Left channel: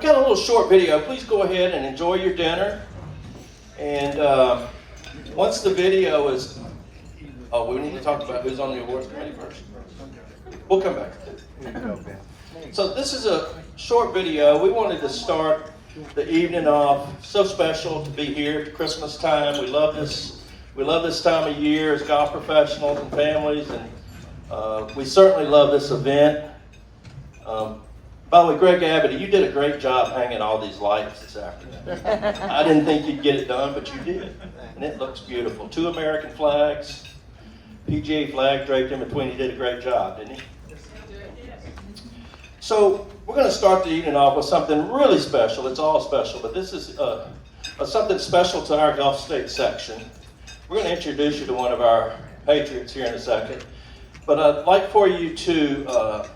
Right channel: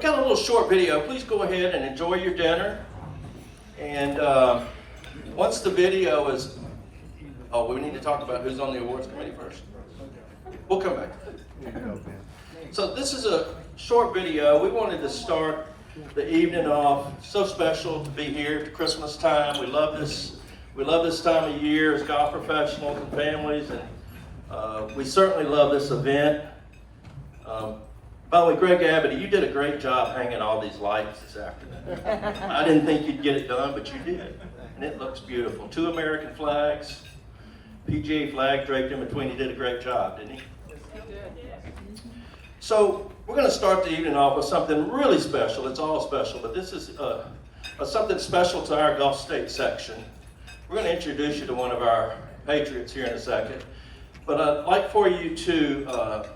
I've got a little short video. Please go ahead and enjoy your dinner. And once the video is, we need to talk about who's on the awards committee first. We'll come back. So this is a short video. We wanted to start the evening off. So special to be here at Christmas time. We love this. We love this time of year as golf professionals and families, and we certainly love this event. By the way, Greg Abbott, you did a great job hanging all these lights this afternoon. I didn't think you'd get it done, but you did. And it looks beautiful. 2 American flags, PGA flag draped in between. He did a great job, didn't he? So we're going to start the evening off with something really special. It's all special, but this is something special to our Gulf State section. We're going to introduce you to one of our patriots here in a second. But I'd like for you to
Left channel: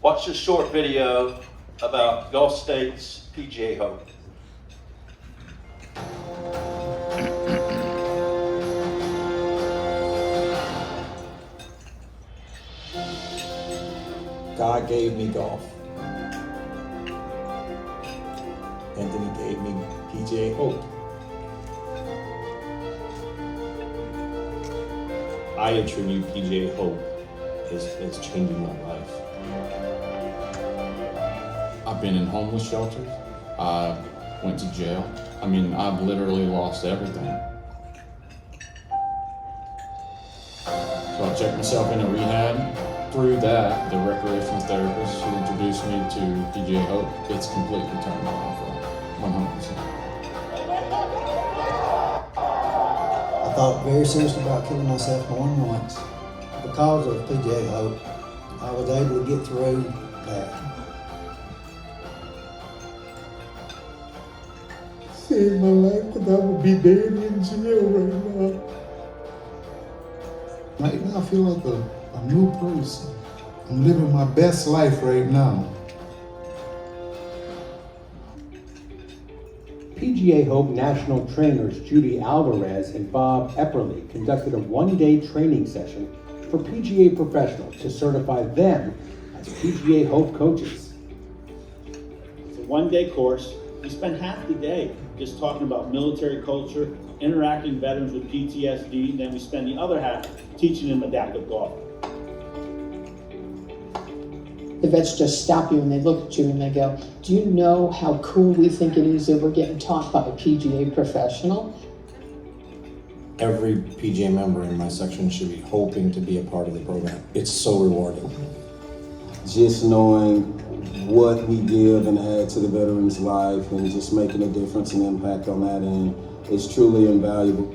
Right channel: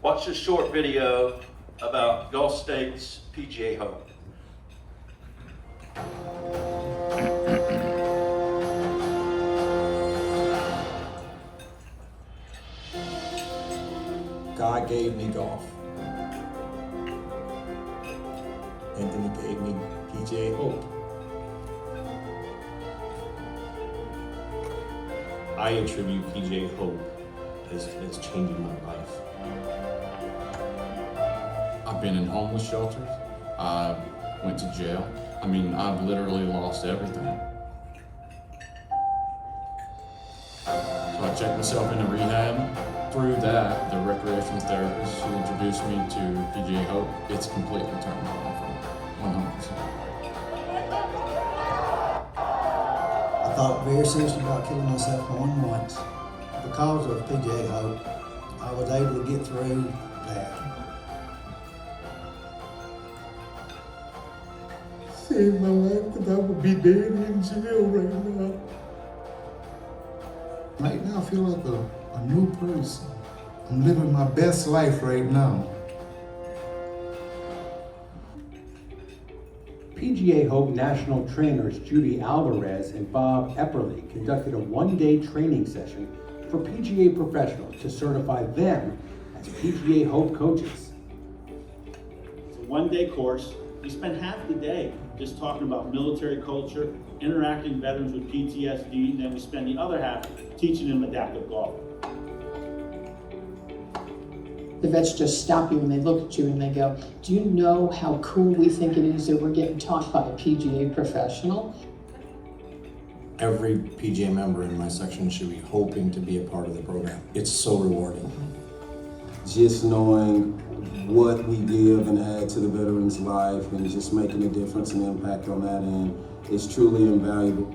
watch this short video about Gulf State's PGA Hope. God gave me golf, and then He gave me PGA Hope. I attribute PGA Hope as changing my life. I've been in homeless shelters. I went to jail. I mean, I've literally lost everything. So I checked myself into rehab. Through that, the recreational therapist who introduced me to PGA Hope, it's completely turned my life around, 100%. I thought very seriously about killing myself more than once. Because of PGA Hope, I was able to get through that. Saved my life, because I would be dead in jail right now. Right now I feel like a new person. I'm living my best life right now. PGA Hope national trainers Judy Alvarez and Bob Epperly conducted a one-day training session for PGA professionals to certify them as PGA Hope coaches. It's a one-day course. We spend half the day just talking about military culture, interacting veterans with PTSD, then we spend the other half teaching them adaptive golf. The vets just stop you and they look at you and they go, do you know how cool we think it is that we're getting taught by a PGA professional? Every PGA member in my section should be hoping to be a part of the program. It's so rewarding. Just knowing what we give and add to the veteran's life and just making a difference and impact on that end is truly invaluable.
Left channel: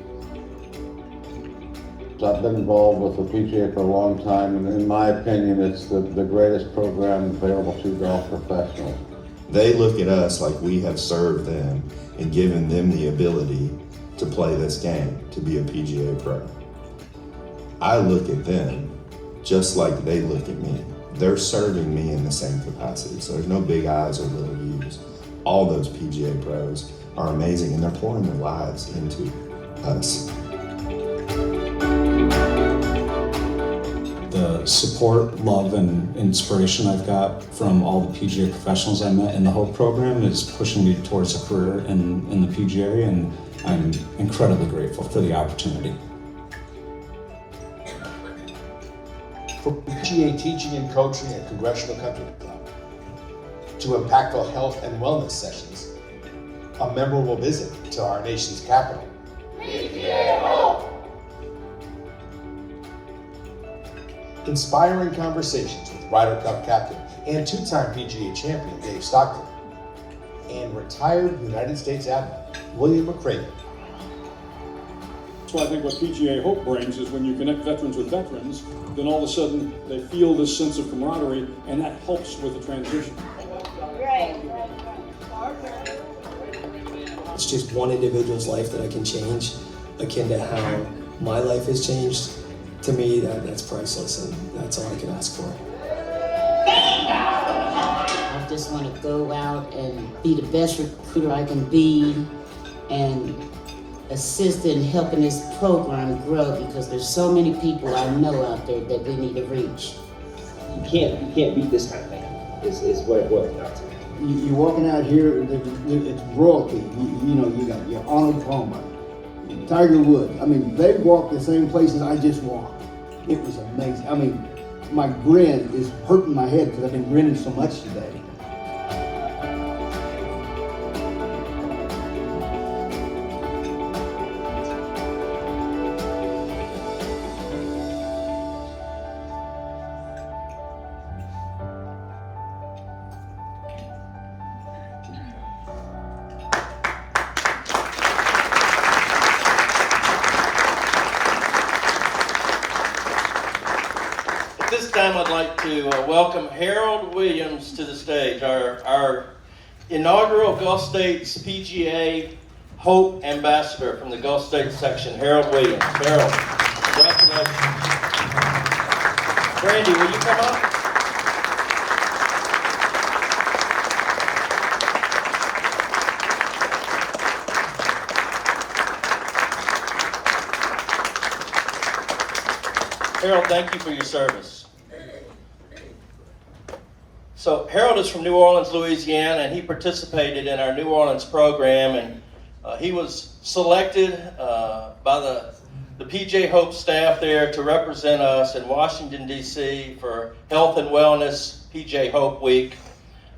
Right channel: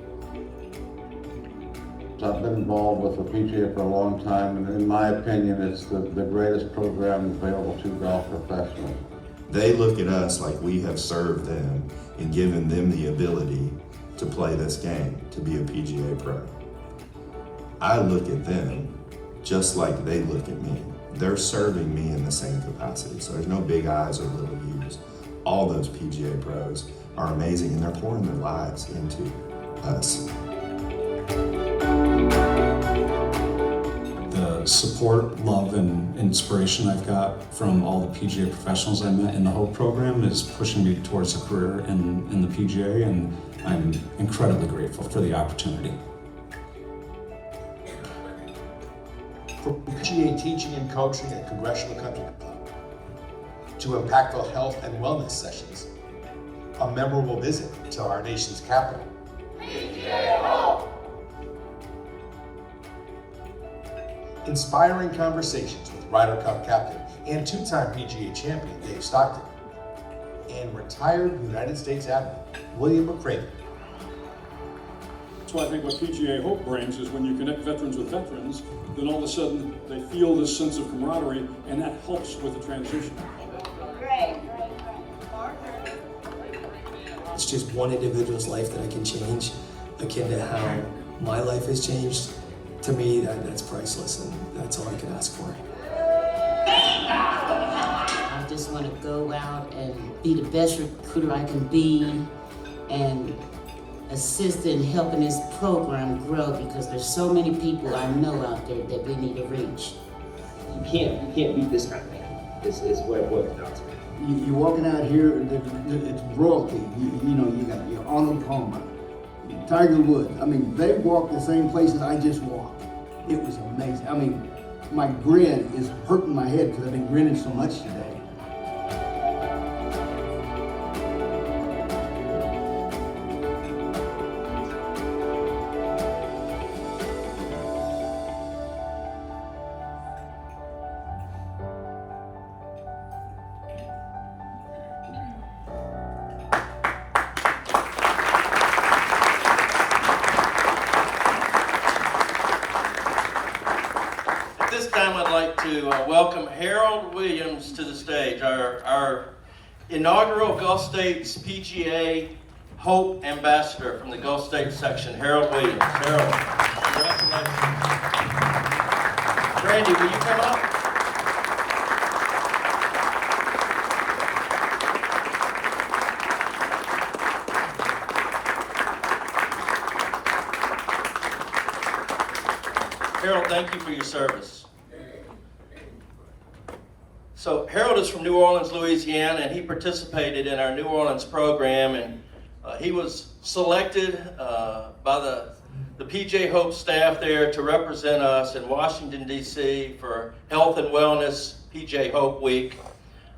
I've been involved with the PGA for a long time, and in my opinion, it's the greatest program available to golf professionals. They look at us like we have served them and given them the ability to play this game, to be a PGA pro. I look at them just like they look at me. They're serving me in the same capacity, so there's no big I's or little U's. All those PGA pros are amazing, and they're pouring their lives into us. The support, love, and inspiration I've got from all the PGA professionals I met in the Hope program is pushing me towards a career in the PGA, and I'm incredibly grateful for the opportunity. From PGA teaching and coaching at Congressional Country Club to impactful health and wellness sessions, a memorable visit to our nation's capital. PGA Hope! Inspiring conversations with Ryder Cup captain and 2-time PGA champion Dave Stockton and retired United States Admiral William McCraven. So I think what PGA Hope brings is when you connect veterans with veterans, then all of a sudden they feel this sense of camaraderie, and that helps with the transition. It's just one individual's life that I can change, akin to how my life has changed. To me, that's priceless, and that's all I can ask for. I just want to go out and be the best recruiter I can be and assist in helping this program grow, because there's so many people I know out there that we need to reach. You can't beat this kind of thing, is what it boils down to. You're walking out here, it's royalty. You know, you got your Arnold Palmer, Tiger Woods. I mean, they walked the same places I just walked. It was amazing. I mean, my grin is hurting my head because I've been grinning so much today. At this time, I'd like to welcome Harold Williams to the stage, our inaugural Gulf States PGA Hope Ambassador from the Gulf States section, Harold Williams. Harold, congratulations. Brandy, will you come up? Harold, thank you for your service. So Harold is from New Orleans, Louisiana, and he participated in our New Orleans program, and he was selected by the PJ Hope staff there to represent us in Washington, D.C. for Health and Wellness PJ Hope Week.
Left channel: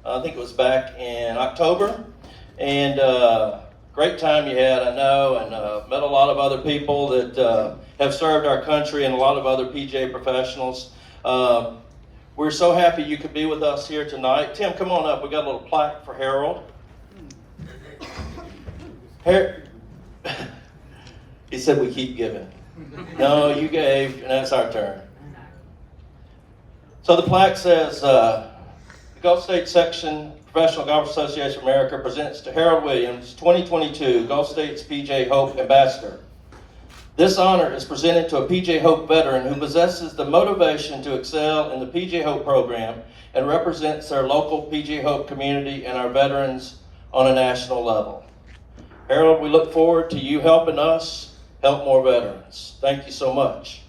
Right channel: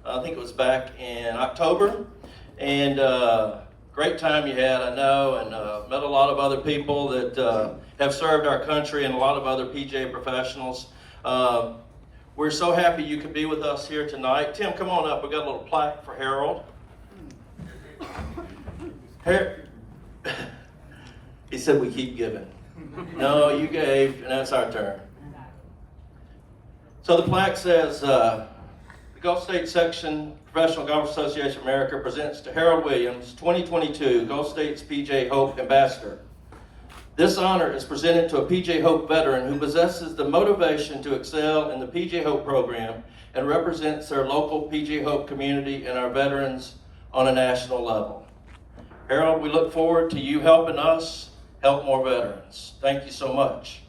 I think it was back in October, and great time you had, I know, and met a lot of other people that have served our country and a lot of other PGA professionals. We're so happy you could be with us here tonight. Tim, come on up. We got a little plaque for Harold. He said we keep giving. No, you gave, and that's our turn. So the plaque says, the Gulf States Section Professional Golf Association of America presents to Harold Williams, 2022 Gulf States PJ Hope Ambassador. This honor is presented to a PJ Hope veteran who possesses the motivation to excel in the PJ Hope program and represents their local PJ Hope community and our veterans on a national level. Harold, we look forward to you helping us help more veterans. Thank you so much.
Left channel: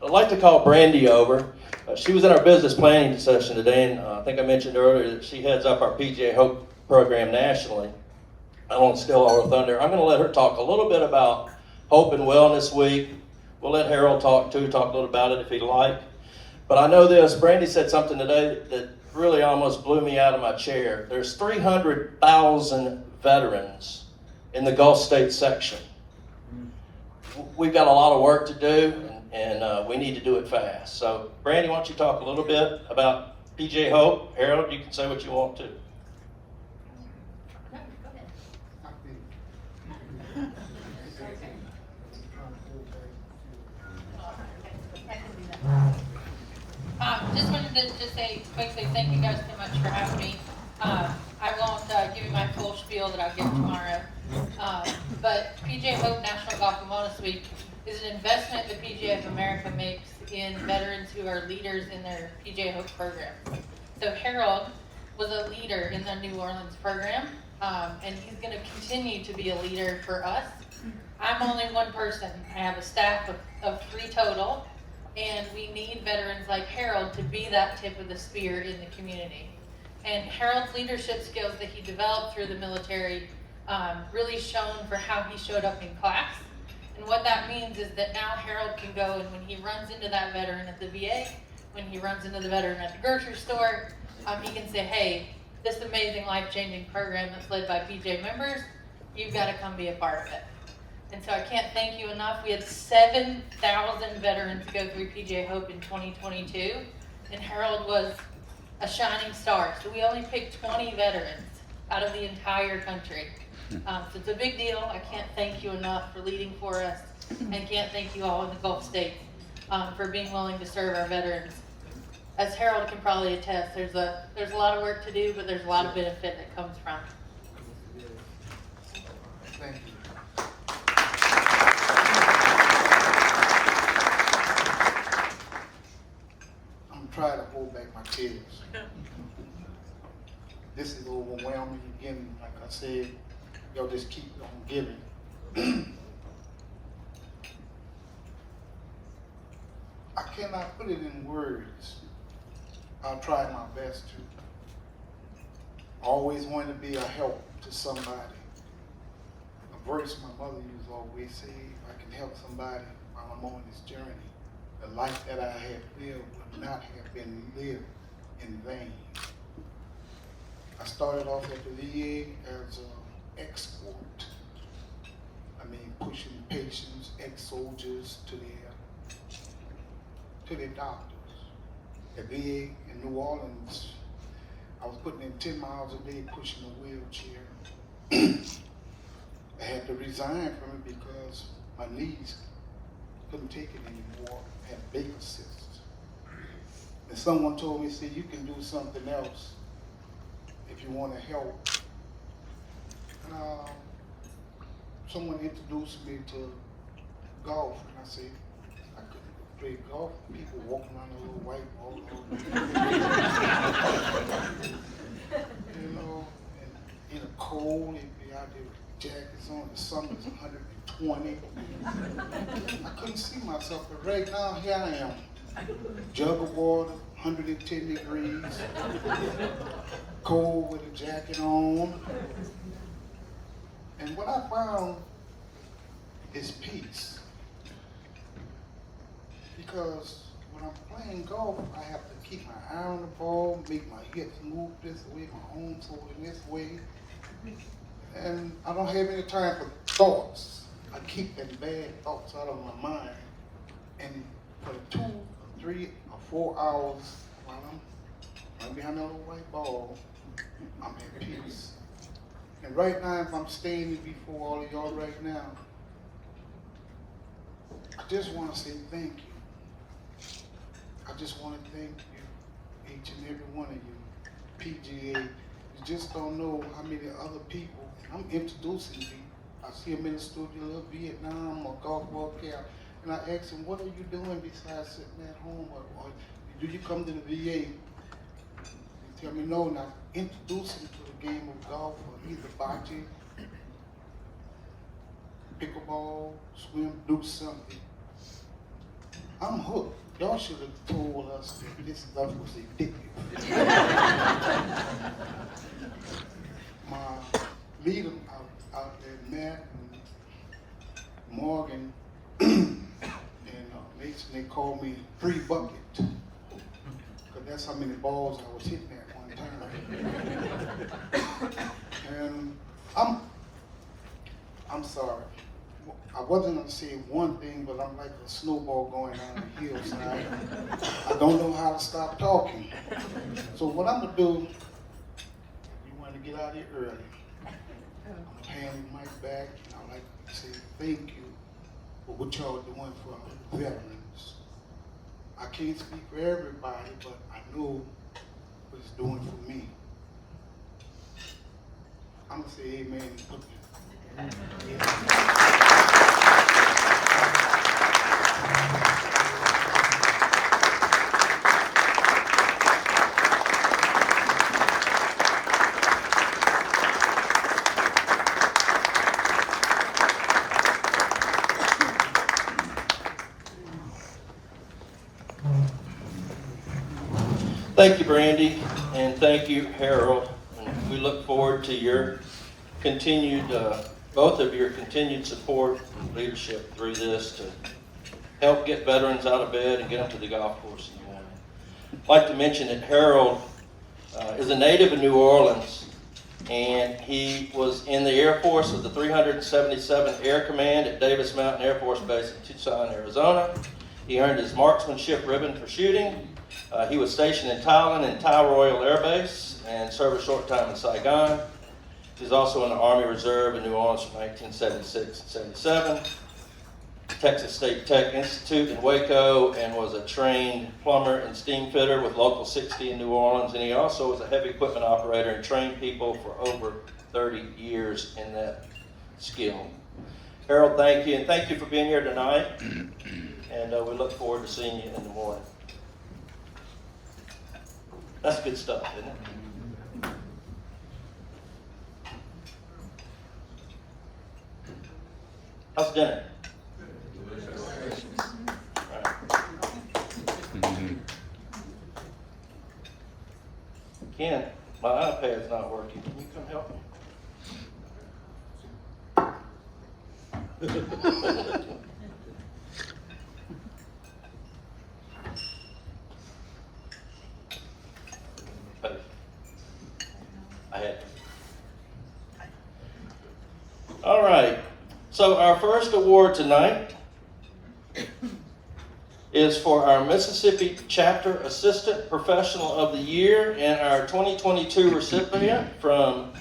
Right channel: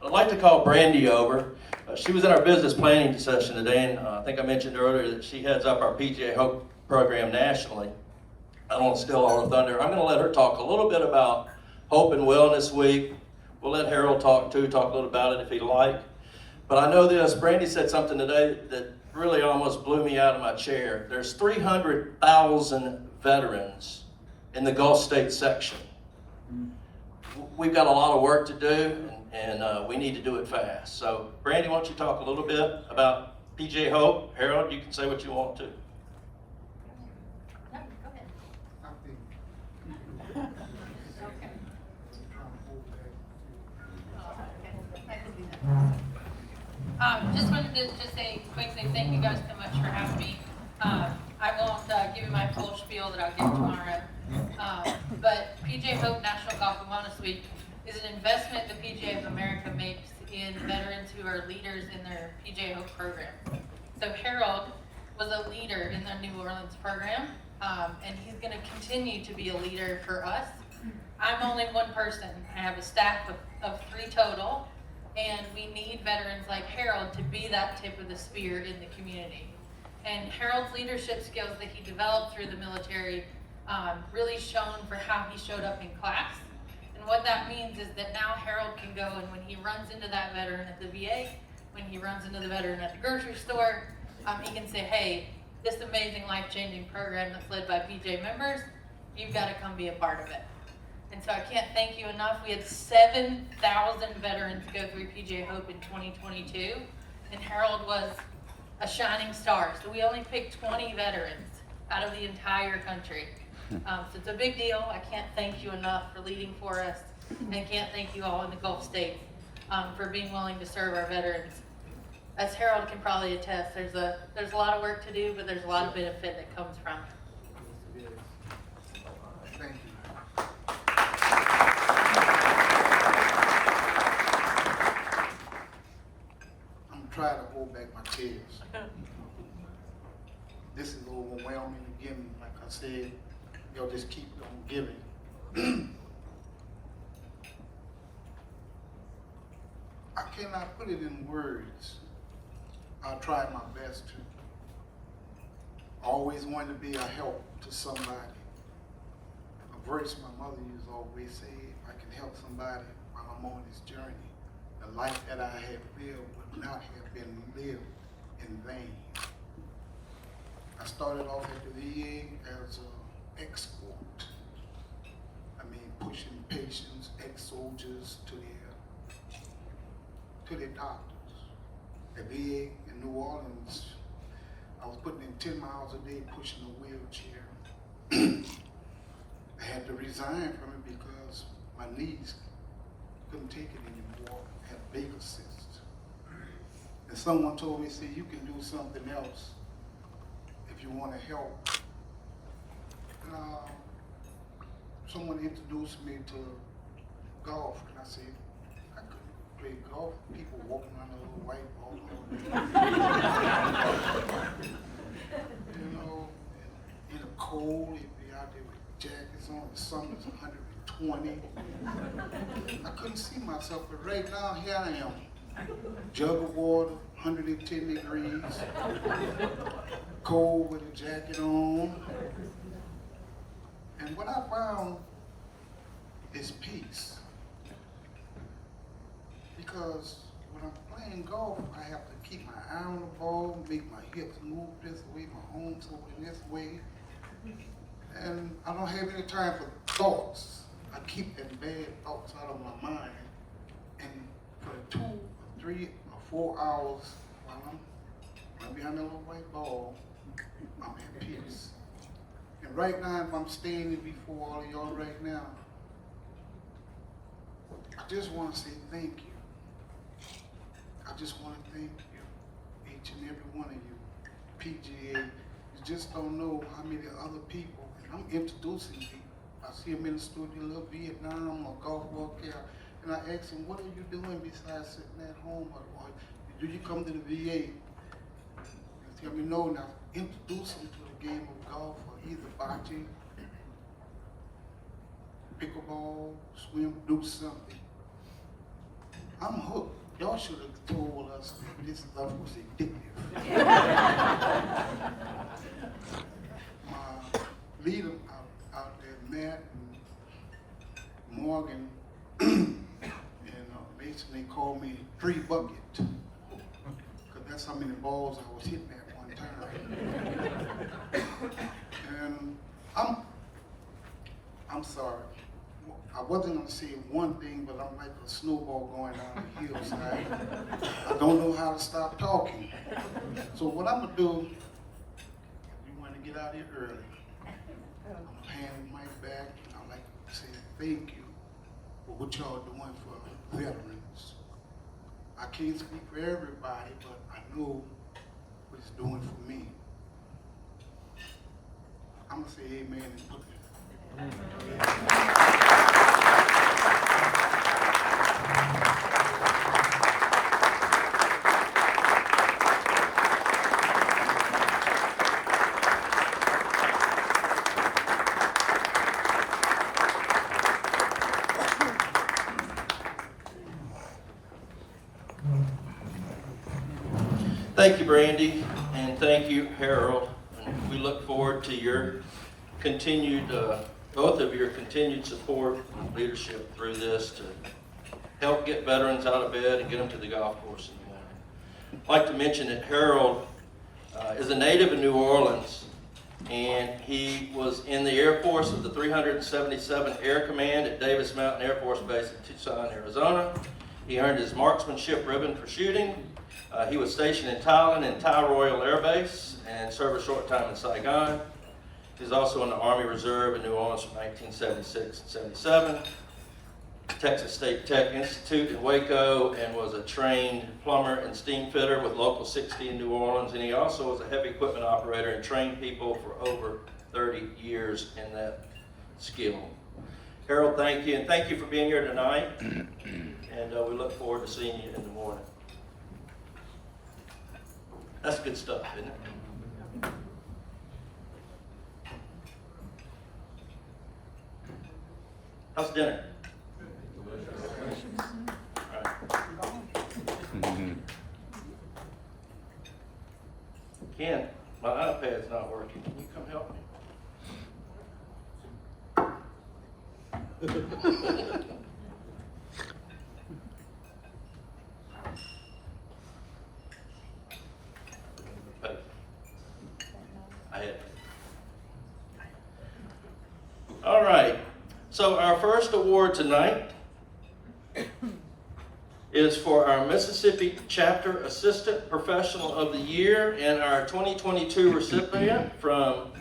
I'd like to call Brandy over. She was in our business planning session today, and I think I mentioned earlier that she heads up our PJ Hope program nationally. I don't want to steal all her thunder. I'm going to let her talk a little bit about Hope and Wellness Week. We'll let Harold talk a little about it if he'd like. But I know this, Brandy said something today that really almost blew me out of my chair. There's 300,000 veterans in the Gulf States section. We've got a lot of work to do, and we need to do it fast. So Brandy, why don't you talk a little bit about PJ Hope? Harold, you can say what you want to. Just wanted to just say quickly, thank you guys so much for having me. I won't give you my full spiel that I'll get tomorrow. But PJ Hope National Golf and Wellness Week is an investment the PGA of America makes in veterans who are leaders in their PJ Hope program. So Harold was a leader in the New Orleans program, and he's going to continue to be a leader for us. I'm only one person. I have a staff of 3 total. And we need veterans like Harold to be that tip of the spear in the community. And Harold's leadership skills that he developed through the military really shown for how he showed up in class. And what that means is that now Harold can go, and when he runs into that veteran at the VA, when he runs into the veteran at the grocery store, he can say, hey, this amazing life-changing program that's led by PJ members, you've got to come be a part of it. And so I can't thank you enough. We had 7,000 veterans go through PJ Hope in 2022, and Harold was a shining star. So we only picked 20 veterans out of the entire country. So it's a big deal. I can't thank you enough for leading for us, and I can't thank you all in the Gulf States for being willing to serve our veterans. As Harold can probably attest, there's a lot of work to do, but there's a lot of benefit that comes from it. Thank you. Try to hold back my tears. This is overwhelming again. Like I said, y'all just keep on giving. I cannot put it in words. I'll try my best to. always wanted to be a help to somebody. A verse my mother used to always say, if I can help somebody while I'm on this journey, the life that I have lived would not have been lived in vain. I started off at the VA as an export. I mean, pushing patients, ex-soldiers to their doctors. At VA in New Orleans, I was putting in 10 miles a day pushing a wheelchair. I had to resign from it because my knees couldn't take it anymore. I had Baker cysts. And someone told me, see, you can do something else if you want to help. And someone introduced me to golf, and I said, I couldn't play golf. People walking around a little white ball. You know, and in the cold, they'd be out there with jackets on. The summer's 120. I couldn't see myself, but right now, here I am. Jug of water, 110 degrees, cold with a jacket on. And what I found is peace. Because when I'm playing golf, I have to keep my eye on the ball, make my hips move this way, my arms moving this way. And I don't have any time for thoughts. I keep them bad thoughts out of my mind. And for 2, 3, or 4 hours while I'm behind that little white ball, I'm at peace. And right now, if I'm standing before all of y'all right now, I just want to say thank you. I just want to thank you, each and every one of you. PGA, you just don't know how many other people, I'm introducing you. I see them in the studio, little Vietnam or golf walk here, and I ask them, what are you doing besides sitting at home? Or do you come to the VA? They tell me no, now introduce them to the game of golf or either bocce, pickleball, swim, do something. I'm hooked. Y'all should have told us that this stuff was addictive. My leader out there, Matt and Morgan and Mason, they called me 3 bucket. Because that's how many balls I was hitting at one time. And I'm sorry. I wasn't going to say one thing, but I'm like a snowball going down the hillside. I don't know how to stop talking. So what I'm going to do, we want to get out of here early. I'm handing the mic back, and I'd like to say thank you for what y'all doing for veterans. I can't speak for everybody, but I know what it's doing for me. I'm going to say amen and put Thank you, Brandy, and thank you, Harold. And we look forward to your continued, both of your continued support and leadership through this to help get veterans out of bed and get them to the golf course in the morning. I'd like to mention that Harold is a native of New Orleans, and he was in the Air Force of the 377th Air Command at Davis Mountain Air Force Base in Tucson, Arizona. He earned his marksmanship ribbon for shooting. He was stationed in Thailand in Thai Royal Air Base and served a short time in Saigon. He was also in the Army Reserve in New Orleans from 1976 and 77. Texas State Tech Institute in Waco, and was a trained plumber and steam fitter with Local 60 in New Orleans. And he also was a heavy equipment operator and trained people for over 30 years in that skill. Harold, thank you, and thank you for being here tonight. And we look forward to seeing you in the morning. That's good stuff, isn't it? How's dinner? Ken, my iPad iPad's not working. Can you come help me? I had. All right. So our first award tonight is for our Mississippi Chapter Assistant Professional of the Year, and our 2022 recipient from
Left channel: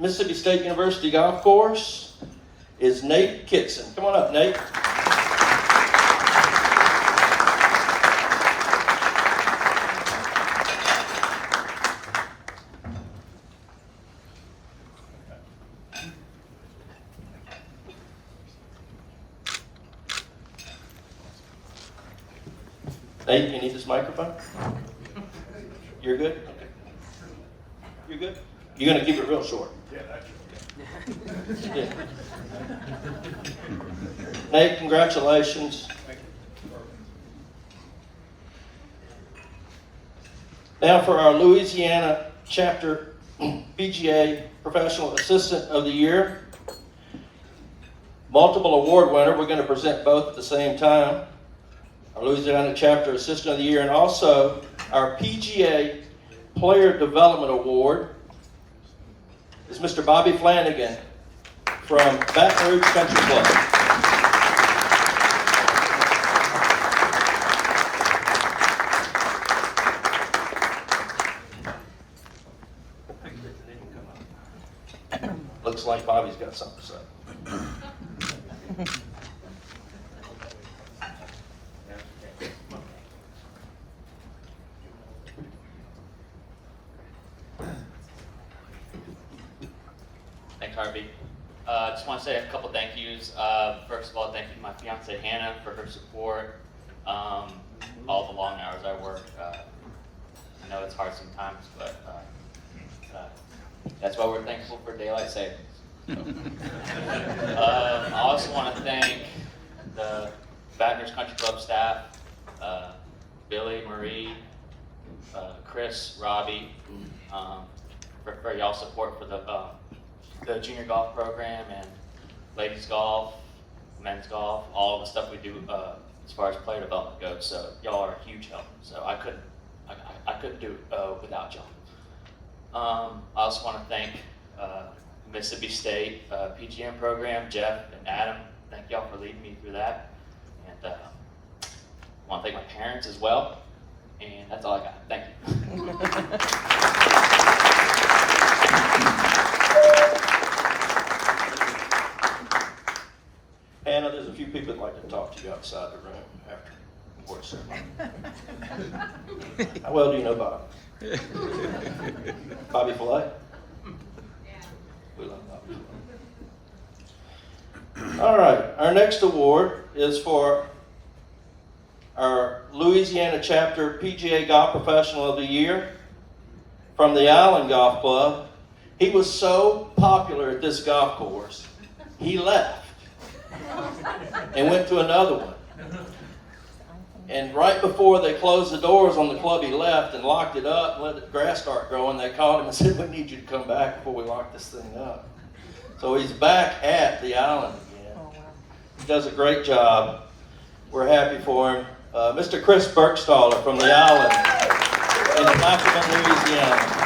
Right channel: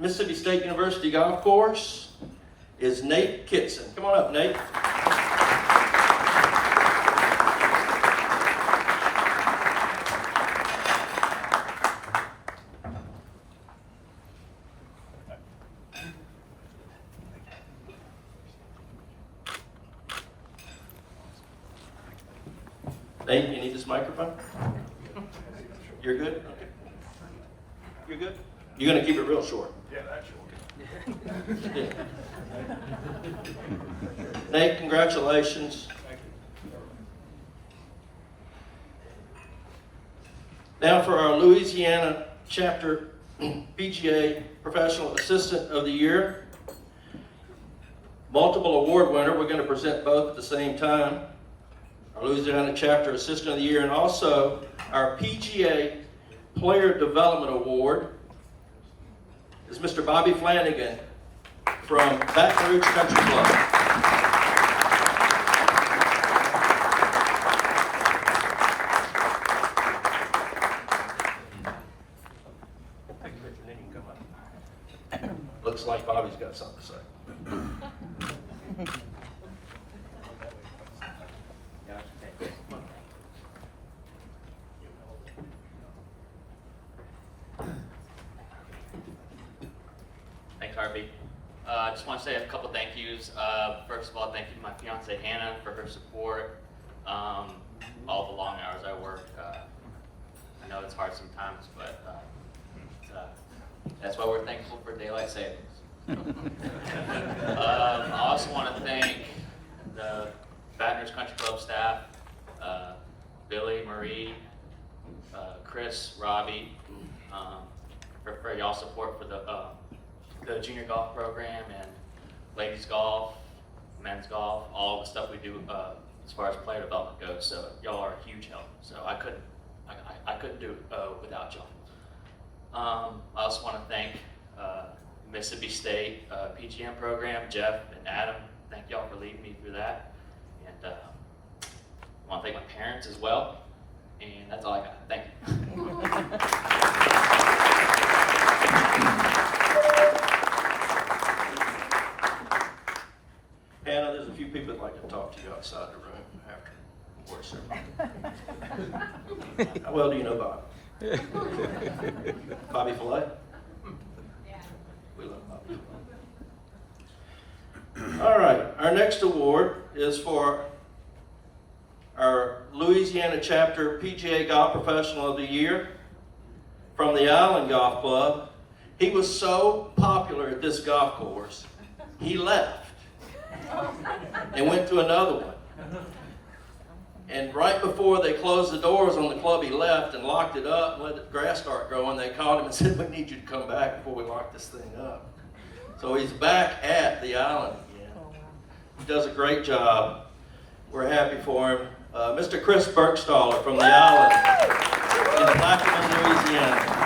Mississippi State University Golf Course is Nate Kitson. Come on up, Nate. Nate, you need this microphone? You're good? Okay. You're good? You're going to keep it real short. Yeah, that's short. Yeah. Nate, congratulations. Now for our Louisiana Chapter PGA Professional Assistant of the Year. Multiple award winner. We're going to present both at the same time. Our Louisiana Chapter Assistant of the Year, and also our PGA Player Development Award is Mr. Bobby Flanagan from Baton Rouge Country Club. Looks like Bobby's got something to say. Thanks, Harvey. I just want to say a couple thank yous. First of all, thank you to my fiance Hannah for her support. All the long hours I work. I know it's hard sometimes, but that's why we're thankful for daylight savings. I also want to thank the Baton Rouge Country Club staff, Billy, Marie, Chris, Robbie, for y'all's support for the junior golf program and ladies golf, men's golf, all the stuff we do as far as player development goes. So y'all are a huge help. So I couldn't do it without y'all. I also want to thank Mississippi State PGM program, Jeff and Adam. Thank y'all for leading me through that. And I want to thank my parents as well. And that's all I got. Thank you. Hannah, there's a few people that like to talk to you outside the room after the award ceremony. How well do you know Bob? Bobby Filet? Yeah. We love Bobby. All right, our next award is for our Louisiana Chapter PGA Golf Professional of the Year from the Island Golf Club. He was so popular at this golf course, he left and went to another one. And right before they closed the doors on the club, he left and locked it up and let the grass start growing. They called him and said, "We need you to come back before we lock this thing up." So he's back at the island again. He does a great job. We're happy for him. Mr. Chris Burkstaller from the island in Plaquemine, Louisiana.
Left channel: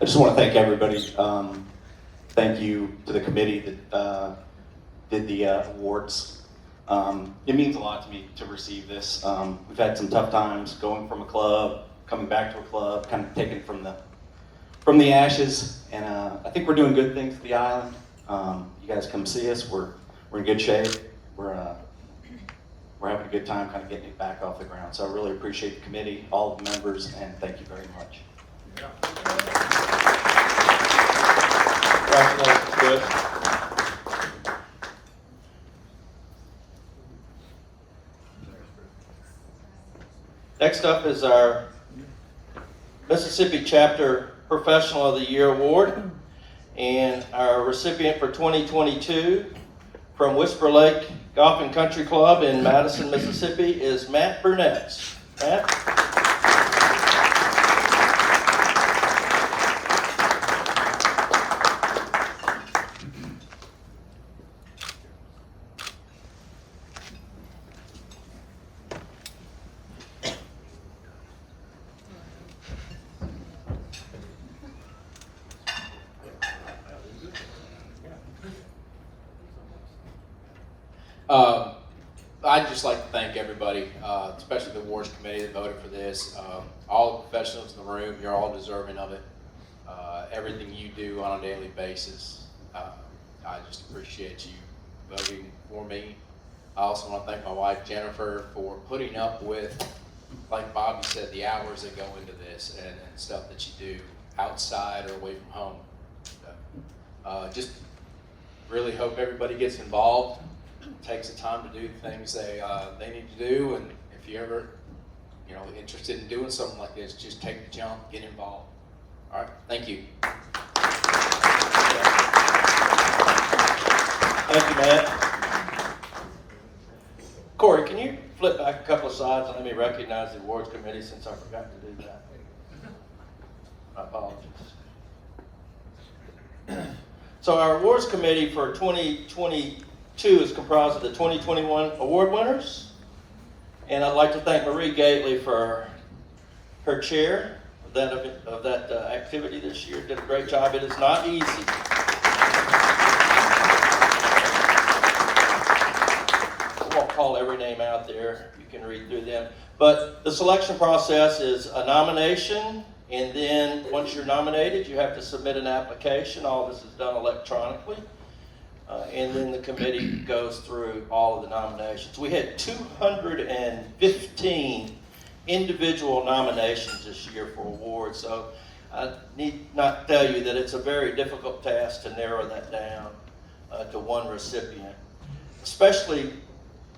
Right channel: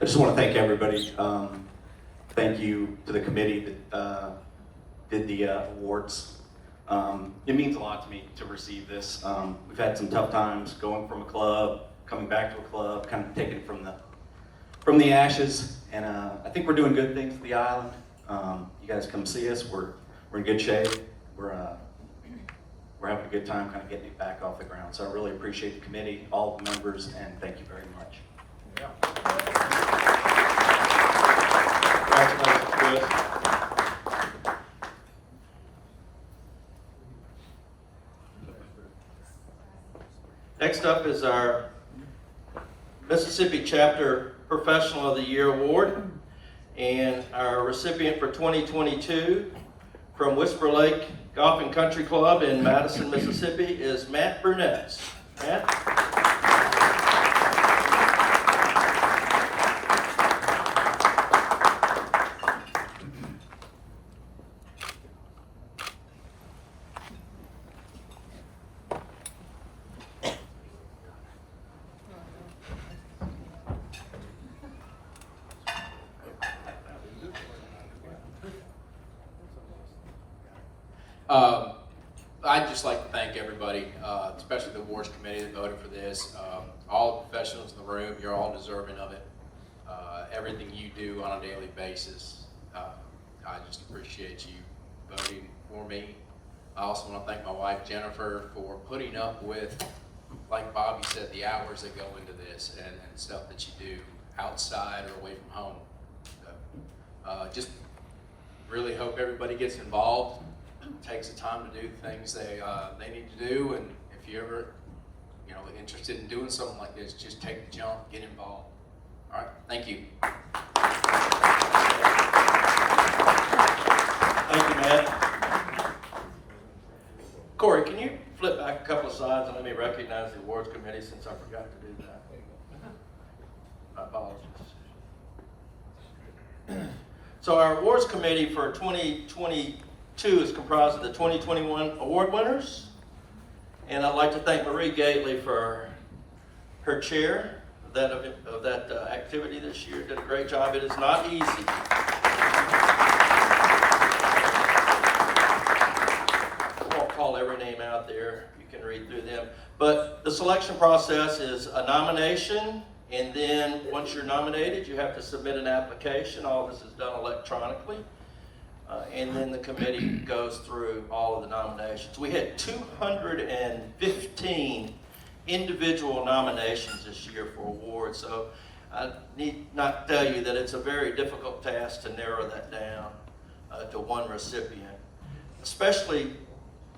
I just want to thank everybody. Thank you to the committee that did the awards. It means a lot to me to receive this. We've had some tough times going from a club, coming back to a club, kind of taking it from the ashes, and I think we're doing good things for the island. You guys come see us. We're in good shape. We're having a good time, kind of getting it back off the ground. So I really appreciate the committee, all the members, and thank you very much. Congratulations, Chris. next up is our Mississippi Chapter Professional of the Year Award. And our recipient for 2022 from Whisper Lake Golf and Country Club in Madison, Mississippi is Matt Burnett. Matt? I'd just like to thank everybody, especially the awards committee that voted for this. All the professionals in the room, you're all deserving of it. Everything you do on a daily basis, I just appreciate you voting for me. I also want to thank my wife Jennifer for putting up with, like Bobby said, the hours that go into this and stuff that you do outside or away from home. So, just really hope everybody gets involved, takes the time to do things they need to do, and if you're ever interested in doing something like this, just take the jump, get involved. All right, thank you. Thank you, Matt. Corey, can you flip back a couple of slides and let me recognize the awards committee since I forgot to do that? My apologies. So our awards committee for 2022 is comprised of the 2021 award winners. And I'd like to thank Marie Gately for her chair of that activity this year. Did a great job. It is not easy. I won't call every name out there. You can read through them. But the selection process is a nomination, and then once you're nominated, you have to submit an application. All of this is done electronically. And then the committee goes through all of the nominations. We had 215 individual nominations this year for awards, so I need not tell you that it's a very difficult task to narrow that down to one recipient, especially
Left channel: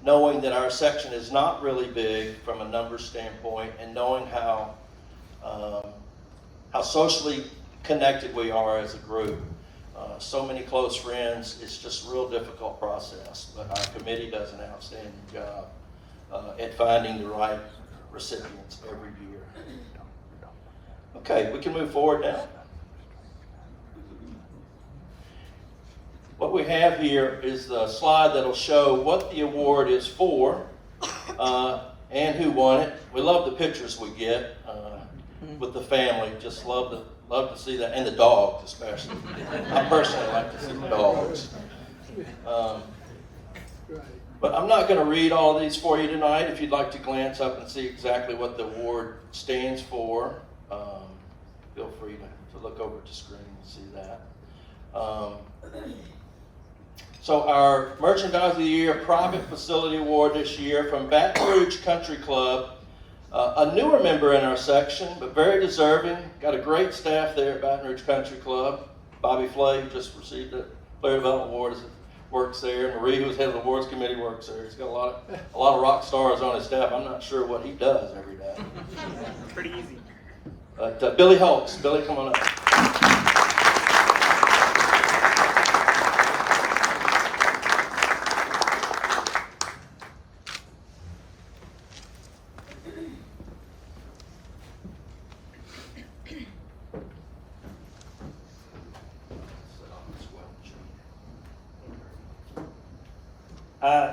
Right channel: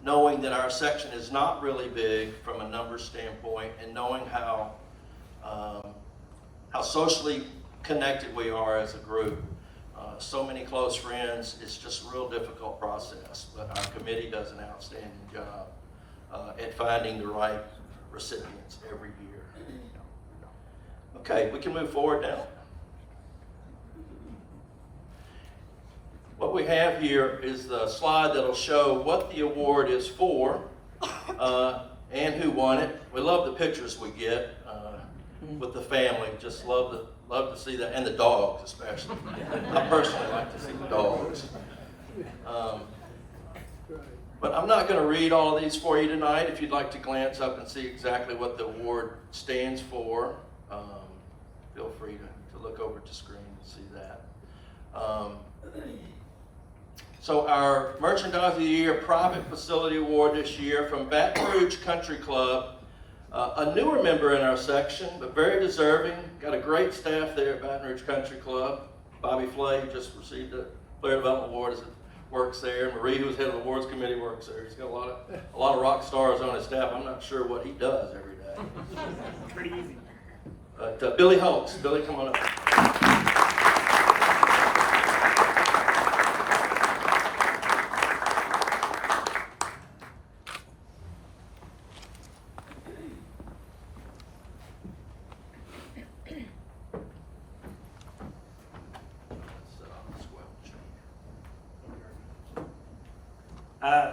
knowing that our section is not really big from a numbers standpoint, and knowing how socially connected we are as a group. So many close friends, it's just a real difficult process, but our committee does an outstanding job at finding the right recipients every year. Okay, we can move forward now. What we have here is the slide that'll show what the award is for and who won it. We love the pictures we get with the family, just love to see that, and the dogs especially. I personally like to see the dogs. But I'm not going to read all of these for you tonight. If you'd like to glance up and see exactly what the award stands for, feel free to look over at the screen and see that. So our Merchandise of the Year Private Facility Award this year from Baton Rouge Country Club. A newer member in our section, but very deserving. Got a great staff there at Baton Rouge Country Club. Bobby Flay just received the Player Development Award, works there. Marie, who's head of the awards committee, works there. He's got a lot of rock stars on his staff. I'm not sure what he does every day. Pretty easy. But Billy Holtz. Billy, come on up.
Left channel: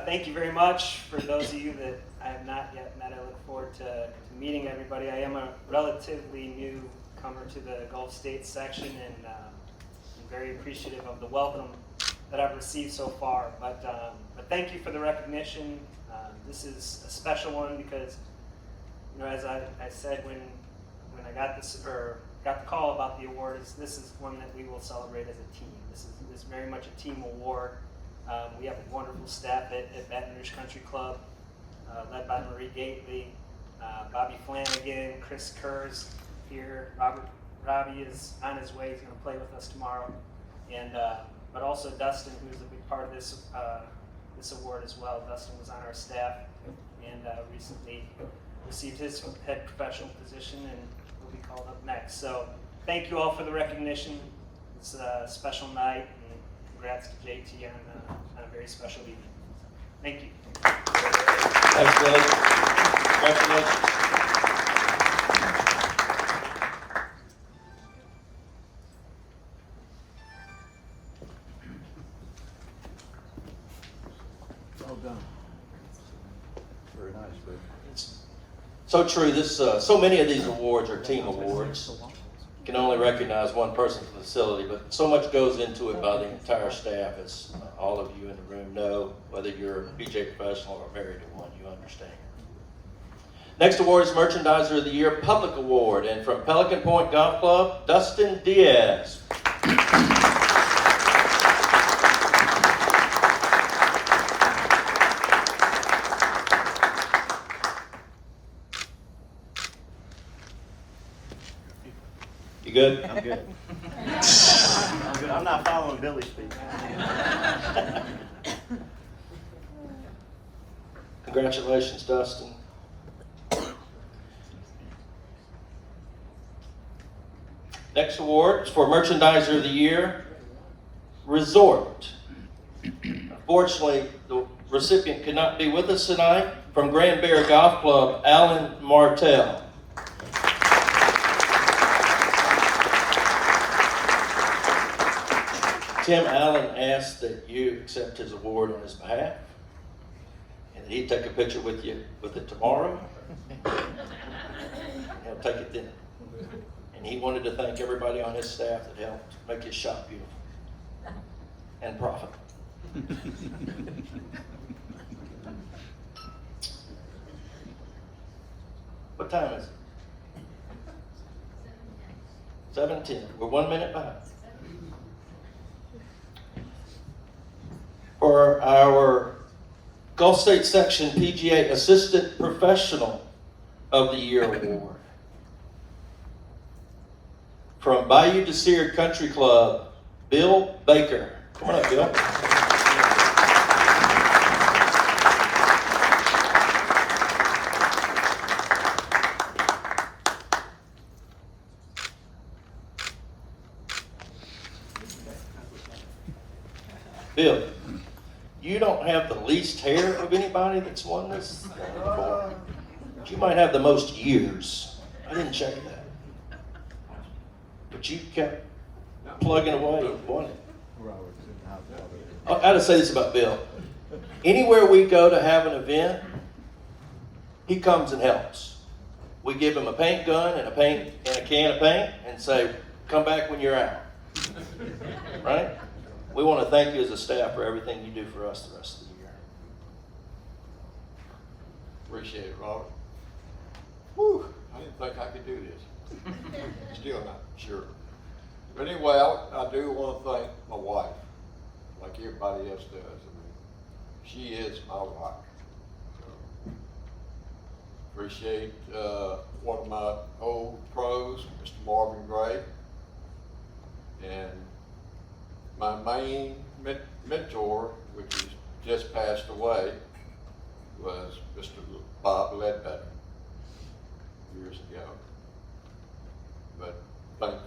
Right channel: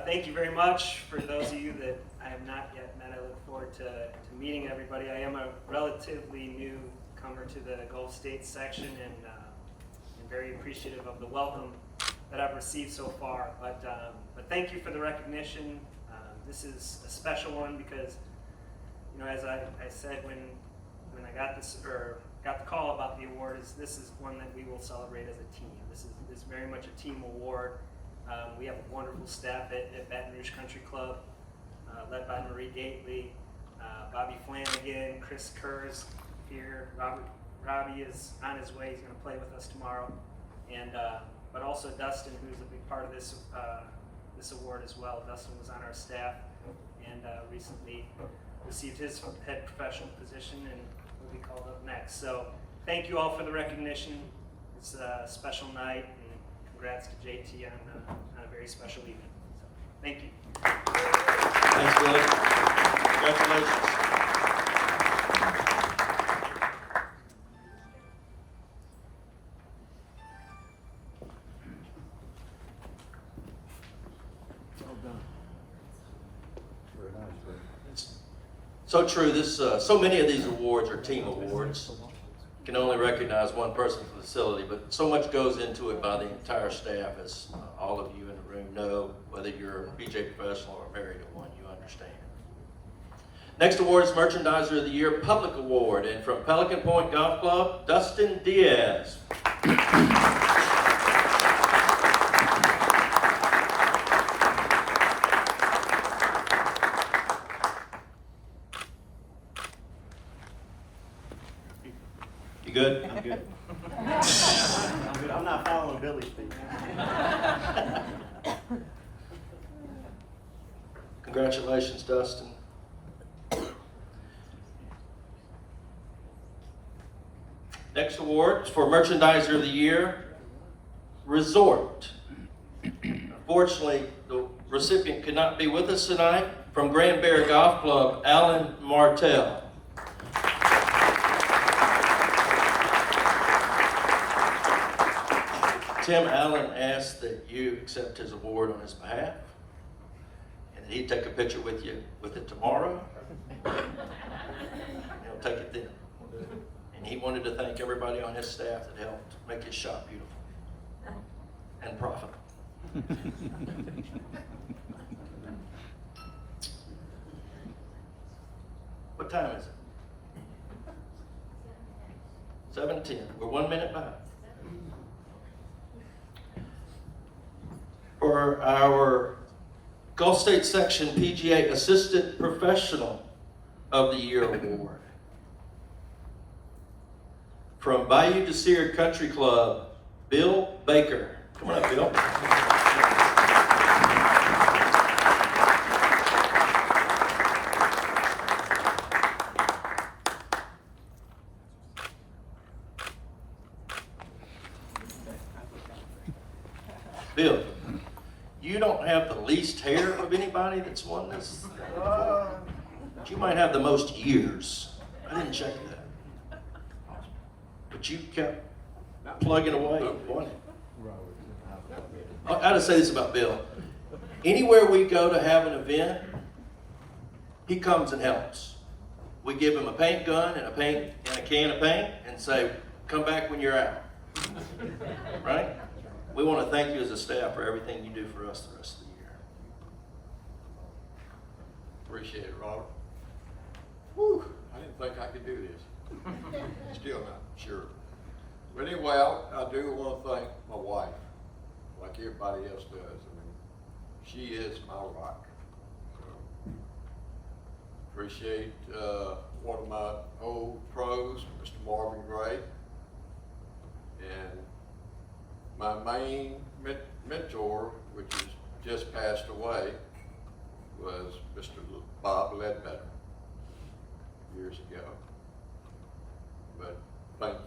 Thank you very much. For those of you that I have not yet met, I look forward to meeting everybody. I am a relatively newcomer to the Gulf States section, and I'm very appreciative of the welcome that I've received so far. But thank you for the recognition. This is a special one because, as I said when I got this or got the call about the award, this is one that we will celebrate as a team. This is very much a team award. We have a wonderful staff at Baton Rouge Country Club, led by Marie Gately, Bobby Flanagan, Chris Kurz here. Robbie is on his way. He's going to play with us tomorrow, and but also Dustin, who's a big part of this award as well. Dustin was on our staff and recently received his head professional position and will be called up next. So thank you all for the recognition. It's a special night, and congrats to JT on a very special evening. Thank you. Thanks, Billy. Congratulations. So true. This, so many of these awards are team awards. You can only recognize one person from the facility, but so much goes into it by the entire staff, as all of you in the room know, whether you're a PJ professional or married to one, you understand. Next award is Merchandiser of the Year Public Award, and from Pelican Point Golf Club, Dustin Diaz. You good? I'm good. I'm not following Billy's speech. Congratulations, Dustin. Next award is for Merchandiser of the Year, Resort. Unfortunately, the recipient could not be with us tonight. From Grand Bear Golf Club, Alan Martell. Tim Allen asked that you accept his award on his behalf, and that he'd take a picture with you with it tomorrow. He'll take it then. And he wanted to thank everybody on his staff that helped make his shop beautiful and profitable. What time is it? 7:10. We're 1 minute behind. For our Gulf State Section PGA Assistant Professional of the Year Award. From Bayou Desir Country Club, Bill Baker. Come on up, Bill. Bill, you don't have the least hair of anybody that's won this thing before. But you might have the most years. I didn't check that. But you kept plugging away and won it. I gotta say this about Bill. Anywhere we go to have an event, he comes and helps. We give him a paint gun and a can of paint and say, come back when you're out. Right? We want to thank you as a staff for everything you do for us the rest of the year. Appreciate it, Robert. Whew, I didn't think I could do this. Still not sure. But anyway, I do want to thank my wife, like everybody else does. I mean, she is my wife. So, appreciate one of my old pros, Mr. Marvin Gray, and my main mentor, which has just passed away, was Mr. Bob Ledbetter years ago. But thank you.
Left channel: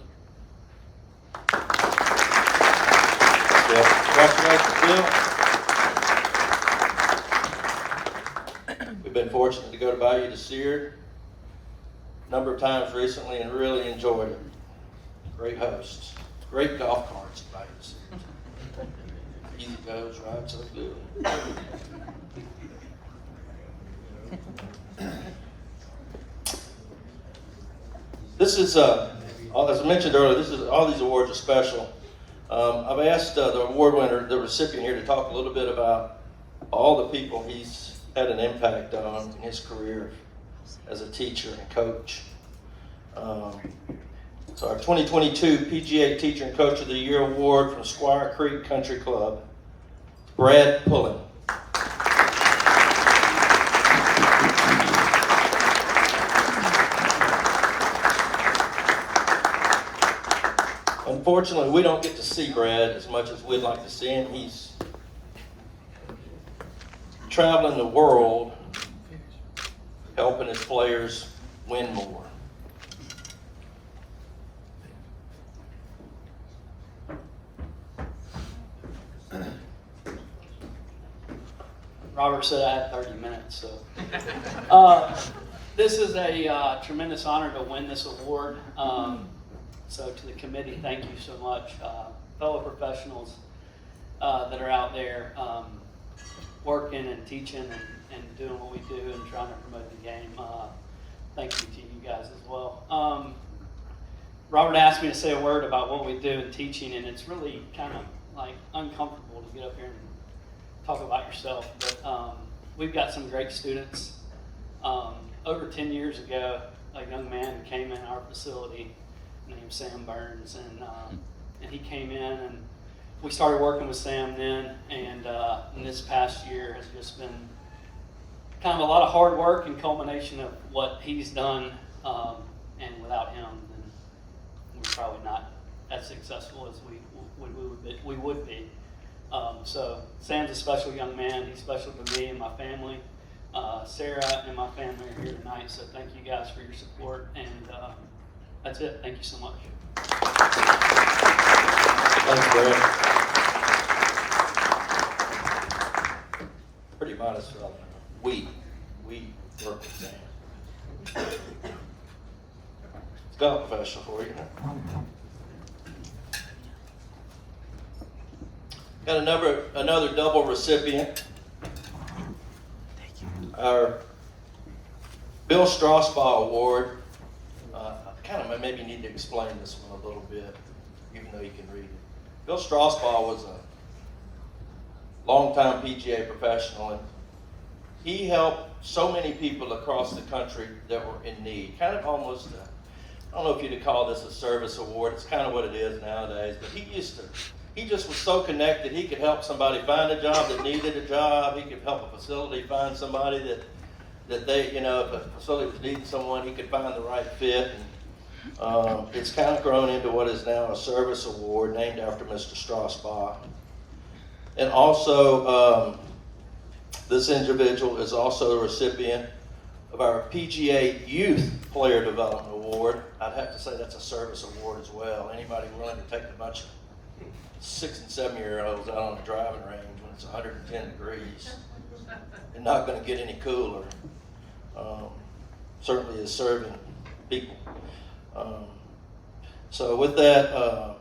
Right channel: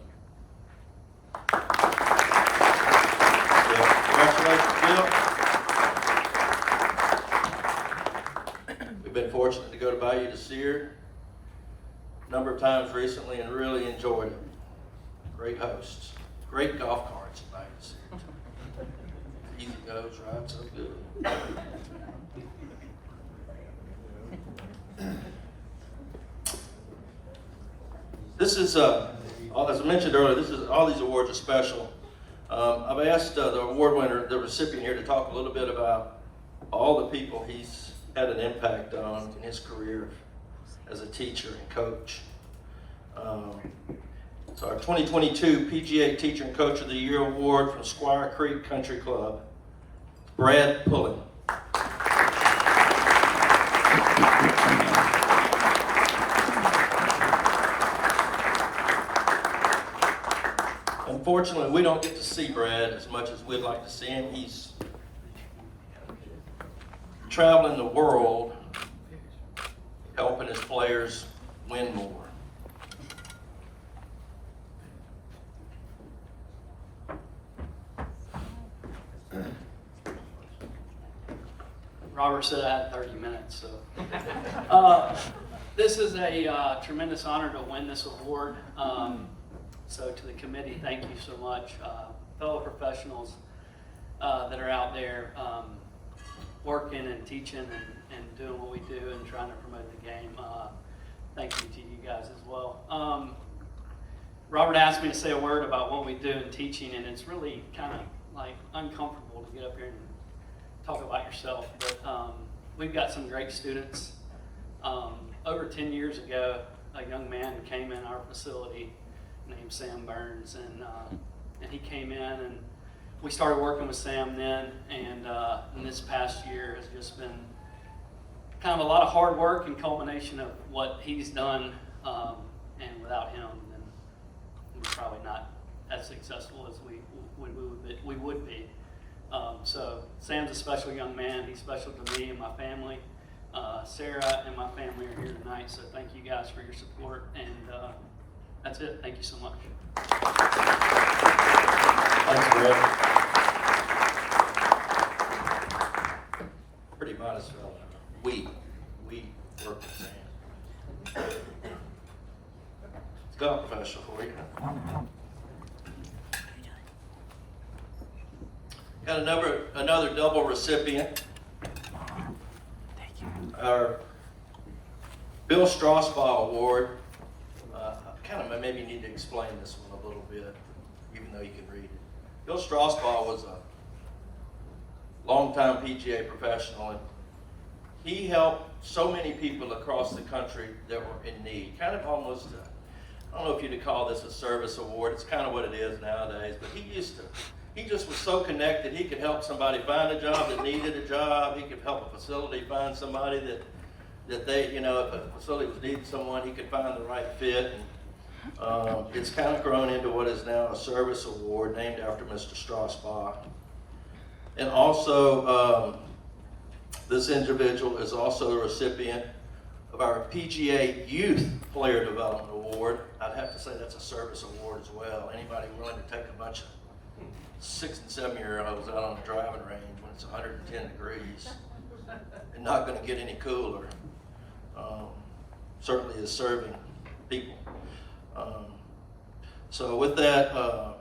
Congratulations, Bill. We've been fortunate to go to Bayou Desir a number of times recently and really enjoyed it. Great hosts, great golf carts at Bayou Desir. Easy goes, right? So good. This is, as I mentioned earlier, all these awards are special. I've asked the award winner, the recipient here, to talk a little bit about all the people he's had an impact on in his career as a teacher and coach. So our 2022 PGA Teacher and Coach of the Year Award from Squire Creek Country Club, Brad Pullen. Unfortunately, we don't get to see Brad as much as we'd like to see him. He's traveling the world helping his players win more. Robert said I had 30 minutes, so. This is a tremendous honor to win this award. So to the committee, thank you so much. Fellow professionals that are out there working and teaching and doing what we do and trying to promote the game. Thank you to you guys as well. Robert asked me to say a word about what we do in teaching, and it's really kind of like uncomfortable to get up here and talk about yourself, but we've got some great students. Over 10 years ago, a young man who came in our facility named Sam Burns, and he came in, and we started working with Sam then, and this past year has just been kind of a lot of hard work and culmination of what he's done, and without him, then we're probably not as successful as we would be. So Sam's a special young man. He's special to me and my family. Sarah and my family are here tonight, so thank you guys for your support, and that's it. Thank you so much. Thanks, Greg. Pretty modest fellow. We work with Sam. It's golf professional for you. Got another double recipient. Our Bill Strasbaugh Award. I kind of maybe need to explain this one a little bit, even though you can read it. Bill Strasbaugh was a longtime PGA professional, and he helped so many people across the country that were in need. Kind of almost, I don't know if you'd call this a service award. It's kind of what it is nowadays, but he just was so connected. He could help somebody find a job that needed a job. He could help a facility find somebody that they, if a facility was needing someone, he could find the right fit. And, it's kind of grown into what is now a service award named after Mr. Strasbaugh. And also, this individual is also a recipient of our PGA Youth Player Development Award. I'd have to say that's a service award as well. Anybody willing to take a bunch of 6 and 7-year-olds out on the driving range when it's 110 degrees and not going to get any cooler, certainly is serving people. So with that, I'd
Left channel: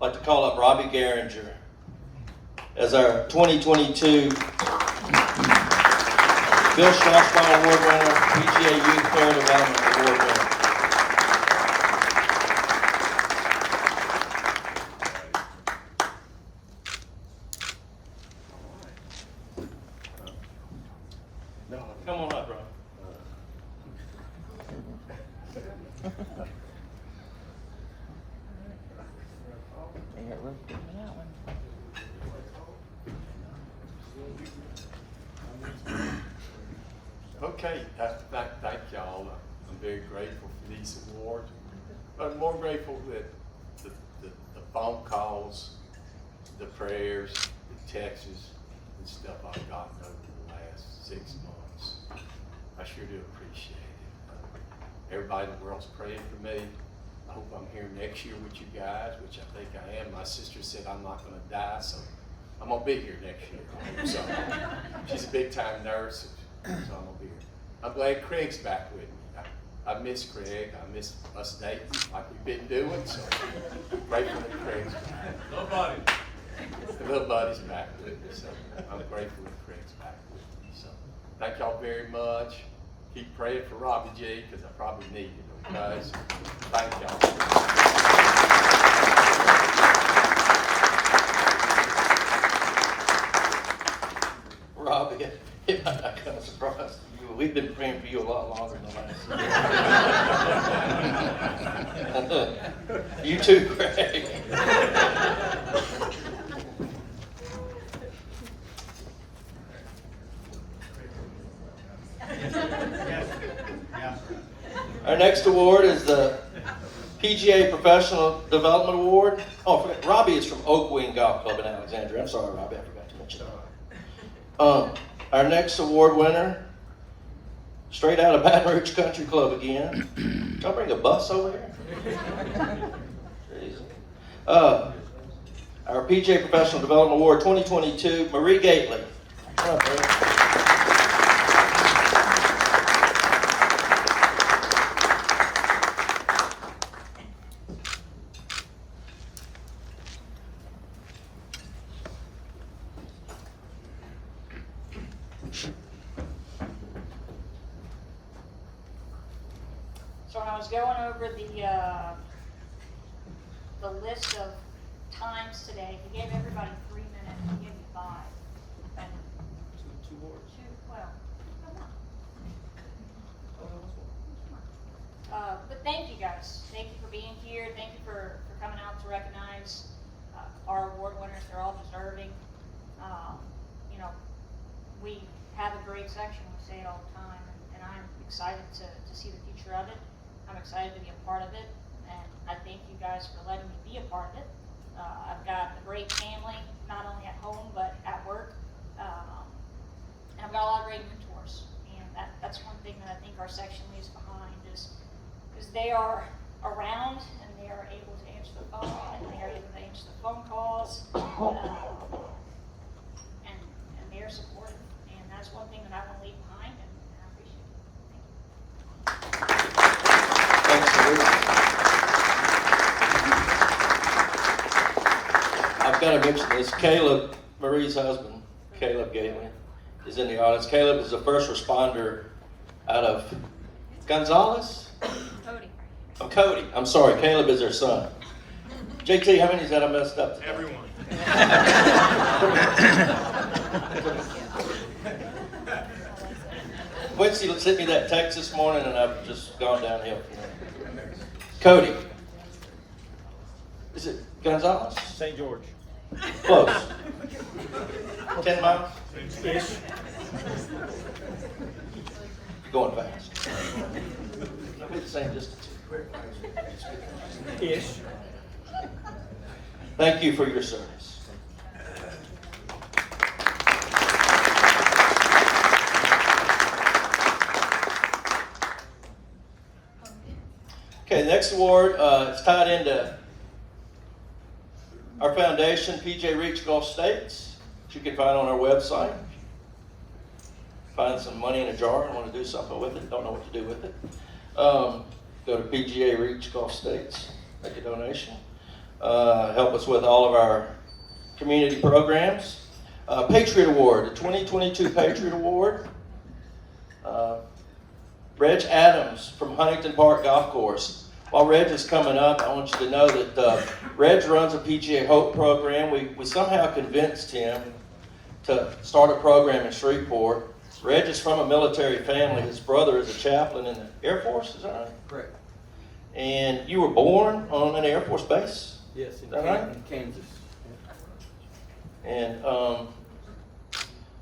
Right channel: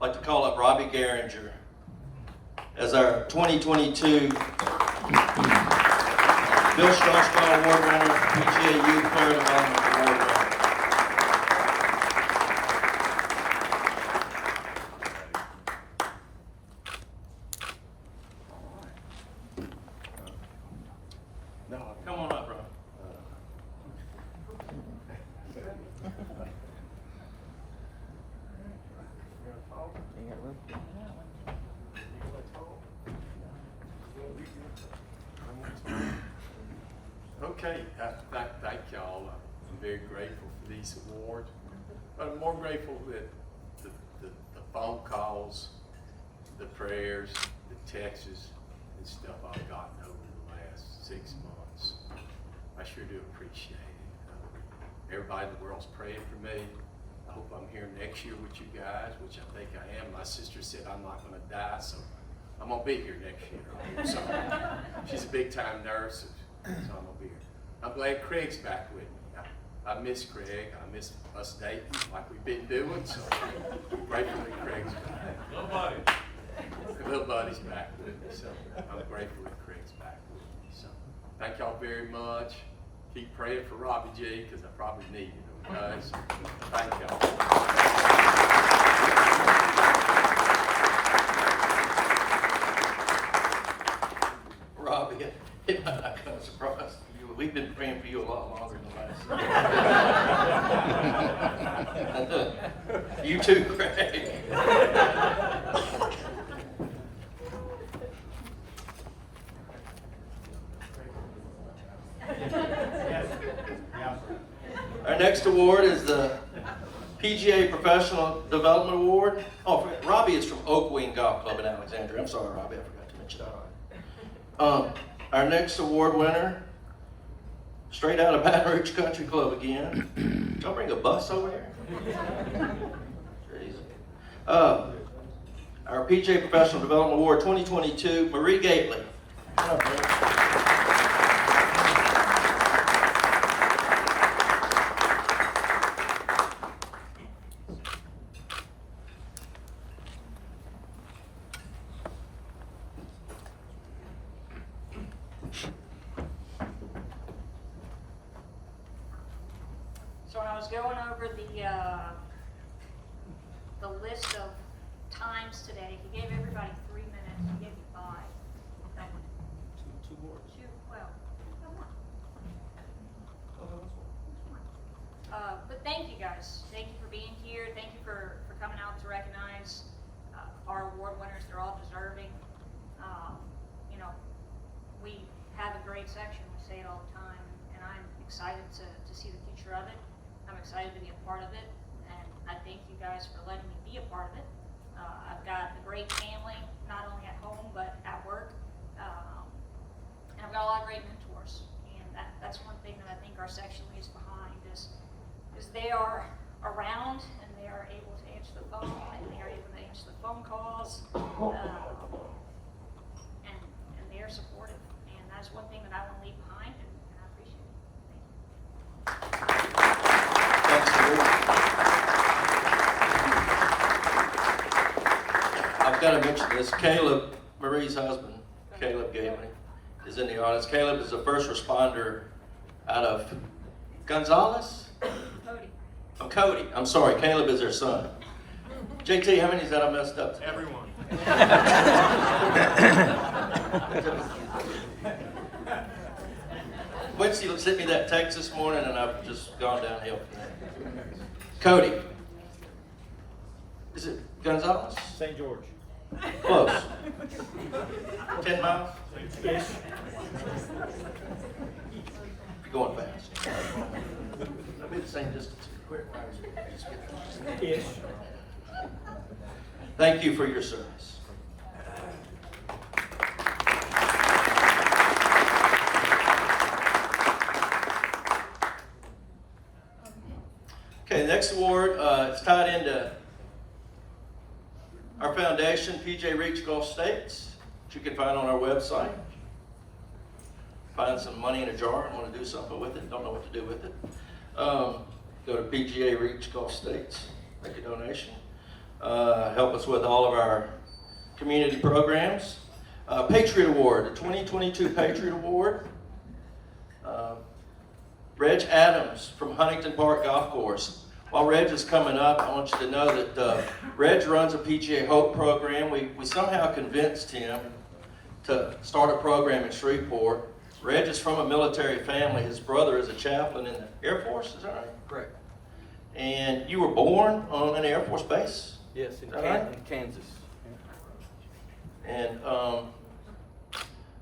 like to call up Robbie Garinger as our 2022 Bill Strasbaugh Award winner, PGA Youth Player Development Award winner. Come on up, bro. Okay, thank y'all. I'm very grateful for these awards, but I'm more grateful that the phone calls, the prayers, the texts, and stuff I've gotten over the last 6 months. I sure do appreciate it. Everybody in the world's praying for me. I hope I'm here next year with you guys, which I think I am. My sister said I'm not going to die, so I'm going to be here next year. I hope so. She's a big-time nurse, so I'm going to be here. I'm glad Craig's back with me. I miss Craig. I miss us dating like we've been doing, so I'm grateful that Craig's back. The little buddy's back with me, so I'm grateful that Craig's back with me. So thank y'all very much. Keep praying for Robbie G, because I probably need it, okay? So thank y'all. Robbie, it might not come as a surprise to you, but we've been praying for you a lot longer than that. You too, Craig. Our next award is the PGA Professional Development Award. Oh, Robbie is from Oak Wing Golf Club in Alexandria. I'm sorry, Robbie, I forgot to mention that. Our next award winner straight out of Baton Rouge Country Club again. Did y'all bring a bus over there? Our PGA Professional Development Award 2022, Marie Gately. Come on, Marie. So when I was going over the list of times today, he gave everybody 3 minutes, he gave me 5. But Two awards. But thank you guys. Thank you for being here. Thank you for coming out to recognize our award winners. They're all deserving. You know, we have a great section. We say it all the time, and I'm excited to see the future of it. I'm excited to be a part of it, and I thank you guys for letting me be a part of it. I've got a great family, not only at home but at work, and I've got a lot of great mentors. And that's one thing that I think our section leaves behind is they are around and they are able to answer the phone and they are able to answer the phone calls, and they are supportive. And that's one thing that I want to leave behind, and I appreciate it. Thanks, Marie. I've got to mention this. Caleb, Marie's husband, Caleb Gately, is in the audience. Caleb is a first responder out of Gonzales? Oh, Cody. I'm sorry. Caleb is their son. JT, how many is that I messed up? Everyone. Quincy sent me that text this morning, and I've just gone downhill. Cody. Is it Gonzales? St. George. Close. 10 miles? Ish. You're going fast. Maybe the same distance. Ish. Thank you for your service. Okay, the next award is tied into our foundation, PJ Reach Gulf States, which you can find on our website. Find some money in a jar and want to do something with it, don't know what to do with it. Go to PGA Reach Gulf States, make a donation. Help us with all of our community programs. Patriot Award, the 2022 Patriot Award. Reg Adams from Huntington Park Golf Course. While Reg is coming up, I want you to know that Reg runs a PGA Hope program. We somehow convinced him to start a program in Shreveport. Reg is from a military family. His brother is a chaplain in the Air Force, is that right? Correct. And you were born on an Air Force base? Yes, in Kansas. And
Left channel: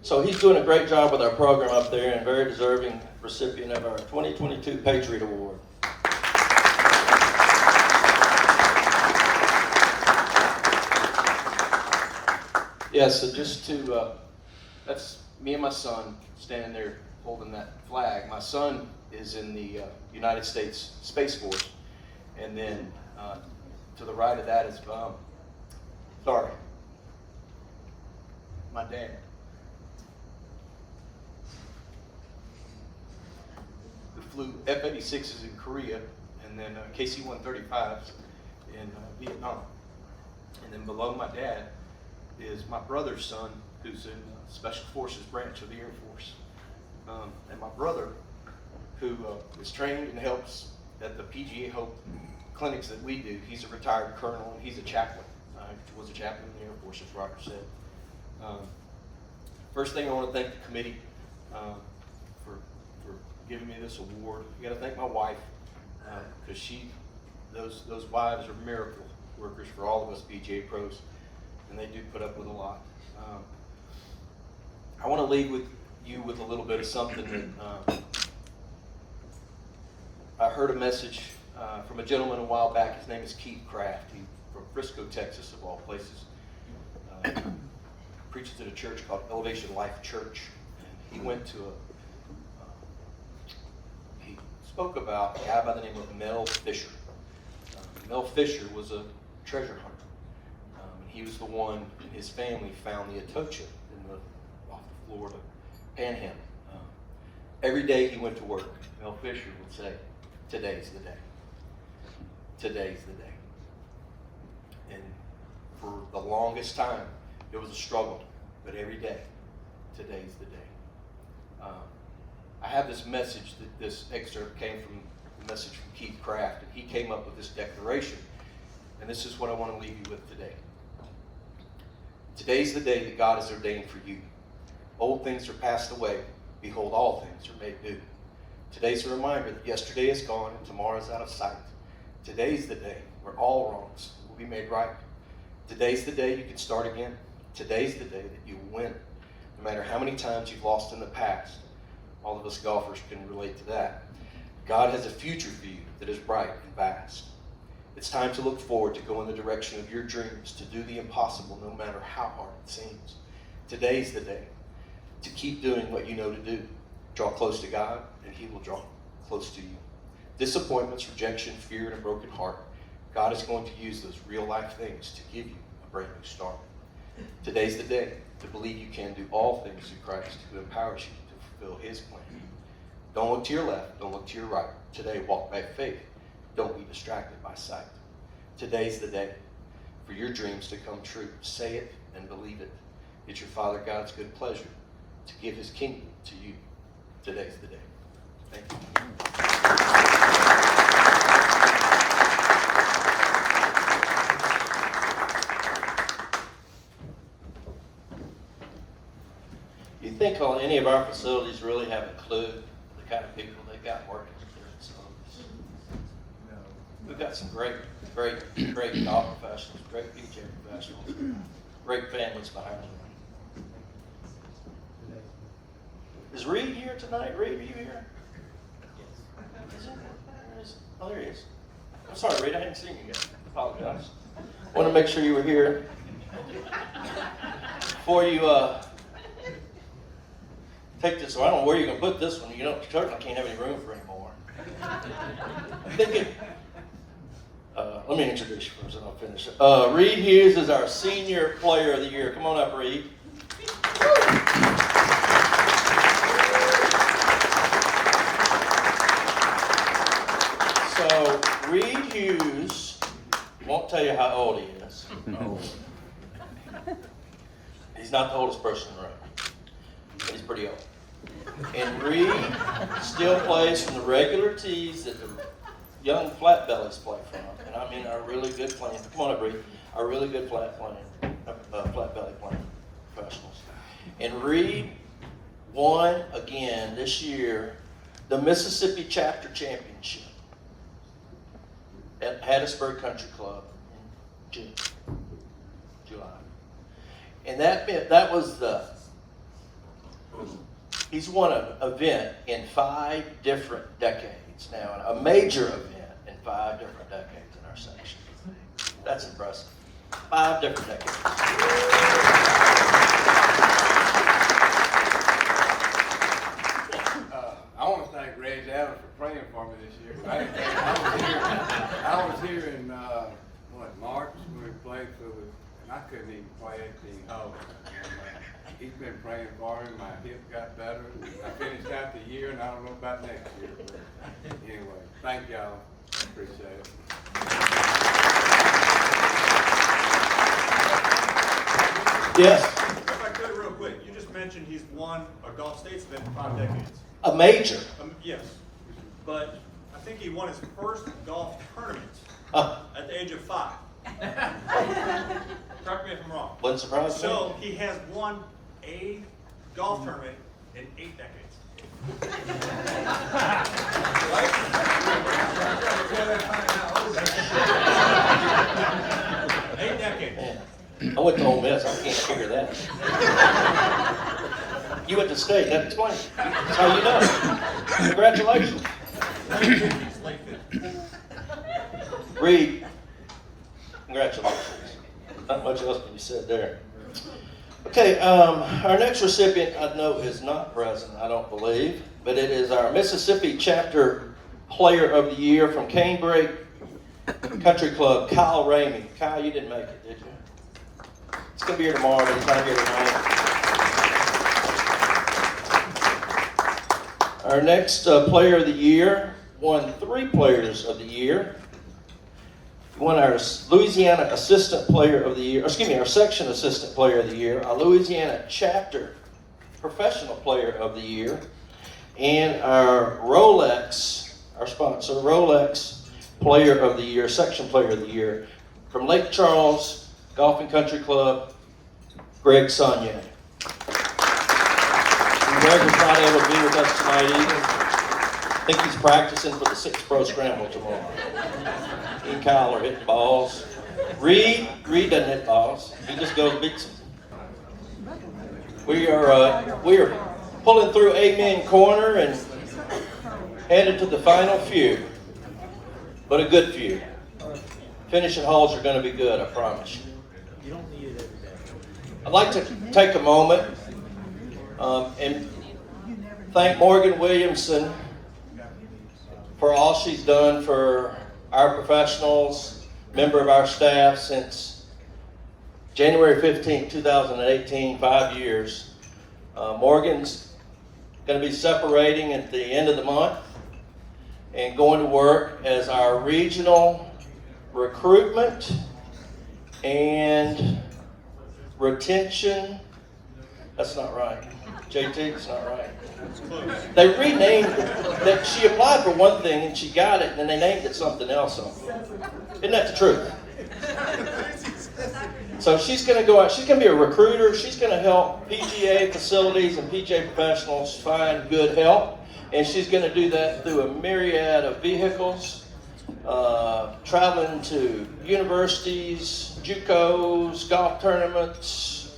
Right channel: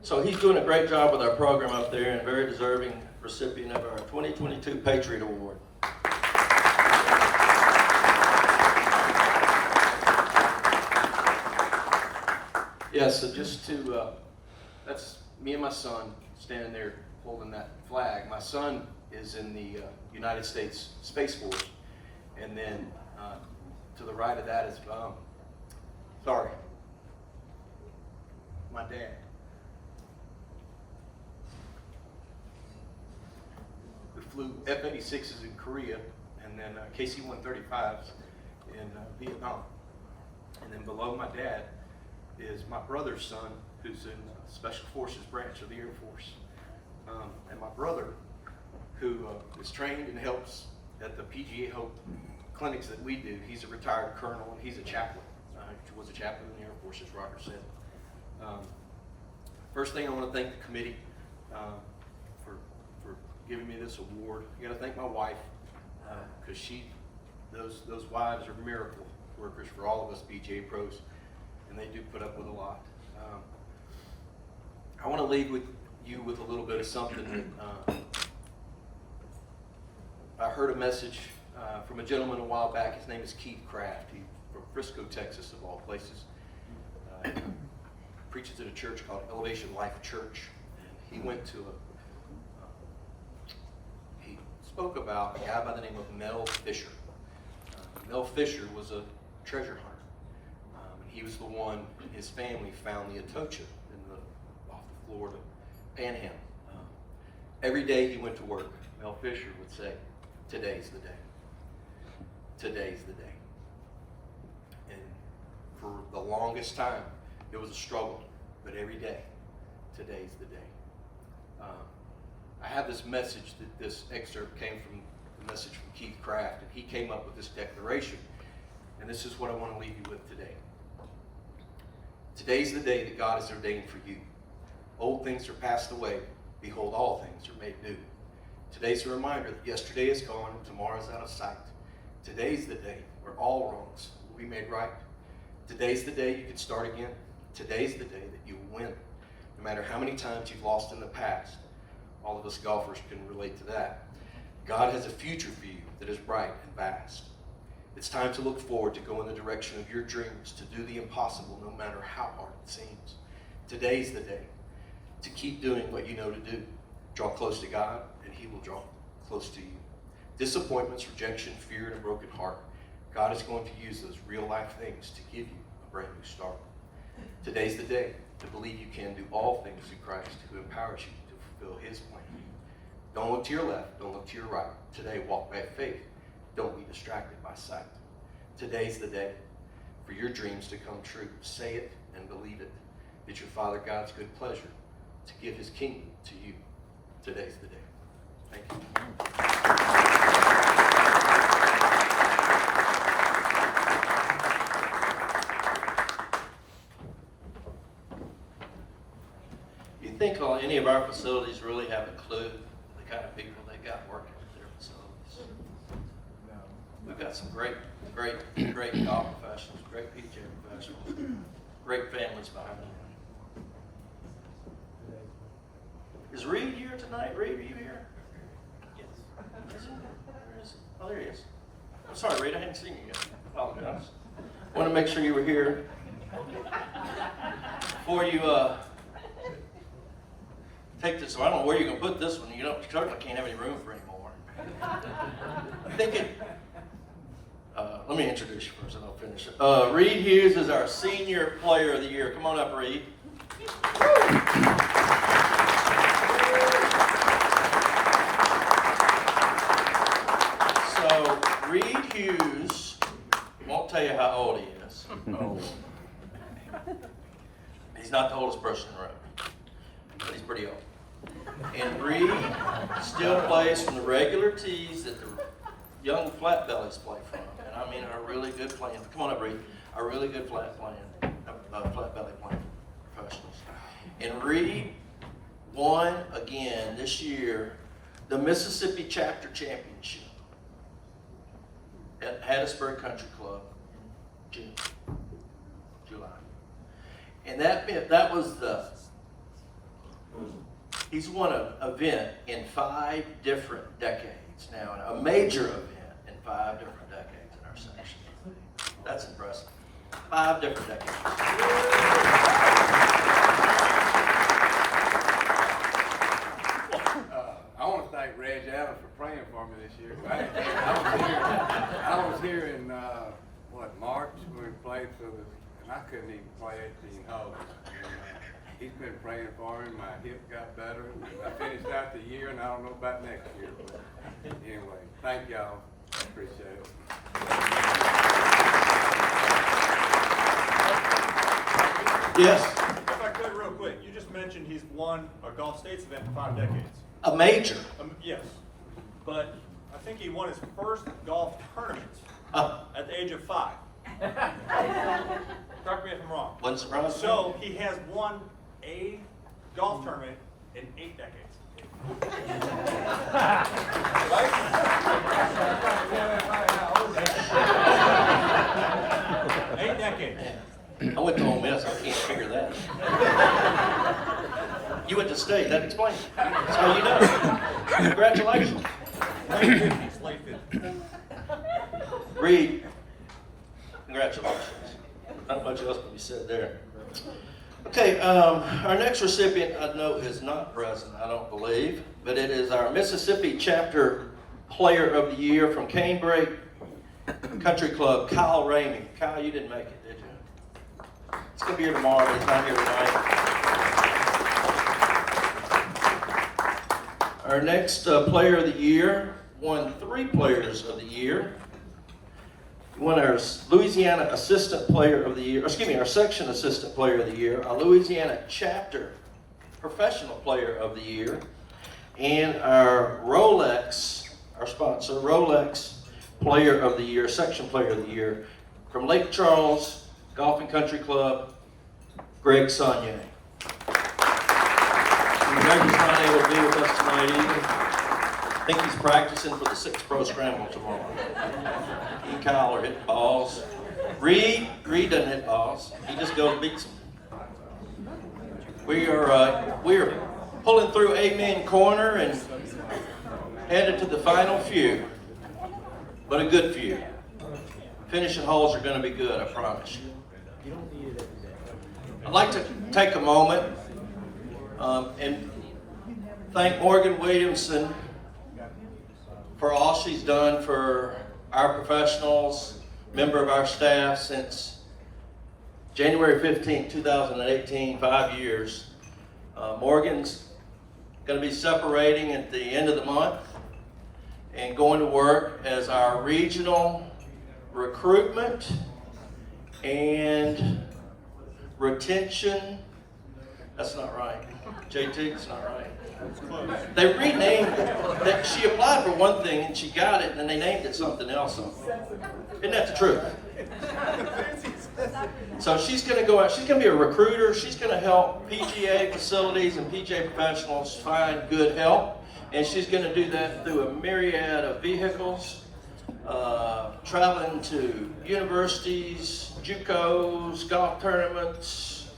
so he's doing a great job with our program up there and very deserving recipient of our 2022 Patriot Award. Yeah, so just to, that's me and my son standing there holding that flag. My son is in the United States Space Force. And then to the right of that is, my dad. We flew F-86s in Korea and then KC-135s in Vietnam. And then below my dad is my brother's son, who's in the Special Forces branch of the Air Force. And my brother, who is trained and helps at the PGA Hope clinics that we do. He's a retired colonel and he's a chaplain. He was a chaplain in the Air Force, as Roger said. First thing, I want to thank the committee for giving me this award. I got to thank my wife because those wives are miracle workers for all of us PGA pros, and they do put up with a lot. I want to leave with you with a little bit of something that I heard a message from a gentleman a while back. His name is Keith Kraft. He's from Frisco, Texas, of all places. Preaches at a church called Elevation Life Church. And he went to spoke about a guy by the name of Mel Fisher. Mel Fisher was a treasure hunter. He was the one, and his family found the Atocha off the Florida Panhandle. Every day he went to work, Mel Fisher would say, "Today's the day. Today's the day." And for the longest time, it was a struggle, but every day, today's the day. I have this message that this excerpt came from the message from Keith Craft, and he came up with this declaration, and this is what I want to leave you with today. Today's the day that God has ordained for you. Old things are passed away. Behold, all things are made new. Today's a reminder that yesterday is gone and tomorrow is out of sight. Today's the day where all wrongs will be made right. Today's the day you can start again. Today's the day that you win. No matter how many times you've lost in the past, all of us golfers can relate to that. God has a future for you that is bright and vast. It's time to look forward, to go in the direction of your dreams, to do the impossible no matter how hard it seems. Today's the day to keep doing what you know to do. Draw close to God, and He will draw close to you. Disappointments, rejection, fear, and a broken heart, God is going to use those real life things to give you a brand new start. Today's the day to believe you can do all things through Christ who empowers you to fulfill His plan. Don't look to your left, don't look to your right. Today, walk by faith. Don't be distracted by sight. Today's the day for your dreams to come true. Say it and believe it. It's your Father God's good pleasure to give His kingdom to you. Today's the day. Thank you. You think any of our facilities really have a clue the kind of people they got working with their facilities? No. We've got some great golf professionals, great PGA professionals, great families behind them. Is Reed here tonight? Reed, are you here? Yes. Is he? Where is he? Oh, there he is. I'm sorry, Reed, I hadn't seen you yet. I apologize. I want to make sure you were here. Before you take this, so I don't know where you're going to put this one. You don't, certainly can't have any room for any more. I'm thinking, let me introduce you first and I'll finish it. Reed Hughes is our Senior Player of the Year. Come on up, Reed. So, Reed Hughes, won't tell you how old he is. Oh. He's not the oldest person in the room, but he's pretty old. And Reed still plays from the regular tees that the young flat bellies play from. And I mean our really good playing, come on up, Reed, our really good flat belly playing professionals. And Reed won again this year the Mississippi Chapter Championship at Hattiesburg Country Club in July. And that was he's won an event in 5 different decades now, a major event in 5 different decades in our section. That's impressive. 5 different decades. I want to thank Reg Adams for praying for me this year. I was here in March when we played for the, and I couldn't even play 18 holes. He's been praying for me. My hip got better. I finished out the year, and I don't know about next year. But anyway, thank y'all. I appreciate it. Yes. If I could, real quick, you just mentioned he's won a Gulf States event in 5 decades. A major. Yes, but I think he won his first golf tournament at the age of 5. Correct me if I'm wrong. Wasn't surprised. So he has won a golf tournament in 8 decades. Right? 8 decades. Man, I went to Ole Miss. I can't figure that. You went to state. That explains it. That's how you know. Congratulations. Reed, congratulations. Not much else can be said there. Okay, our next recipient, I know, is not present, I don't believe, but it is our Mississippi Chapter Player of the Year from Canebrake Country Club, Kyle Ramey. Kyle, you didn't make it, did you? It's going to be here tomorrow, but it's not here tonight. Our next Player of the Year won 3 Players of the Year. Won our Louisiana Assistant Player of the Year, our Section Assistant Player of the Year, our Louisiana Chapter Professional Player of the Year, and our Rolex, our sponsor, Rolex Player of the Year, Section Player of the Year, from Lake Charles Golf and Country Club, Greg Saunier. Greg is not able to be with us tonight either. I think he's practicing for the 6 Pro Scramble tomorrow. He and Kyle are hitting balls. Reed doesn't hit balls. He just goes and beats them. We are pulling through Amen Corner and headed to the final few, but a good few. Finishing holes are going to be good, I promise you. I'd like to take a moment and thank Morgan Williamson for all she's done for our professionals, member of our staff since January 15, 2018, 5 years. Morgan's going to be separating at the end of the month and going to work as our regional recruitment and retention. That's not right. JT, it's not right. They renamed it. That she applied for one thing and she got it, and then they named it something else. Isn't that the truth? So she's going to go out. She's going to be a recruiter. She's going to help PGA facilities and PGA professionals find good help, and she's going to do that through a myriad of vehicles, traveling to universities, JUCOs, golf tournaments,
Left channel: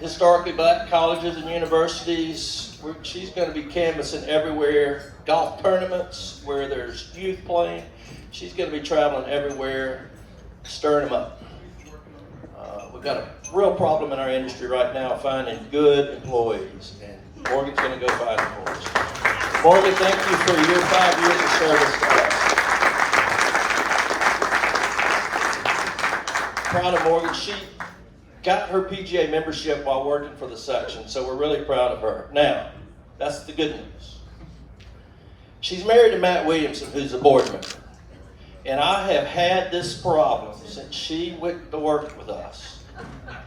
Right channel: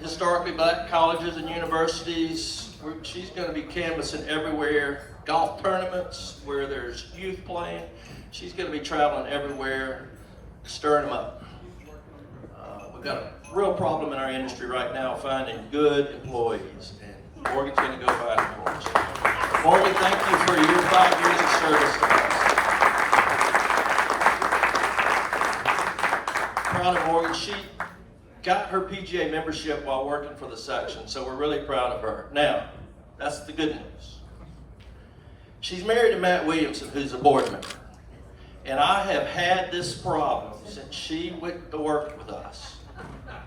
historically black colleges and universities. She's going to be canvassing everywhere, golf tournaments where there's youth playing. She's going to be traveling everywhere, stirring them up. We've got a real problem in our industry right now finding good employees, and Morgan's going to go find employees. Morgan, thank you for your 5 years of service to us. Proud of Morgan. She got her PGA membership while working for the section, so we're really proud of her. Now, that's the good news. She's married to Matt Williamson, who's a board member. And I have had this problem since she went to work with us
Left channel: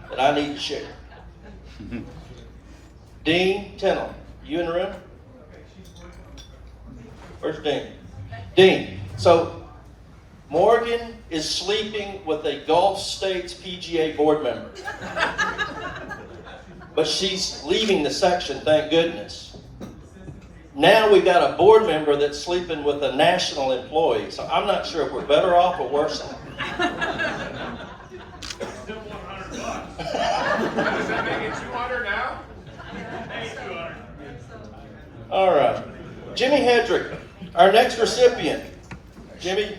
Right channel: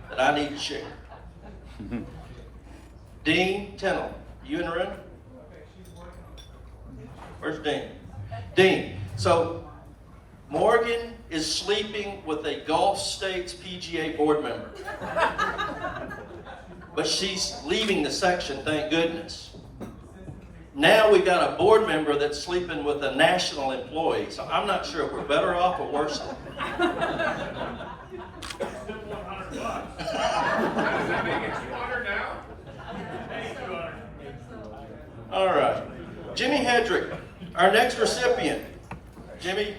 that I need to share. Dean Tinley, you in the room? Where's Dean? Dean, so Morgan is sleeping with a Gulf States PGA board member. But she's leaving the section, thank goodness. Now we've got a board member that's sleeping with a national employee, so I'm not sure if we're better off or worse off. Still $100. Does that make it 200 now? Hey, 200. All right. Jimmy Hedrick, our next recipient. Jimmy,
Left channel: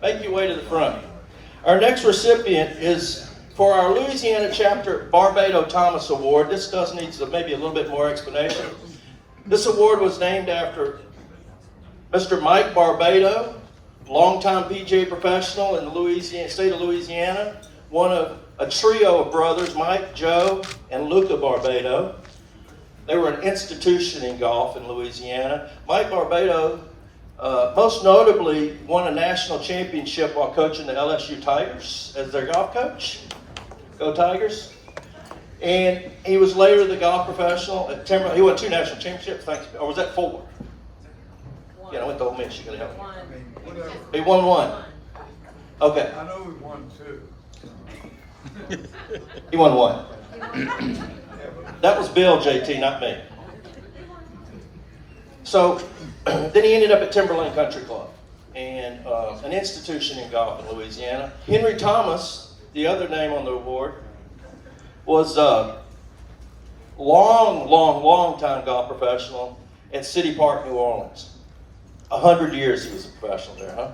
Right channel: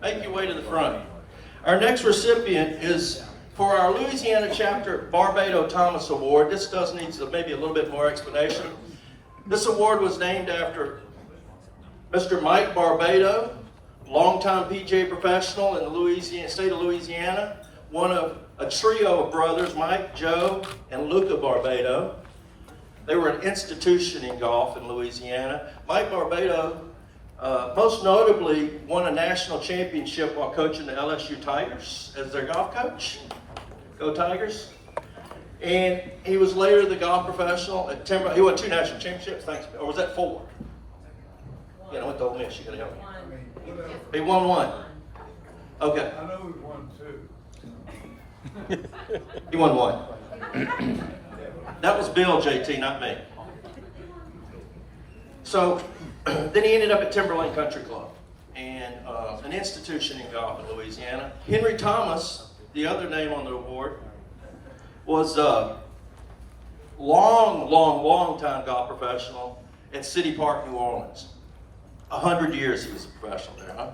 make your way to the front. Our next recipient is for our Louisiana Chapter Barbado Thomas Award. This does need maybe a little bit more explanation. This award was named after Mr. Mike Barbado, longtime PGA professional in the state of Louisiana, one of a trio of brothers, Mike, Joe, and Luca Barbado. They were an institution in golf in Louisiana. Mike Barbado most notably won a national championship while coaching the LSU Tigers as their golf coach. Go Tigers. And he was later the golf professional at Timberland. He won 2 national championships, thanks. Or was that 4? Yeah, I went to Ole Miss. You gotta help me. He won 1. Okay. I know he won 2. He won 1. That was Bill, JT, not me. So then he ended up at Timberland Country Club, and an institution in golf in Louisiana. Henry Thomas, the other name on the award, was a long time golf professional at City Park, New Orleans. 100 years he was a professional there, huh?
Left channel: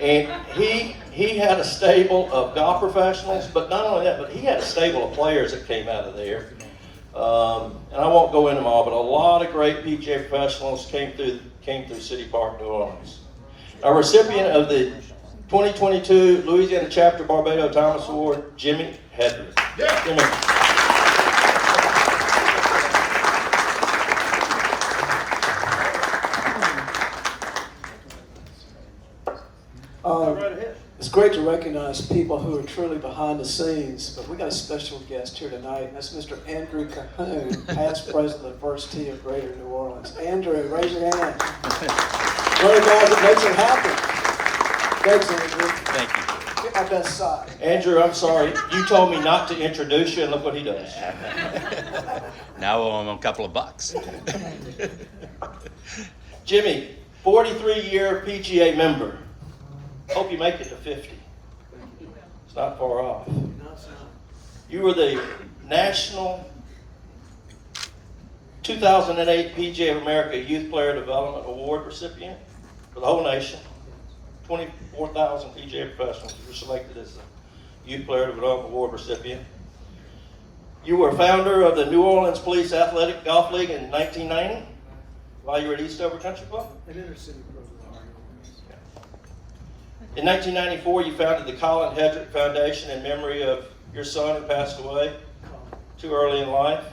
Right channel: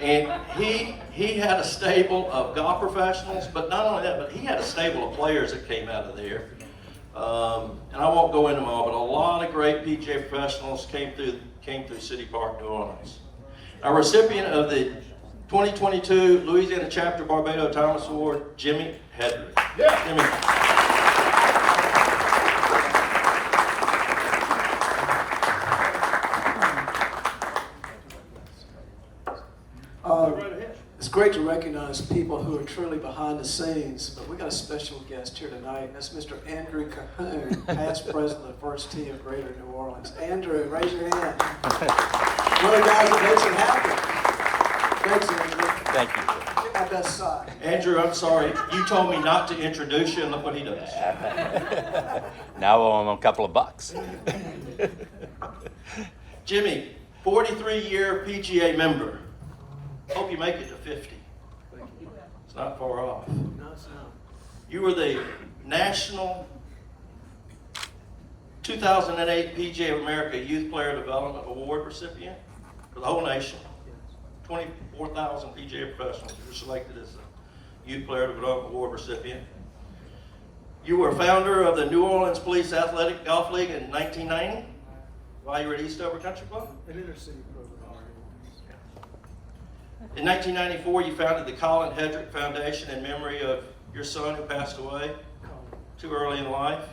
And he had a stable of golf professionals, but not only that, but he had a stable of players that came out of there. And I won't go into them all, but a lot of great PGA professionals came through City Park, New Orleans. A recipient of the 2022 Louisiana Chapter Barbados Thomas Award, Jimmy Hedrick. Yeah. Jimmy. It's great to recognize people who are truly behind the scenes, but we got a special guest here tonight, and that's Mr. Andrew Cahoon, past president of First Tee of Greater New Orleans. Andrew, raise your hand. One of the guys that makes it happen. Thanks, Andrew. Thank you. Get my best side. Andrew, I'm sorry. You told me not to introduce you, and look what he does. Now I owe him a couple of bucks. Jimmy, 43-year PGA member. Hope you make it to 50. It's not far off. No, it's not. You were the National 2008 PGA of America Youth Player Development Award recipient for the whole nation. 24,000 PGA professionals. You were selected as the Youth Player Development Award recipient. You were founder of the New Orleans Police Athletic Golf League in 1990 while you were at Eastover Country Club. An intercity program. In 1994, you founded the Colin Hedrick Foundation in memory of your son who passed away too early in life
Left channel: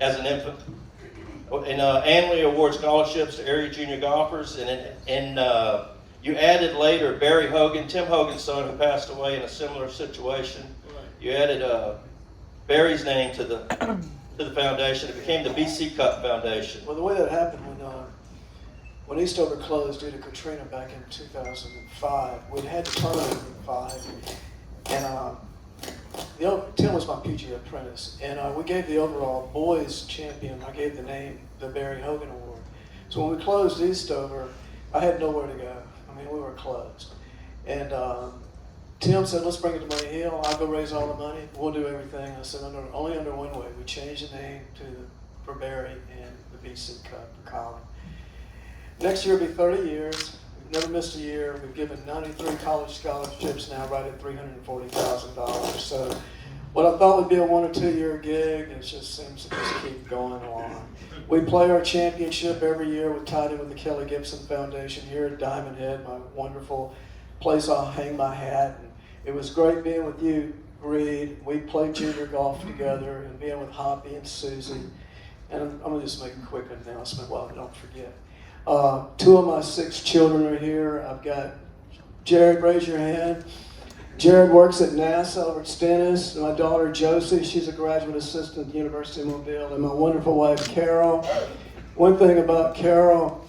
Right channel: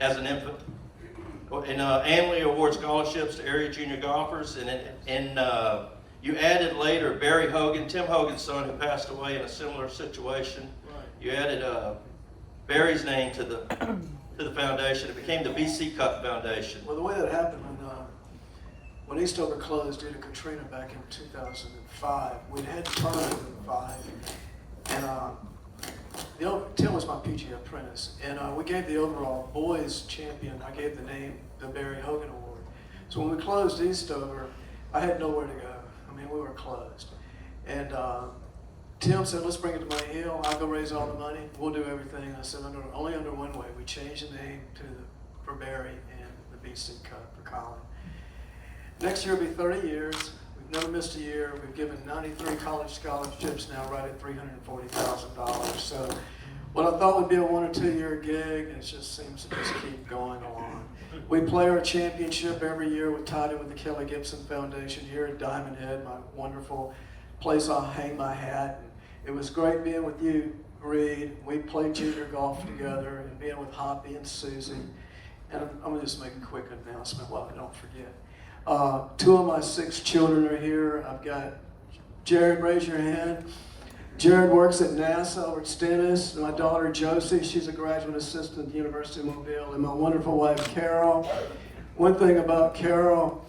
as an infant. And annually award scholarships to area junior golfers. And you added later Barry Hogan, Tim Hogan's son, who passed away in a similar situation. You added Barry's name to the foundation. It became the BC Cup Foundation. Well, the way that happened when Eastover closed due to Katrina back in 2005, we'd had the tournament in 5, and Tim was my PGA apprentice, and we gave the overall boys champion, I gave the name the Barry Hogan Award. So when we closed Eastover, I had nowhere to go. I mean, we were closed. And Tim said, let's bring it to Money Hill. I'll go raise all the money. We'll do everything. I said, only under one way. We changed the name for Barry and the BC Cup for Colin. Next year will be 30 years. We've never missed a year. We've given 93 college scholarships now, right at $340,000. So what I thought would be a 1 or 2 year gig, it just seems to just keep going on. We play our championship every year. We tied in with the Kelly Gibson Foundation here at Diamond Head, my wonderful place I'll hang my hat. And it was great being with you, Reed. We played junior golf together, and being with Hoppy and Susie. And I'm going to just make a quick announcement while I don't forget. 2 of my 6 children are here. I've got Jared, raise your hand. Jared works at NASA over at Stennis. My daughter Josie, she's a graduate assistant at the University of Mobile. And my wonderful wife Carol. One thing about Carol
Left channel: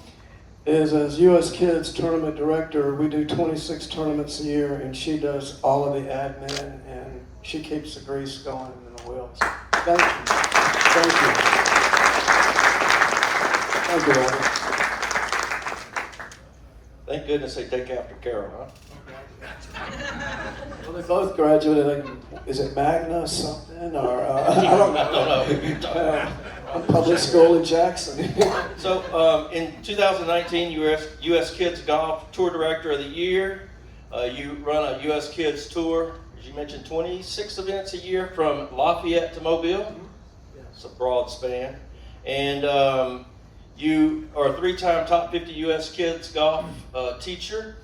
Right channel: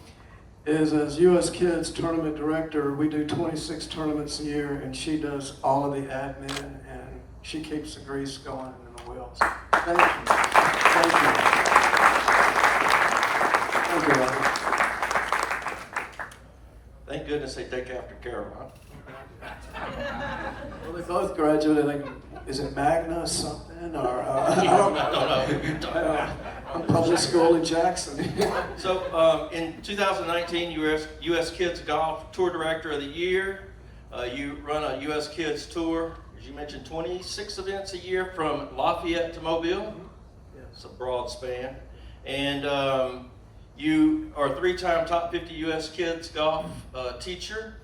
is as U.S. Kids tournament director, we do 26 tournaments a year, and she does all of the admin, and she keeps the grease going in the wheels. Thank you. Thank you. Thank you, Robert. Thank goodness they take after Carol, huh? Well, they both graduated. Is it Magna or something? Or I don't know. Public school in Jackson. So in 2019, you were U.S. Kids Golf Tour Director of the Year. You run a U.S. Kids Tour, as you mentioned, 26 events a year from Lafayette to Mobile. Yes. It's a broad span. And you are a 3-time top 50 U.S. Kids Golf teacher,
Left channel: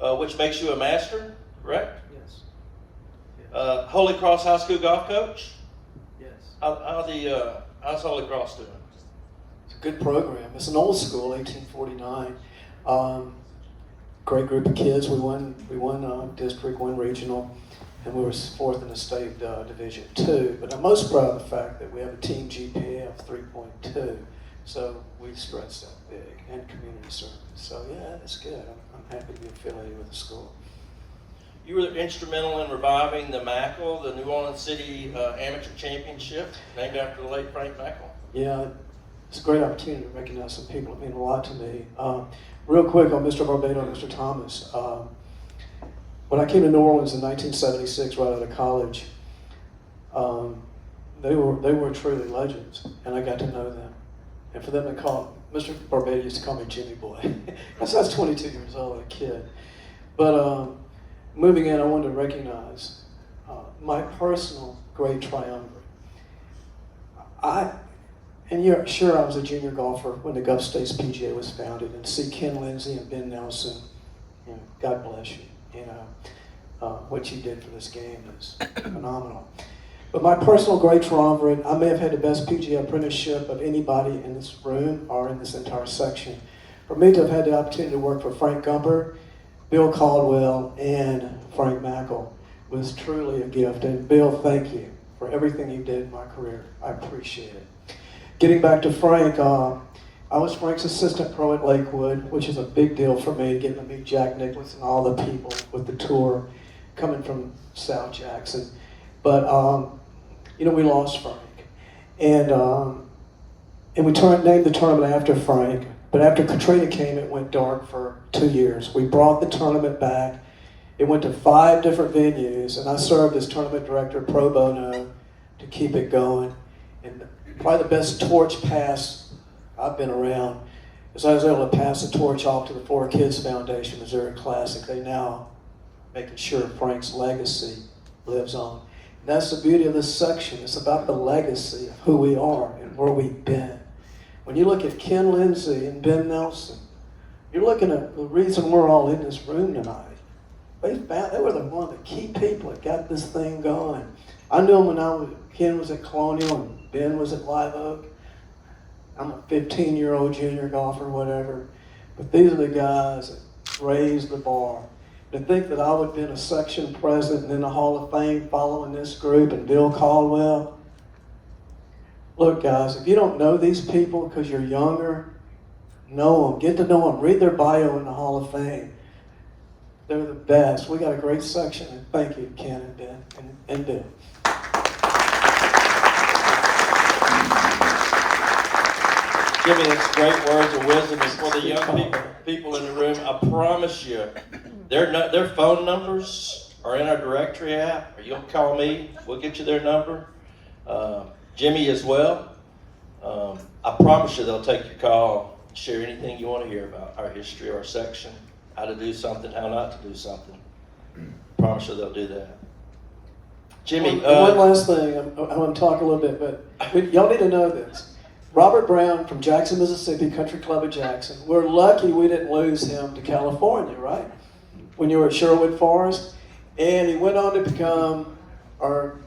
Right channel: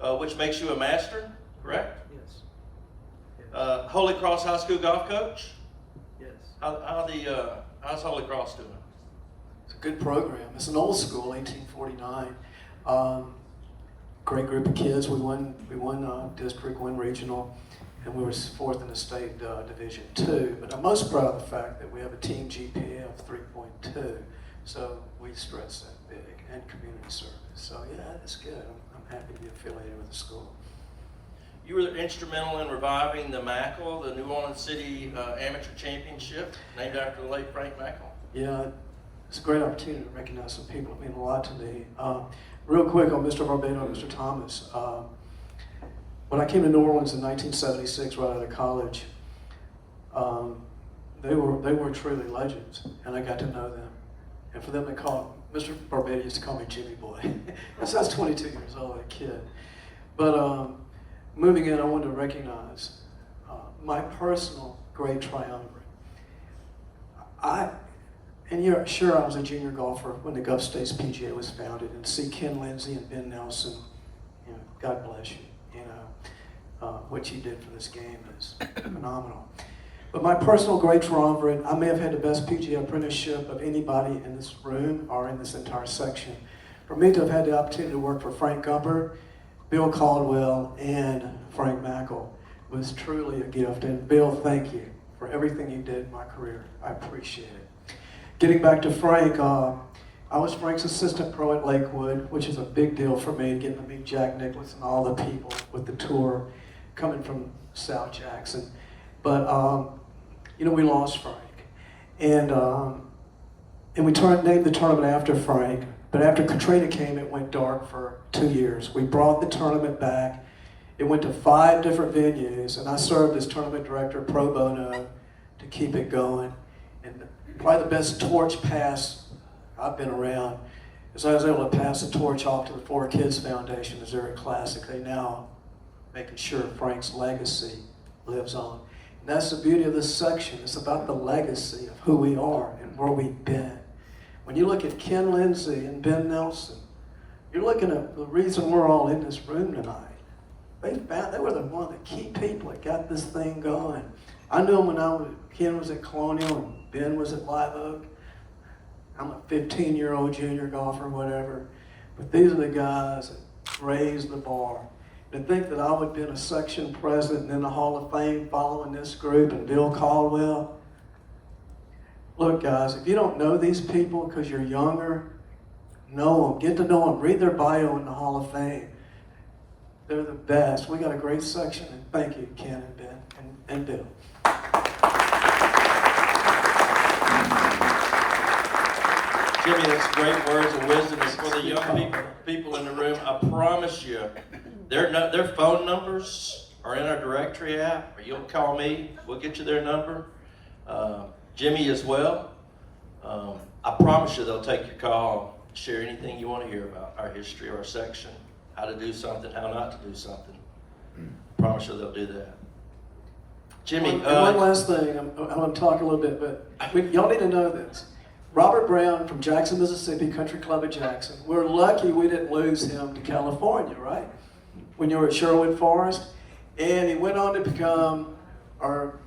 which makes you a master, correct? Yes. Holy Cross High School golf coach. Yes. How's Holy Cross doing? It's a good program. It's an old school, 1849. Great group of kids. We won district, won regional, and we were 4th in the state Division II. But I'm most proud of the fact that we have a team GPA of 3.2. So we stress that big, and community service. So yeah, that's good. I'm happy to be affiliated with the school. You were instrumental in reviving the MACL, the New Orleans City Amateur Championship, named after the late Frank MACL. Yeah, it's a great opportunity to recognize some people that mean a lot to me. Real quick on Mr. Barbados, Mr. Thomas. When I came to New Orleans in 1976, right out of college, they were truly legends, and I got to know them. And for them to call, Mr. Barbados used to call me Jimmy Boy. I was 22 years old, a kid. But moving in, I wanted to recognize my personal great triumvirate. And you're sure I was a junior golfer when the Gulf States PGA was founded, and to see Ken Lindsay and Ben Nelson, you know, God bless you. You know, what you did for this game is phenomenal. But my personal great triumvirate, I may have had the best PGA apprenticeship of anybody in this room or in this entire section. For me to have had the opportunity to work for Frank Gumper, Bill Caldwell, and Frank Mackel was truly a gift. And Bill, thank you for everything you did in my career. I appreciate it. Getting back to Frank, I was Frank's assistant pro at Lakewood, which is a big deal for me, getting to meet Jack Nicklaus and all the people with the tour coming from South Jackson. But, you know, we lost Frank. And we named the tournament after Frank. But after Katrina came, it went dark for 2 years. We brought the tournament back. It went to 5 different venues, and I served as tournament director pro bono to keep it going. And probably the best torch pass I've been around is I was able to pass the torch off to the Four Kids Foundation, Missouri Classic. They now making sure Frank's legacy lives on. And that's the beauty of this section. It's about the legacy of who we are and where we've been. When you look at Ken Lindsay and Ben Nelson, you're looking at the reason we're all in this room tonight. They were the one, the key people that got this thing going. I knew them when Ken was at Colonial and Ben was at Live Oak. I'm a 15-year-old junior golfer, whatever. But these are the guys that raised the bar. To think that I would have been a section president and in the Hall of Fame following this group and Bill Caldwell. Look, guys, if you don't know these people because you're younger, know them, get to know them, read their bio in the Hall of Fame. They're the best. We got a great section, and thank you, Ken and Ben and Bill. Jimmy, that's great words of wisdom. And for the young people in the room, I promise you, their phone numbers are in our directory app. Or you'll call me, we'll get you their number. Jimmy as well. I promise you they'll take your call, share anything you want to hear about our history, our section, how to do something, how not to do something. I promise you they'll do that. Jimmy. One last thing, I want to talk a little bit, but y'all need to know this. Robert Brown from Jackson, Mississippi, Country Club of Jackson. We're lucky we didn't lose him to California, right? When you were at Sherwood Forest. And he went on to become our,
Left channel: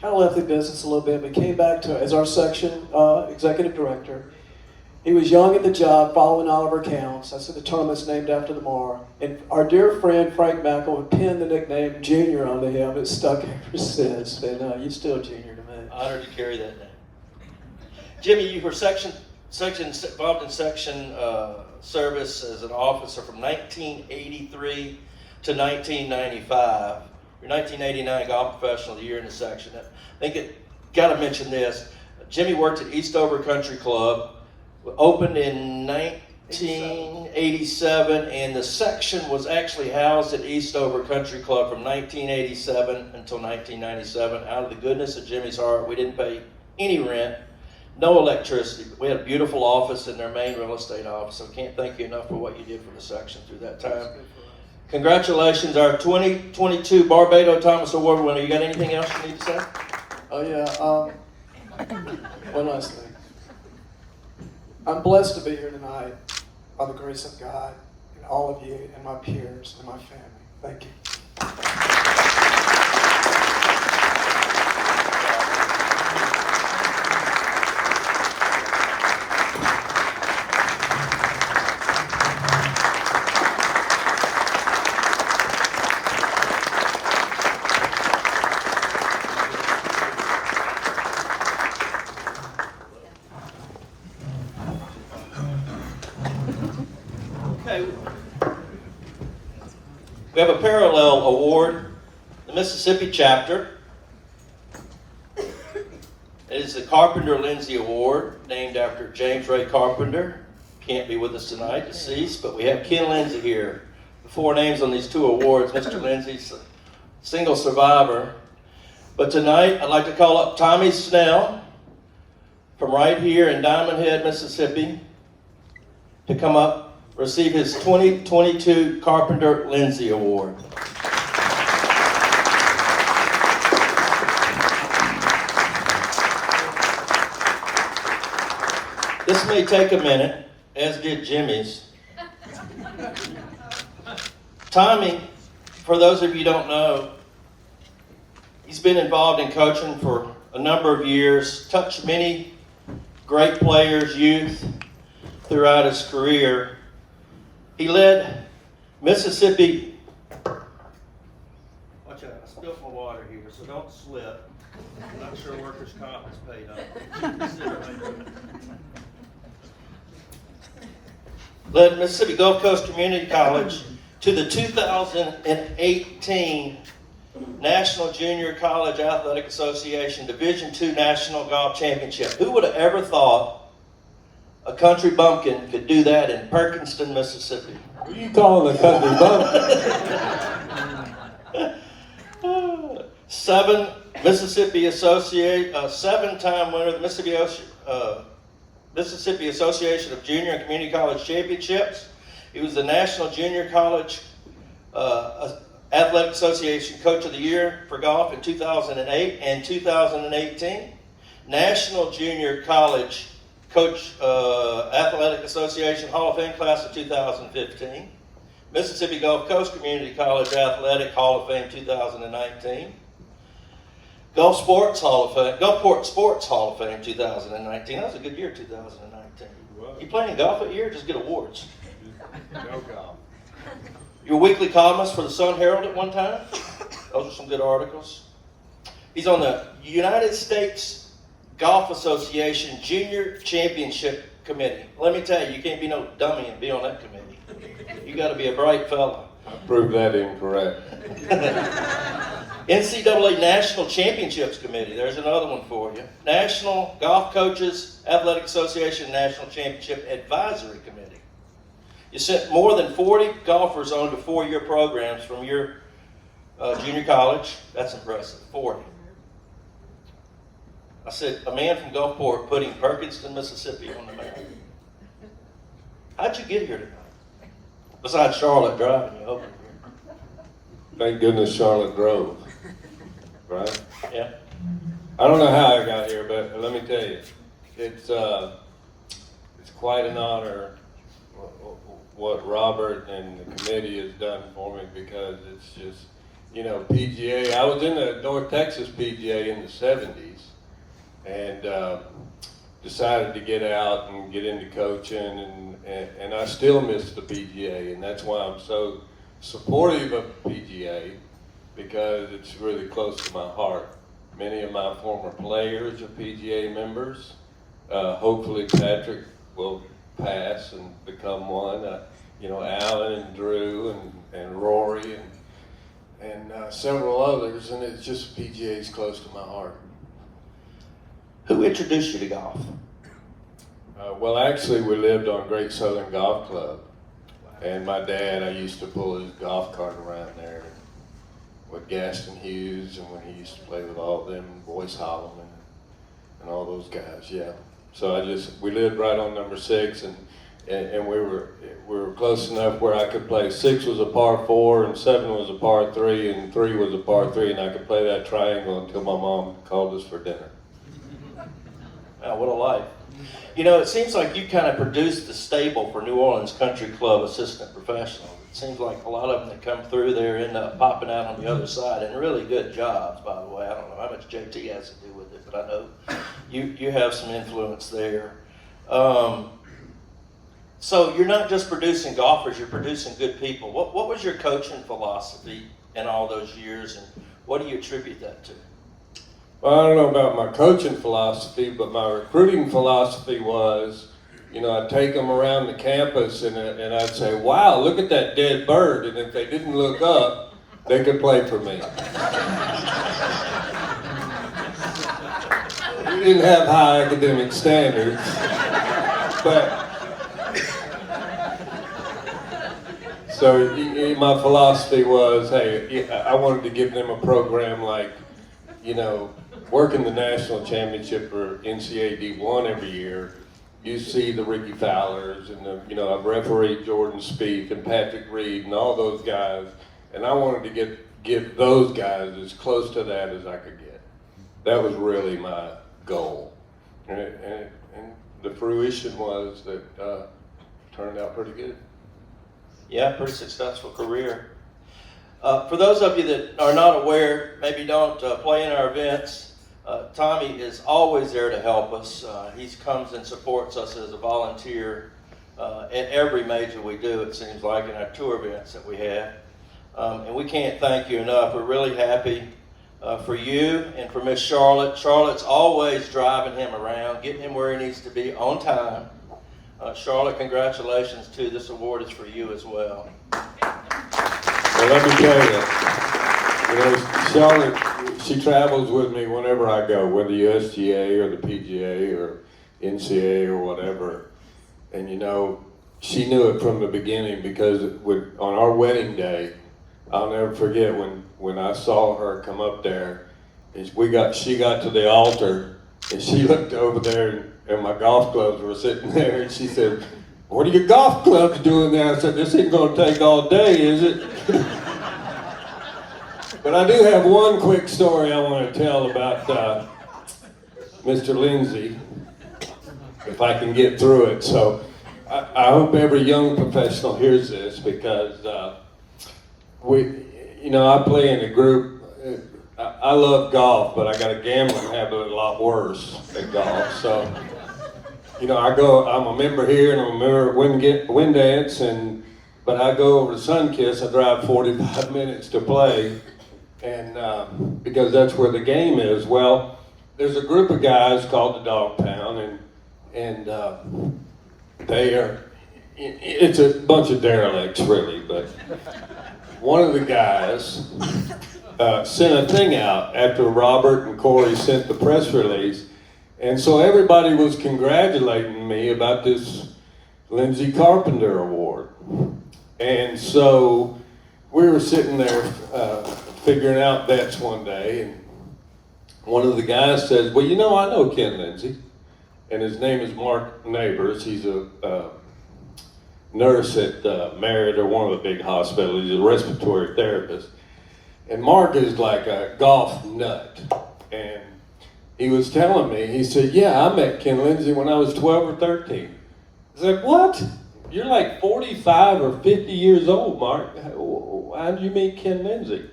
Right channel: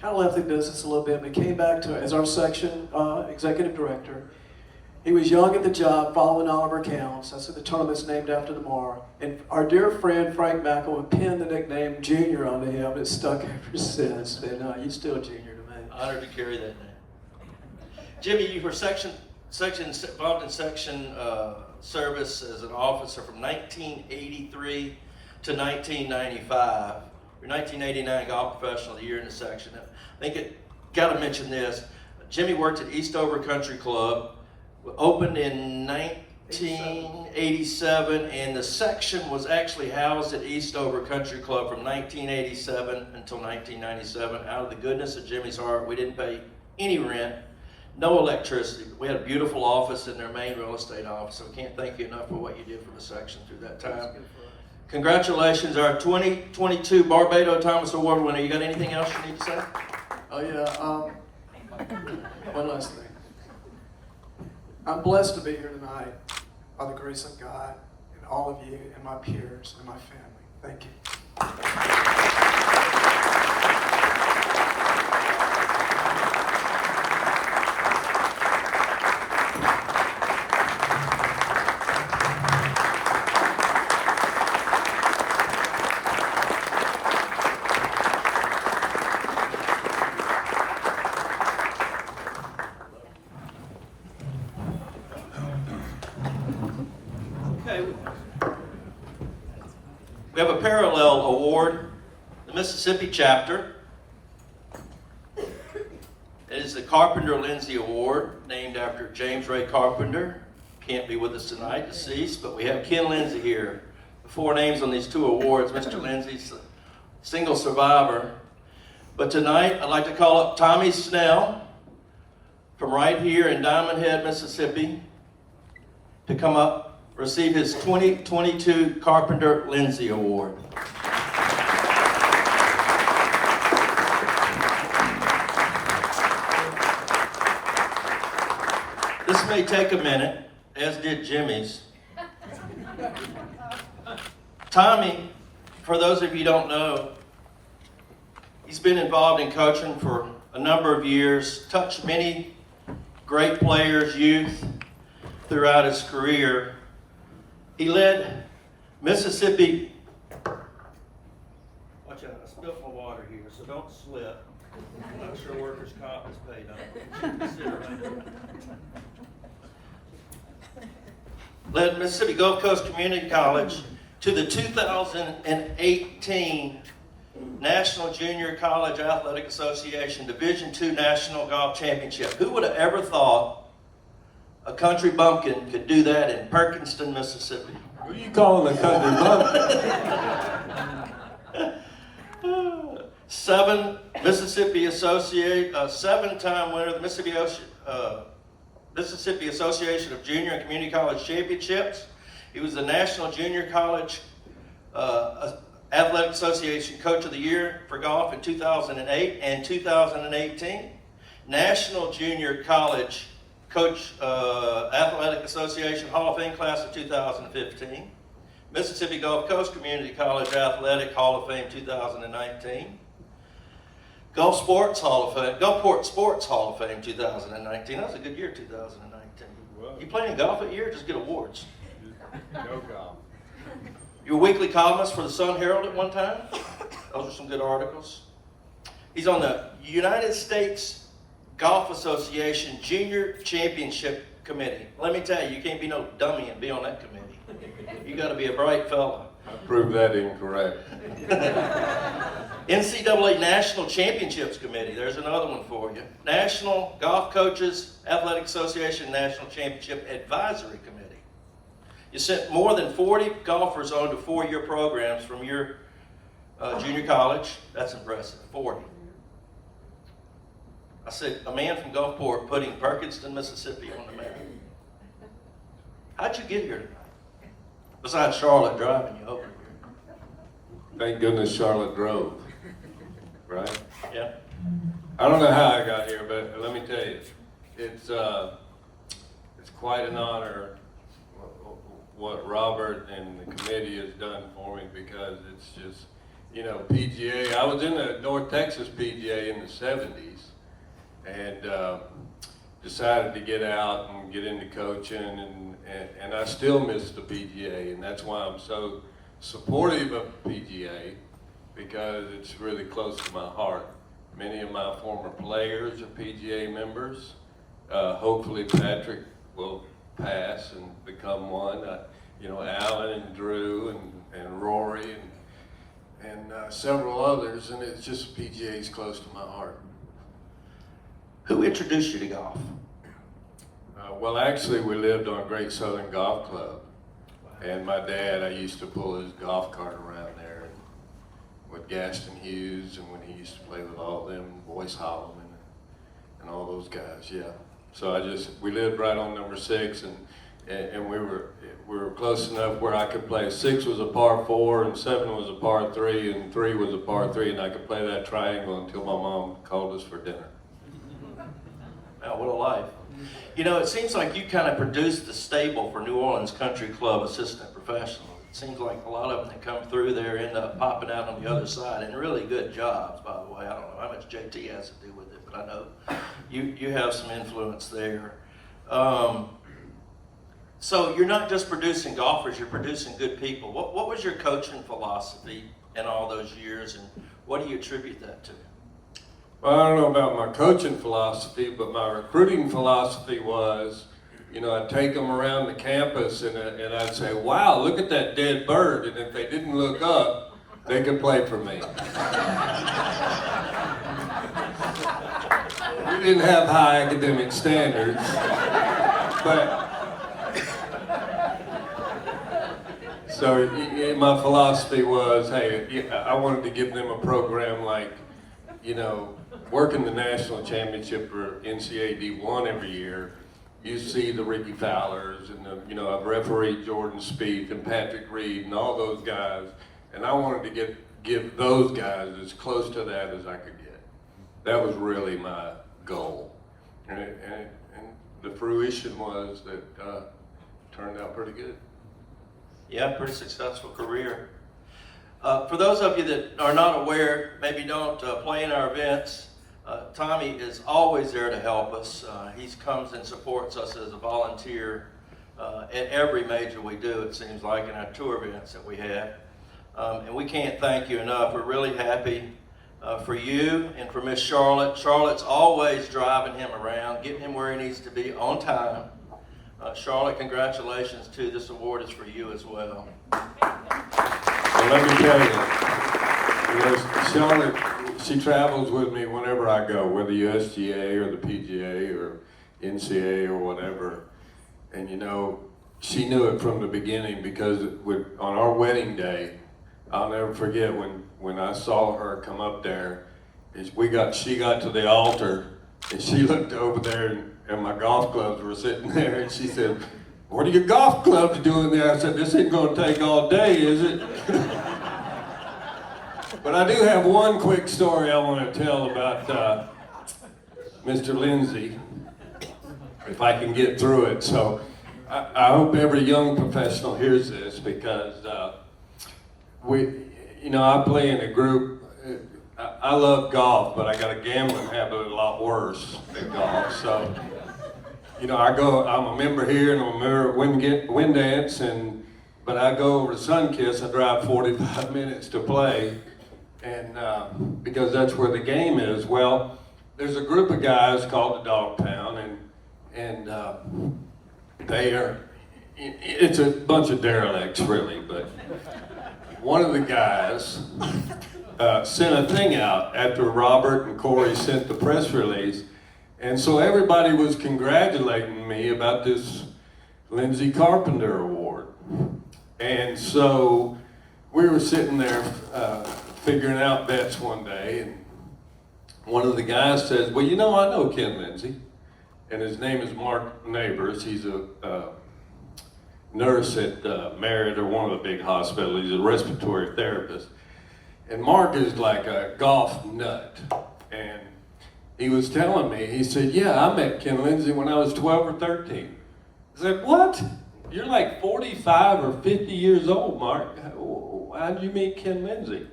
kind of left the business a little bit, but came back to as our section executive director. He was young at the job, following Oliver Counts. That's what the tournament's named after tomorrow. And our dear friend Frank Mackel pinned the nickname Junior onto him. It's stuck ever since. And you're still Junior to me. Honored to carry that name. Jimmy, you were involved in section service as an officer from 1983 to 1995. Your 1989 Golf Professional of the Year in the section. I think it got to mention this. Jimmy worked at Eastover Country Club, opened in 1987, and the section was actually housed at Eastover Country Club from 1987 until 1997. Out of the goodness of Jimmy's heart, we didn't pay any rent. No electricity. We had a beautiful office in their main real estate office. So I can't thank you enough for what you did for the section through that time. Congratulations, our 2022 Barbados Thomas Award winner. You got anything else you need to say? Oh yeah, one last thing. I'm blessed to be here tonight by the grace of God and all of you and my peers and my family. Thank you. We have a parallel award, the Mississippi chapter. It is the Carpenter Lindsay Award, named after James Ray Carpenter. Can't be with us tonight, deceased, but we have Ken Lindsay here. The 4 names on these 2 awards. Mr. Lindsay's a single survivor. But tonight, I'd like to call up Tommy Snell from right here in Diamond Head, Mississippi, to come up receive his 2022 Carpenter Lindsay Award. This may take a minute, as did Jimmy's. Tommy, for those of you who don't know, he's been involved in coaching for a number of years, touched many great players, youth, throughout his career. He led Mississippi. Watch out, I spilled my water here, so don't slip. I'm not sure workers' comp is paid on. Led Mississippi Gulf Coast Community College to the 2018 National Junior College Athletic Association Division II National Golf Championship. Who would have ever thought a country bumpkin could do that in Perkinston, Mississippi? Who you calling a country bumpkin? Seven-time winner of the Mississippi Association of Junior and Community College Championships. He was the National Junior College Athletic Association Coach of the Year for golf in 2008 and 2018. National Junior College Coach Athletic Association Hall of Fame class of 2015. Mississippi Gulf Coast Community College Athletic Hall of Fame 2019. Gulfport Sports Hall of Fame 2019. That was a good year, 2019. You playing golf that year or just get awards? No golf. You were weekly columnist for the Sun Herald at one time. Those are some good articles. He's on the United States Golf Association Junior Championship Committee. Let me tell you, you can't be no dummy and be on that committee. You got to be a bright fella. I proved that incorrect. NCAA National Championships Committee, there's another one for you. National Golf Coaches Athletic Association National Championship Advisory Committee. You sent more than 40 golfers on to 4-year programs from your junior college. That's impressive, 40. I said, a man from Gulfport putting Perkinston, Mississippi on the map. How'd you get here tonight? Besides Charlotte driving you over here. Thank goodness Charlotte drove. Right? Yeah. I don't know how I got here, but let me tell you, it's quite an honor what Robert and the committee has done for me, because it's just, you know, PGA. I was in the North Texas PGA in the 70s and decided to get out and get into coaching, and I still miss the PGA, and that's why I'm so supportive of PGA, because it's really close to my heart. Many of my former players are PGA members. Hopefully Patrick will pass and become one. You know, Alan and Drew and Rory and several others, and it's just PGA is close to my heart. Who introduced you to golf? Well, actually, we lived on Great Southern Golf Club, and my dad, I used to pull his golf cart around there with Gaston Hughes, and when he used to play with all of them, Boyce Holloman, and all those guys, yeah. So we lived right on number 6, and we were close enough where I could play. 6 was a par 4, and 7 was a par 3, and 3 was a par 3, and I could play that triangle until my mom called us for dinner. Wow, what a life. You know, it seems like you kind of produced the stable for New Orleans Country Club assistant professionals. It seems like a lot of them that come through there end up popping out on the other side, and really good jobs, by the way. I don't know how much JT has to do with it, but I know you have some influence there. So you're not just producing golfers, you're producing good people. What was your coaching philosophy in all those years, and what do you attribute that to? Well, I don't know about my coaching philosophy, but my recruiting philosophy was, you know, I'd take them around the campus and I'd say, wow, look at that dead bird. And if they didn't look up, they could play for me. We didn't have high academic standards, but so my philosophy was, hey, I wanted to give them a program like, you know, working the national championship for NCAA D1 every year. You see the Ricky Fowlers and I've refereed Jordan Spieth and Patrick Reed and all those guys, and I wanted to give those guys as close to that as I could get. That was really my goal, and the fruition was that turned out pretty good. Yeah, pretty successful career. For those of you that are not aware, maybe don't play in our events, Tommy is always there to help us. He comes and supports us as a volunteer at every major we do, it seems like, in our tour events that we have. And we can't thank you enough. We're really happy for you and for Miss Charlotte. Charlotte's always driving him around, getting him where he needs to be on time. Charlotte, congratulations too. This award is for you as well. Well, let me tell you, Charlotte, she travels with me whenever I go, whether USGA or the PGA or NCA or whatever. And you know, she knew it from the beginning because on our wedding day, I'll never forget when I saw her come up there, and she got to the altar, and she looked over there, and my golf clubs were sitting there, and she said, "What are your golf clubs doing there?" I said, "This ain't gonna take all day, is it?" But I do have one quick story I want to tell about Mr. Lindsay, if I can get through it. So I hope every young professional hears this, because I play in a group. I love golf, but I got a gambling habit a lot worse at golf. So, I'm a member here and I'm a member at Windance, but I go over to Sunkiss. I drive 45 minutes to play, and because that's where the game is. Well, there's a group of guys called the Dog Pound, and it's a bunch of derelicts, really, but one of the guys sent a thing out after Robert and Corey sent the press release, and so everybody was congratulating me about this Lindsay Carpenter Award. And so we were sitting there figuring out bets one day, and one of the guys says, "Well, I know Ken Lindsay," and his name is Mark Neighbors. He's a nurse at Merritt, or one of the big hospitals. He's a respiratory therapist. And Mark is like a golf nut. And he was telling me, he said, "Yeah, I met Ken Lindsay when I was 12 or 13. I said, "What? You're like 45 or 50 years old, Mark. How did you meet Ken Lindsay?"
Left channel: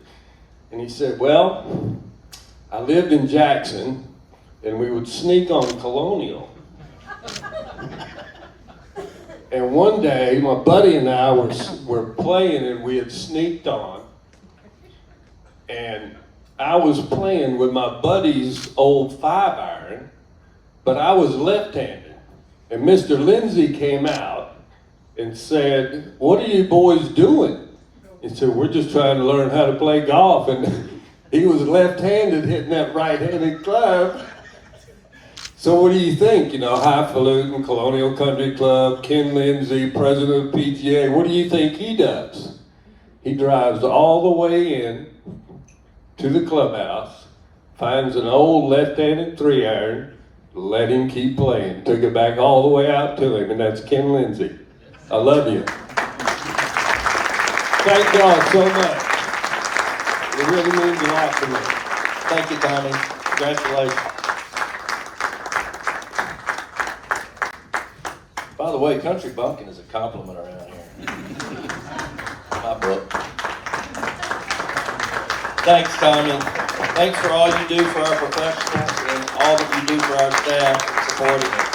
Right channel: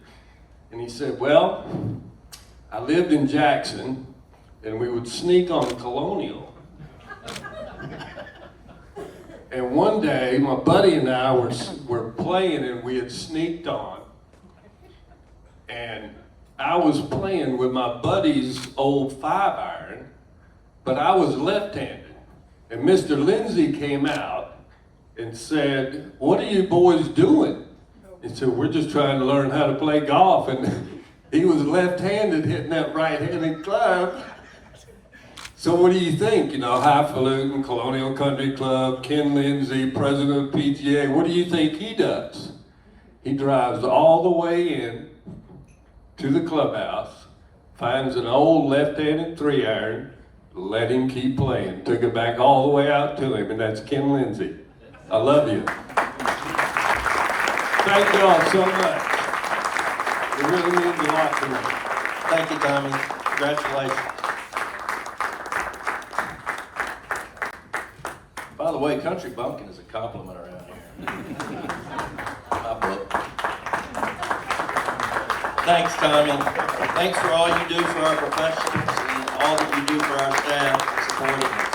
And he said, "Well, I lived in Jackson, and we would sneak on Colonial. And one day, my buddy and I were playing, and we had sneaked on. And I was playing with my buddy's old 5-iron, but I was left-handed. And Mr. Lindsay came out and said, 'What are you boys doing?' He said, 'We're just trying to learn how to play golf.' And he was left-handed hitting that right-handed club. So what do you think? Highfalutin, Colonial Country Club, Ken Lindsay, president of PGA, what do you think he does? He drives all the way in to the clubhouse, finds an old left-handed 3-iron, let him keep playing. Took it back all the way out to him, and that's Ken Lindsay. I love you. Thank y'all so much. It really means a lot to me. Thank you, Tommy. Congratulations. By the way, country bumpkin is a compliment around here. Thanks, Tommy. Thanks for all you do for our professionals and all that you do for our staff and supporting us.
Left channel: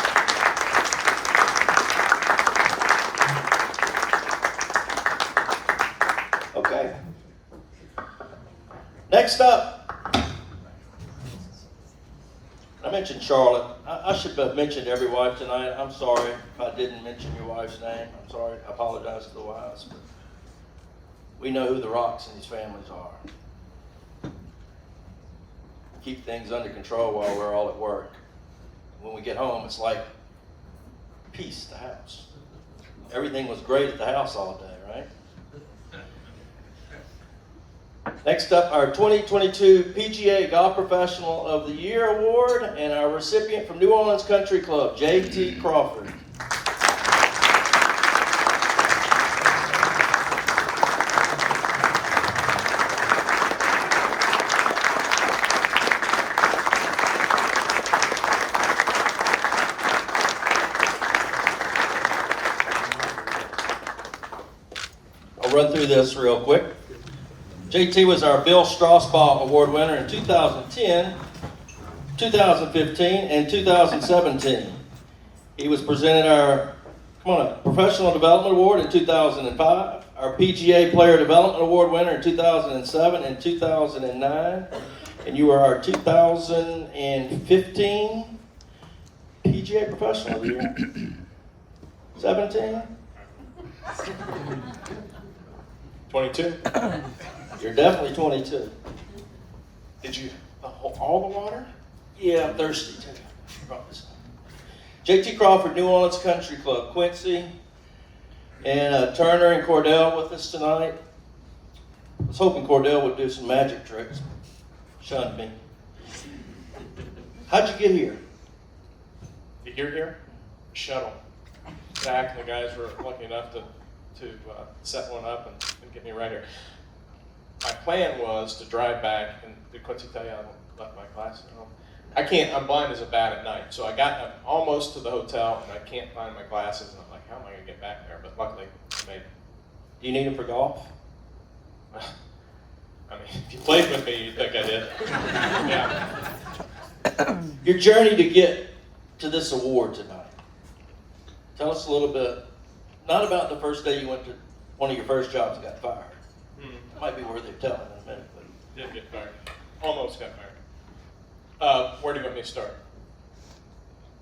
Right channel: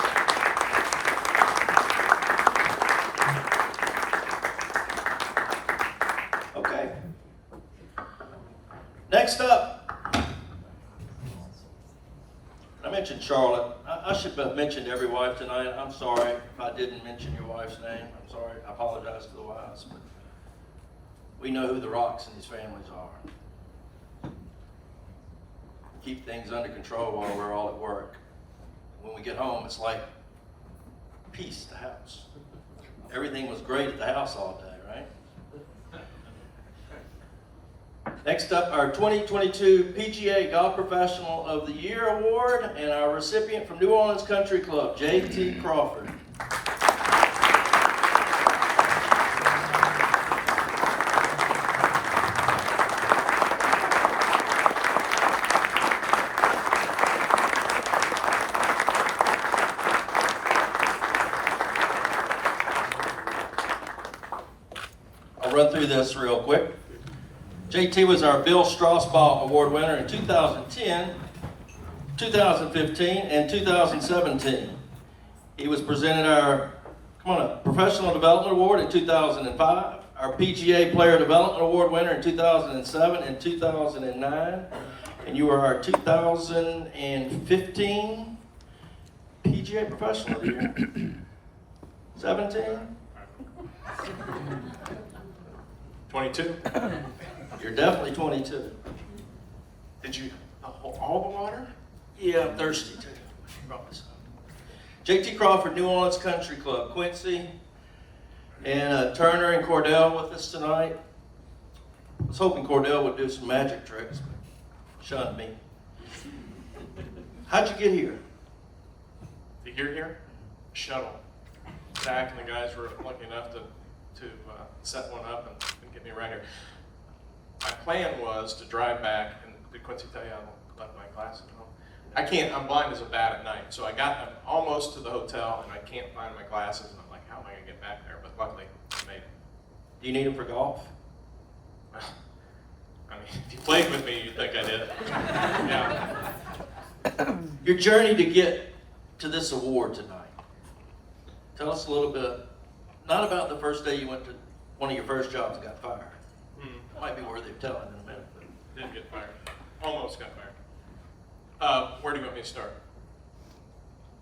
Okay. Next up, I mentioned Charlotte. I should have mentioned every wife tonight. I'm sorry if I didn't mention your wife's name. I'm sorry. I apologize to the wives. But we know who the rocks in these families are. Keep things under control while we're all at work. When we get home, it's like peace at the house. Everything was great at the house all day, right? Next up, our 2022 PGA Golf Professional of the Year Award, and our recipient from New Orleans Country Club, J.T. Crawford. run through this real quick. JT was our Bill Straussbaugh Award winner in 2010, 2015, and 2017. He was presented our, Professional Development Award in 2005, our PGA Player Development Award winner in 2007 and 2009, and you are our 2015 PGA Professional of the Year. 17? 22. You're definitely 22. Did you all the water? Yeah, I'm thirsty too. JT Crawford, New Orleans Country Club, Quincy, and Turner and Cordell with us tonight. I was hoping Cordell would do some magic tricks. Shunned me. How'd you get here? To get here? Shuttle. Zach and the guys were lucky enough to set one up and get me right here. My plan was to drive back, and did Quincy tell you I left my glasses at home? I'm blind as a bat at night, so I'm almost to the hotel, and I can't find my glasses, and I'm like, how am I going to get back there? But luckily, I made it. Do you need them for golf? I mean, if you played with me, you'd think I did. Yeah. Your journey to get to this award tonight. Tell us a little bit, not about the first day you went to one of your first jobs and got fired. It might be worthy of telling in a minute. But Didn't get fired. Almost got fired. Where do you want me to start?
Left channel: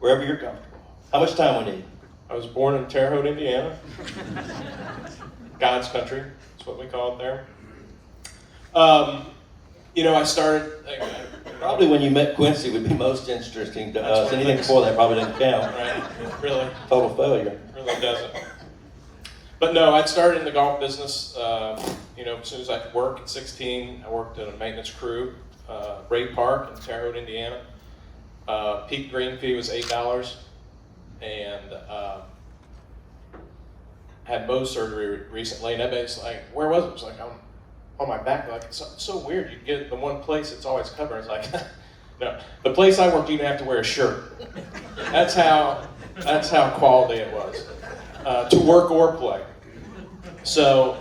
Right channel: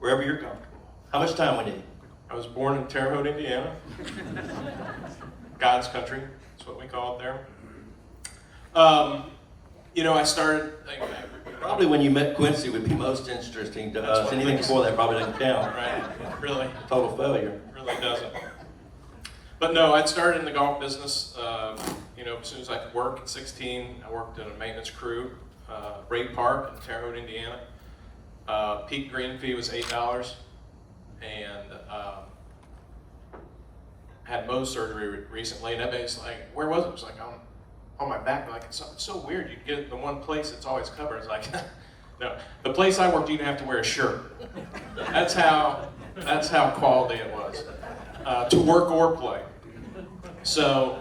Wherever you're comfortable. How much time we need? I was born in Terre Haute, Indiana. God's country, that's what we call it there. I started... Probably when you met Quincy would be most interesting to us. Anything before that probably didn't count. Right, really. Total failure. Really doesn't. But no, I started in the golf business, as soon as I could work. At 16, I worked in a maintenance crew, Ray Park in Terre Haute, Indiana. Peak green fee was $8, and had Mohs surgery recently, and everybody's like, where was it? It was like, on my back. Like, it's so weird. You get it the one place that's always covered. It's like, no. The place I worked, you didn't have to wear a shirt. That's how quality it was. To work or play. So,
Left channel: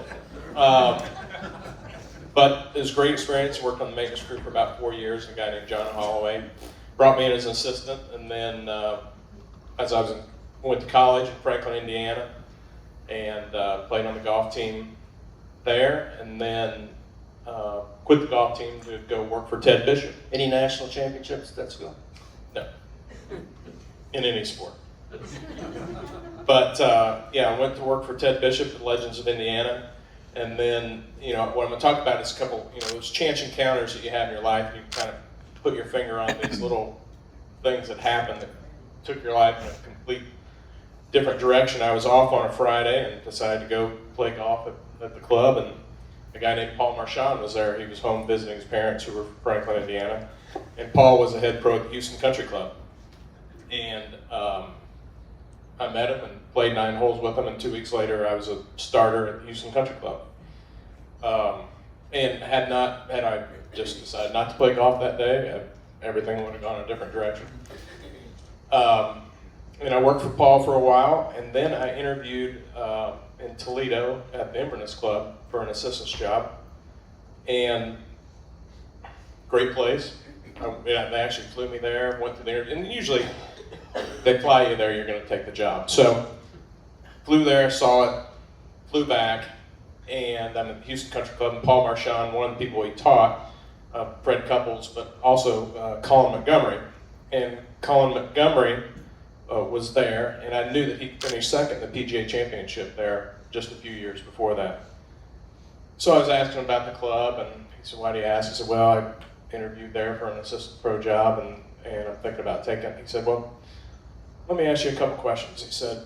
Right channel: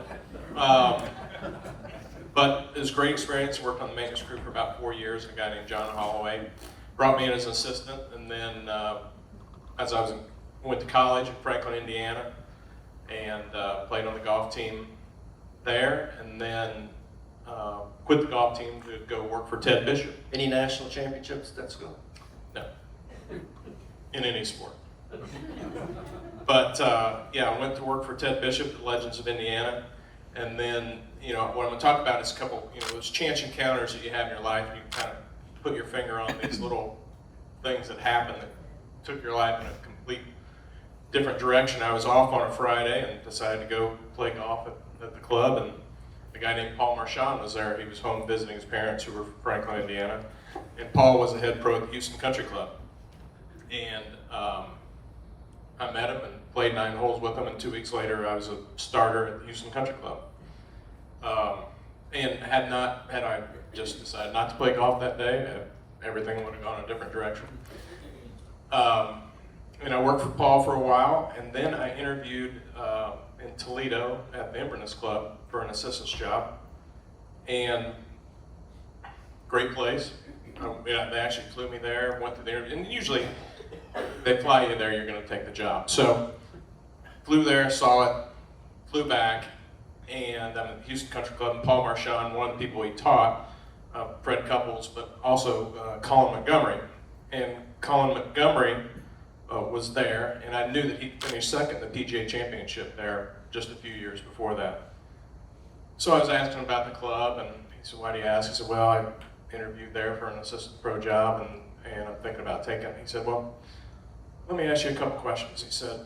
but it was a great experience. Worked on the maintenance crew for about 4 years. A guy named John Holloway brought me in as an assistant, and then as I went to college in Franklin, Indiana, and played on the golf team there, and then quit the golf team to go work for Ted Bishop. Any national championships? That's good. No. In any sport. But I went to work for Ted Bishop at Legends of Indiana, and then what I'm going to talk about is a couple those chance encounters that you have in your life. You kind of put your finger on these little things that happened that took your life in a complete different direction. I was off on a Friday and decided to go play golf at the club, and a guy named Paul Marchand was there. He was home visiting his parents who were from Franklin, Indiana, and Paul was the head pro at the Houston Country Club. And I met him and played 9 holes with him, and 2 weeks later I was a starter at the Houston Country Club. And had I just decided not to play golf that day, everything would have gone a different direction. And I worked for Paul for a while, and then I interviewed in Toledo at the Inverness Club for an assistant's job. And great place. They actually flew me there, went to the interview, and usually they fly you there, you're going to take the job. So flew there, saw it, flew back, and I'm at the Houston Country Club, and Paul Marchand, one of the people he taught, Fred Couples, but also Colin Montgomery. And Colin Montgomery was there, and I knew that he finished second in the PGA Championship there just a few years before that. So I was asking him about the club, and he said, why do you ask? I said, well, I interviewed there for an assistant pro job, and I'm thinking about taking it. He said, well, let me ask you a couple questions. He said,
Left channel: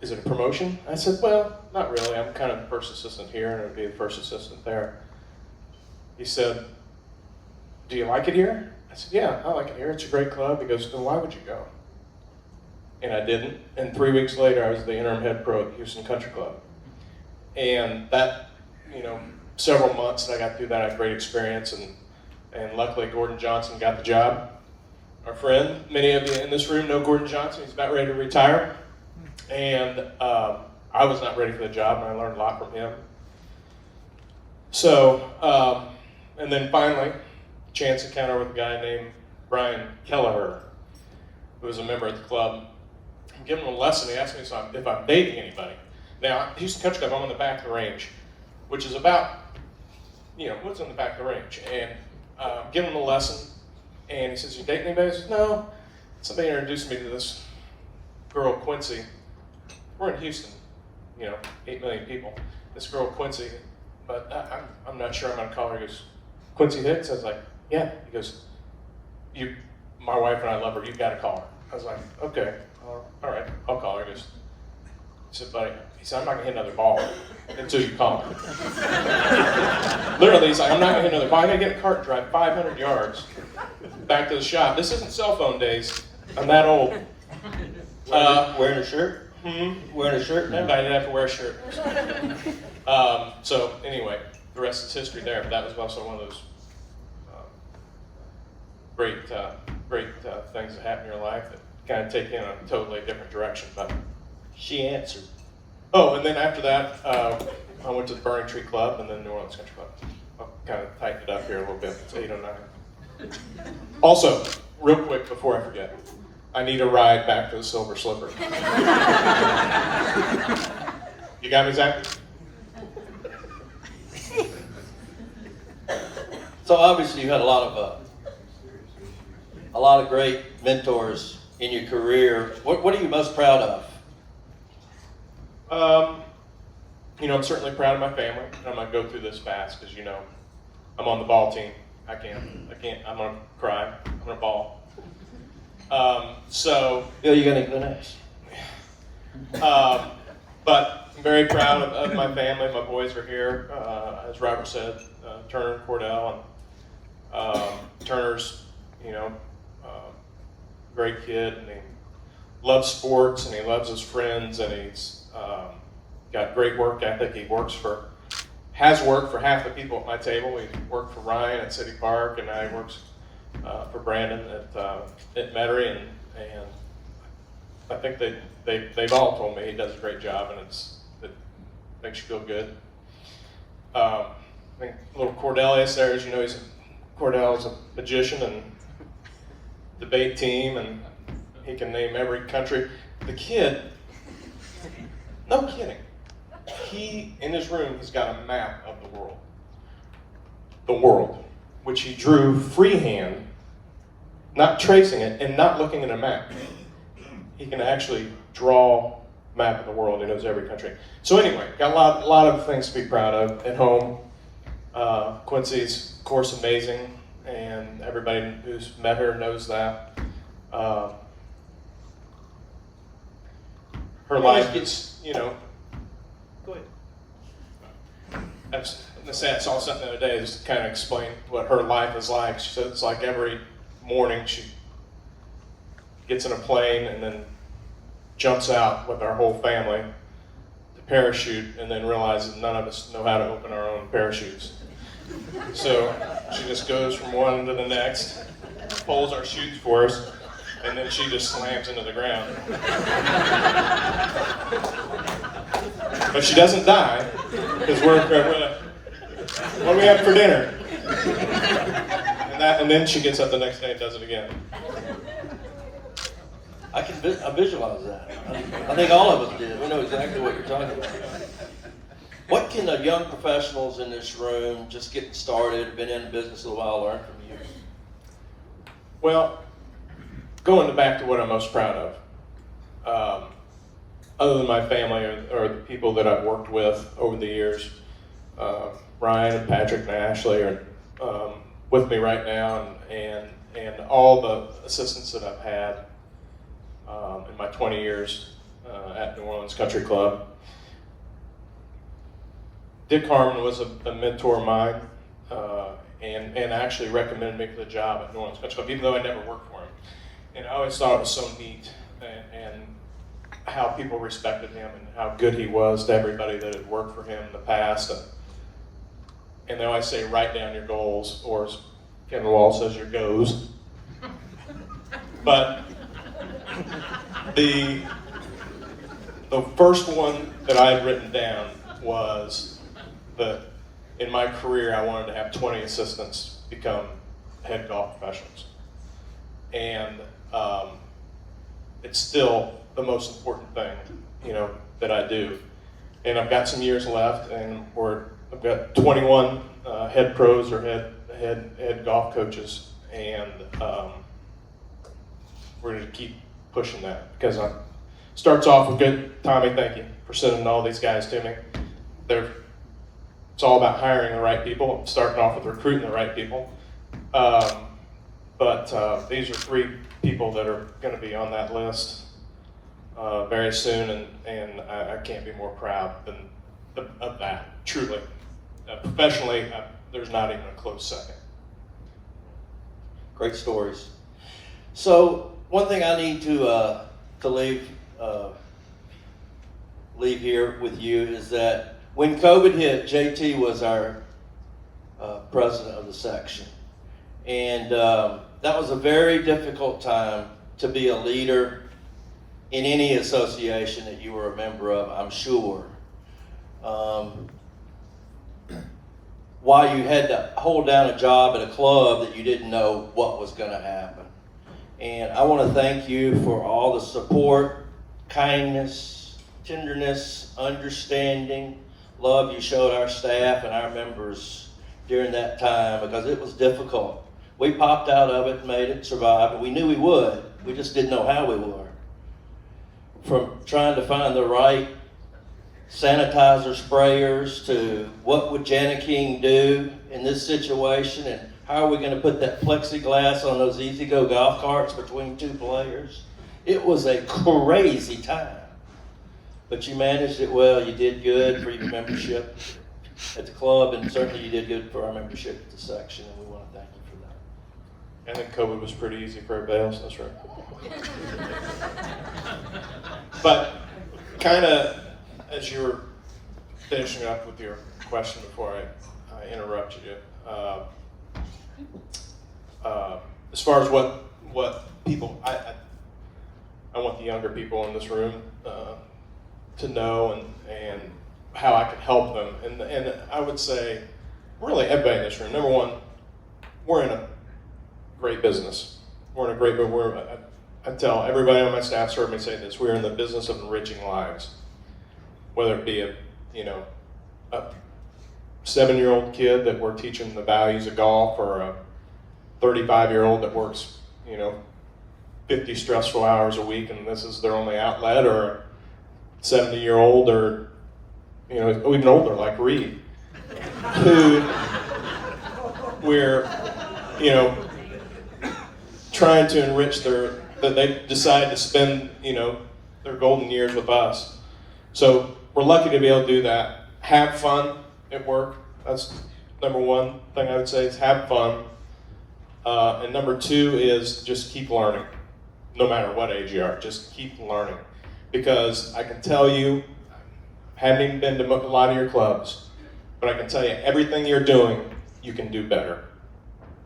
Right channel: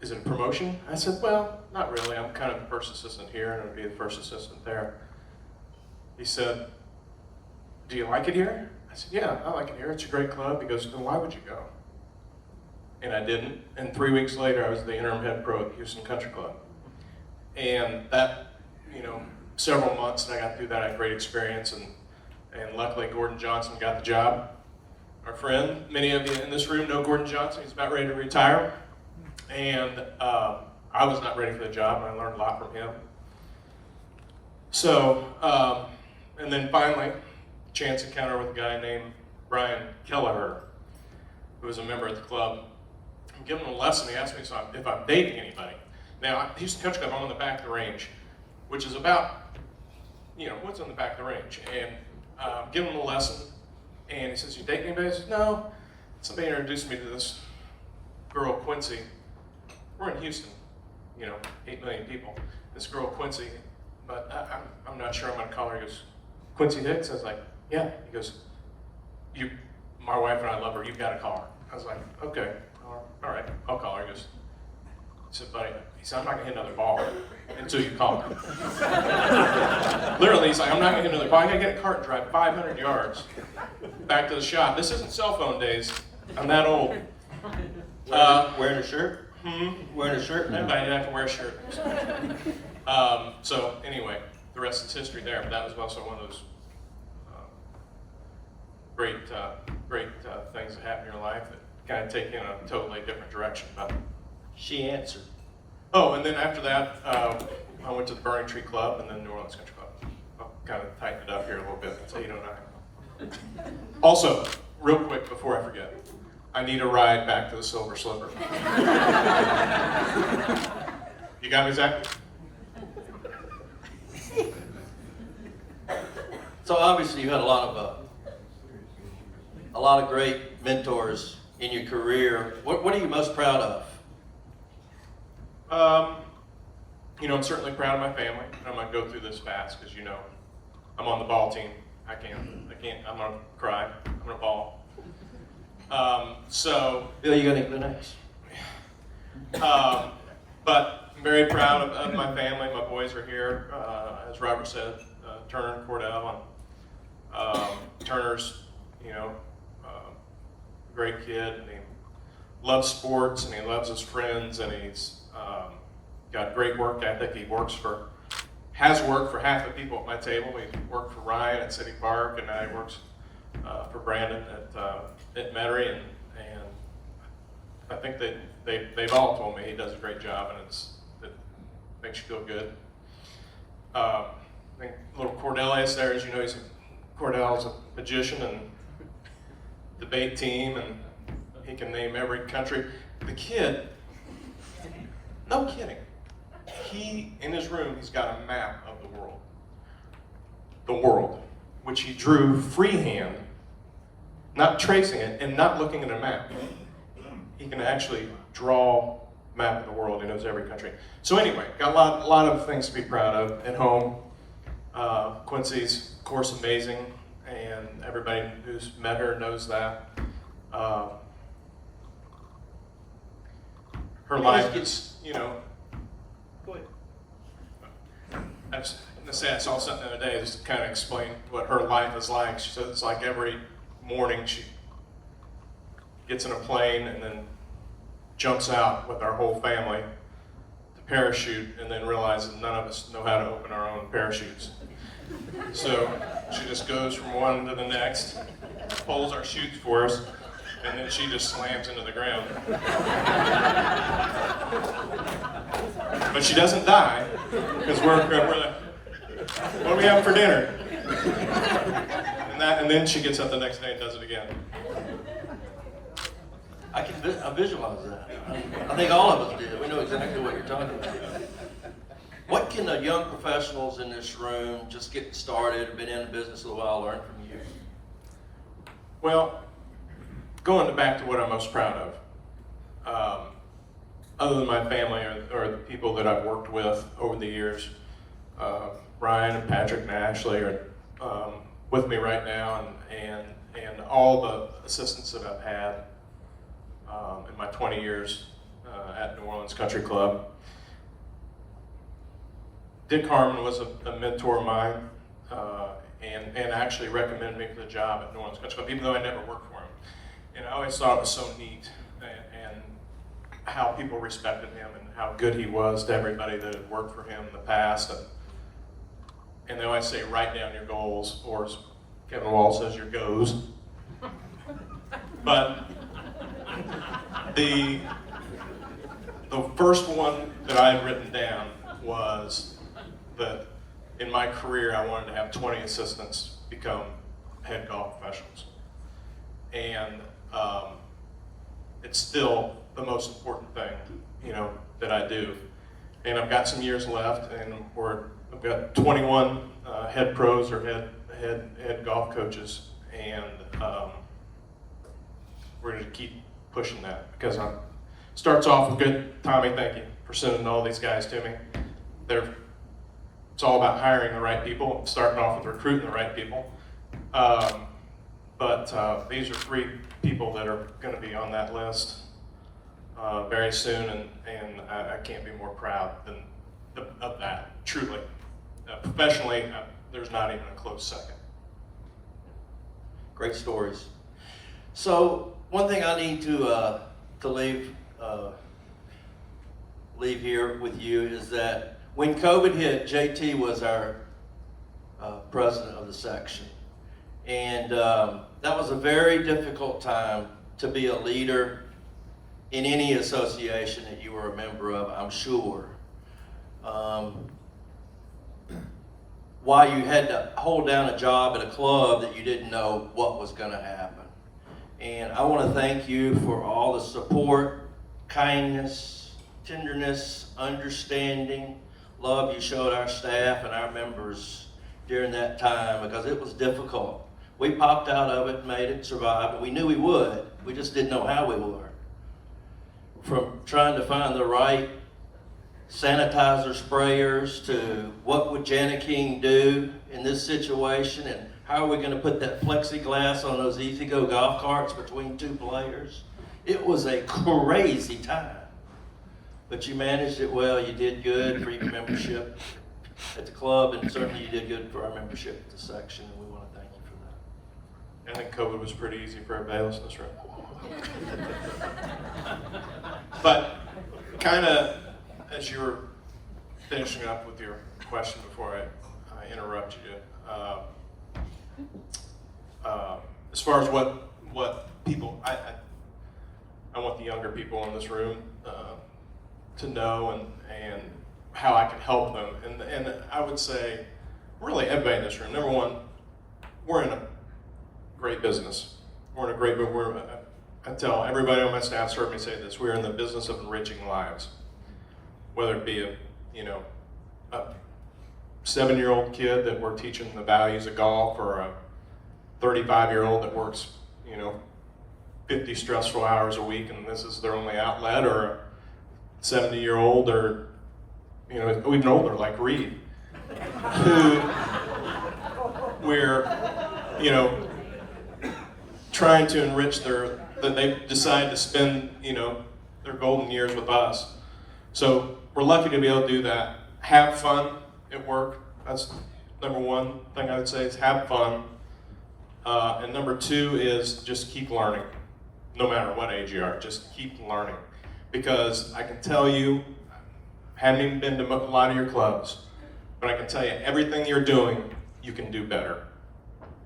is it a promotion? I said, well, not really. I'm kind of the first assistant here, and I'd be the first assistant there. He said, do you like it here? I said, yeah, I like it here. It's a great club. He goes, well, why would you go? And I didn't. And 3 weeks later, I was the interim head pro at the Houston Country Club. And that, several months that I got through that, I had great experience. And luckily, Gordon Johnson got the job. Our friend, many of you in this room know Gordon Johnson. He's about ready to retire. And I was not ready for the job, and I learned a lot from him. So, and then finally, chance encounter with a guy named Brian Kelleher, who was a member at the club. I'm giving him a lesson. He asked me if I'm dating anybody. Now, Houston Country Club, I'm on the back of the range, which is about, what's on the back of the range. And give him a lesson, and he says, "You dating anybody?" I said, "No." Somebody introduced me to this girl, Quincy. We're in Houston, 8 million people. This girl, Quincy, but I'm not sure I'm gonna call her. He goes, "Quincy Hicks?" I was like, "Yeah." He goes, my wife and I love her, you've got to call her. I was like, "Okay, all right, I'll call her." He goes, he said, "Buddy," he said, "I'm not gonna hit another ball until you call her." Literally, he's like, "I'm not gonna hit another ball. I gotta get a cart and drive 500 yards back to the shop." This isn't cell phone days. I'm that old. Wearing a shirt? Wearing a shirt now? I didn't have to wear a shirt. So anyway, the rest is history there. But that was also one of those great things that happen in your life that kind of take you in a totally different direction. But she answered. Oh, and then after that, I went to the Burning Tree Club and then New Orleans Country Club. I'll kind of tighten it up here a little bit so you don't know. Also, real quick before I forget, I need a ride back to the Silver Slipper. You got me, Zach? So obviously you had a lot of great mentors in your career. What are you most proud of? I'm certainly proud of my family, and I'm gonna go through this fast because I'm on the ball team. I can't. I'm gonna cry. I'm gonna ball. You're gonna go next. But I'm very proud of my family. My boys are here, as Robert said, Turner and Cordell. And Turner's, great kid, and he loves sports, and he loves his friends, and he's got great work ethic. He has worked for half the people at my table. He worked for Ryan at City Park, and now he works for Brandon at Metairie, and I think they've all told me he does a great job, and it makes you feel good. I think little Cordelius there, as you know, Cordell's a magician and debate team, and he can name every country. The kid, no kidding, he, in his room, he's got a map of the world, which he drew freehand, not tracing it and not looking at a map. He can actually draw a map of the world. He knows every country. So anyway, got a lot of things to be proud of at home. Quincy's, of course, amazing, and everybody who's met her knows that. Her life is, Go ahead. I was going to say I saw something the other day just to kind of explain what her life is like. She said it's like every morning she gets in a plane and then jumps out with our whole family to parachute, and then realizes none of us know how to open our own parachutes. So she just goes from one to the next, pulls our chutes for us, and then she just slams into the ground. But she doesn't die, because what do we have for dinner? And then she gets up the next day and does it again. I visualize that. I think all of us did. We know exactly what you're talking about. What can the young professionals in this room, just getting started, been in the business a while, learn from you? Well, going back to what I'm most proud of, other than my family or the people that I've worked with over the years, Ryan and Patrick and Ashley are with me right now, and all the assistants that I've had in my 20 years at New Orleans Country Club. Dick Harmon was a mentor of mine, and actually recommended me for the job at New Orleans Country Club, even though I never worked for him. And I always thought it was so neat, and how people respected him, and how good he was to everybody that had worked for him in the past. And they always say, write down your goals, or as Kevin Wall says, your goes. But the first one that I had written down was that in my career I wanted to have 20 assistants become head golf professionals. And it's still the most important thing, that I do. And I've got some years left, and I've got 21 head pros or head golf coaches, and we're going to keep pushing that because it starts off with good. Tommy, thank you for sending all these guys to me. It's all about hiring the right people, starting off with recruiting the right people. But these are 3 people that are going to be on that list very soon, and I can't be more proud of that, truly. Professionally, there's not even a close second. Great stories. So one thing I need to leave here with you is that when COVID hit, JT was our president of the section. And that was a very difficult time to be a leader in any association that you were a member of, I'm sure. Why you had to hold down a job at a club that you didn't know what was going to happen. And I want to thank you for all the support, kindness, tenderness, understanding, love you showed our staff and our members during that time, because it was difficult. We popped out of it, made it, survived, and we knew we would. We just didn't know how we were. From trying to find the right sanitizer sprayers to what would Jana King do in this situation, and how are we going to put that plexiglass on those easy-go golf carts between 2 players. It was a crazy time. But you managed it well. You did good for your membership at the club, and certainly you did good for our membership at the section, and we want to thank you for that. I think COVID was pretty easy for everybody else, that's right. But kind of as you were finishing up with your question before I interrupted you, as far as what people, I want the younger people in this room to know and how I can help them. And I would say, really everybody in this room, number one, we're in a great business. We're in a great, I tell everybody on my staff's heard me say this, we're in the business of enriching lives. Whether it be a 7-year-old kid that we're teaching the values of golf, or a 35-year-old that works, 50 stressful hours a week and this is their only outlet, or a 70-year-old, or, even older like Reed, who we're, trying to enrich that they decide to spend, their golden years with us. So we're lucky to be able to do that. Have fun at work. That's number one thing I would say, is have fun. And number 2 is just keep learning. No matter what age you are, just keep learning. Because I can tell you, haven't even been to a lot of your clubs, but I can tell you everything you're doing, you can do better.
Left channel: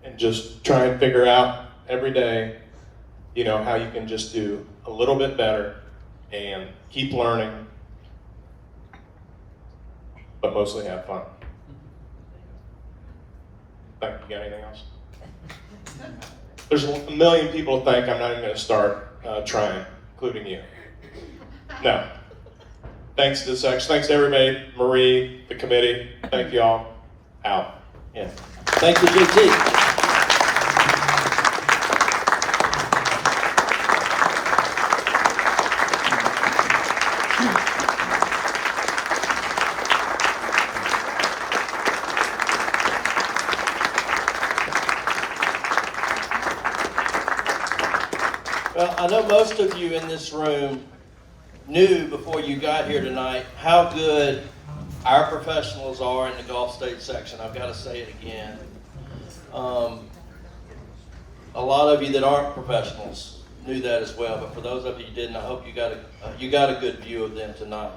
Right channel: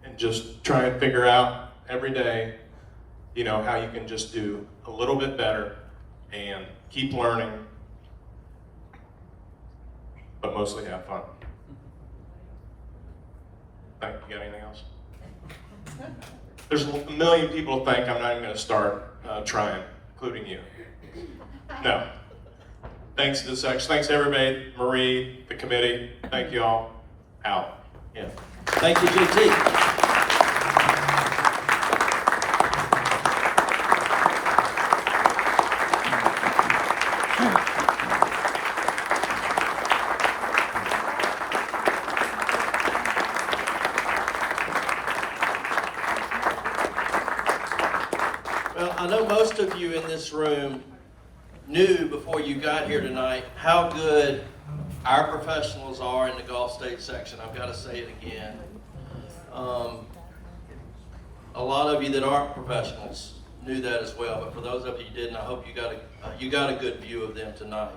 And just try and figure out every day, how you can just do a little bit better and keep learning, but mostly have fun. Thank you. Got anything else? There's a million people to thank. I'm not even going to start trying, including you. No. Thanks to the section. Thanks to everybody. Marie, the committee. Thank you all. Out. Yeah. Thank you, JT. Well, I know most of you in this room knew before you got here tonight how good our professionals are in the Gulf State section. I've got to say it again. A lot of you that aren't professionals knew that as well, but for those of you who didn't, I hope you got a good view of them tonight.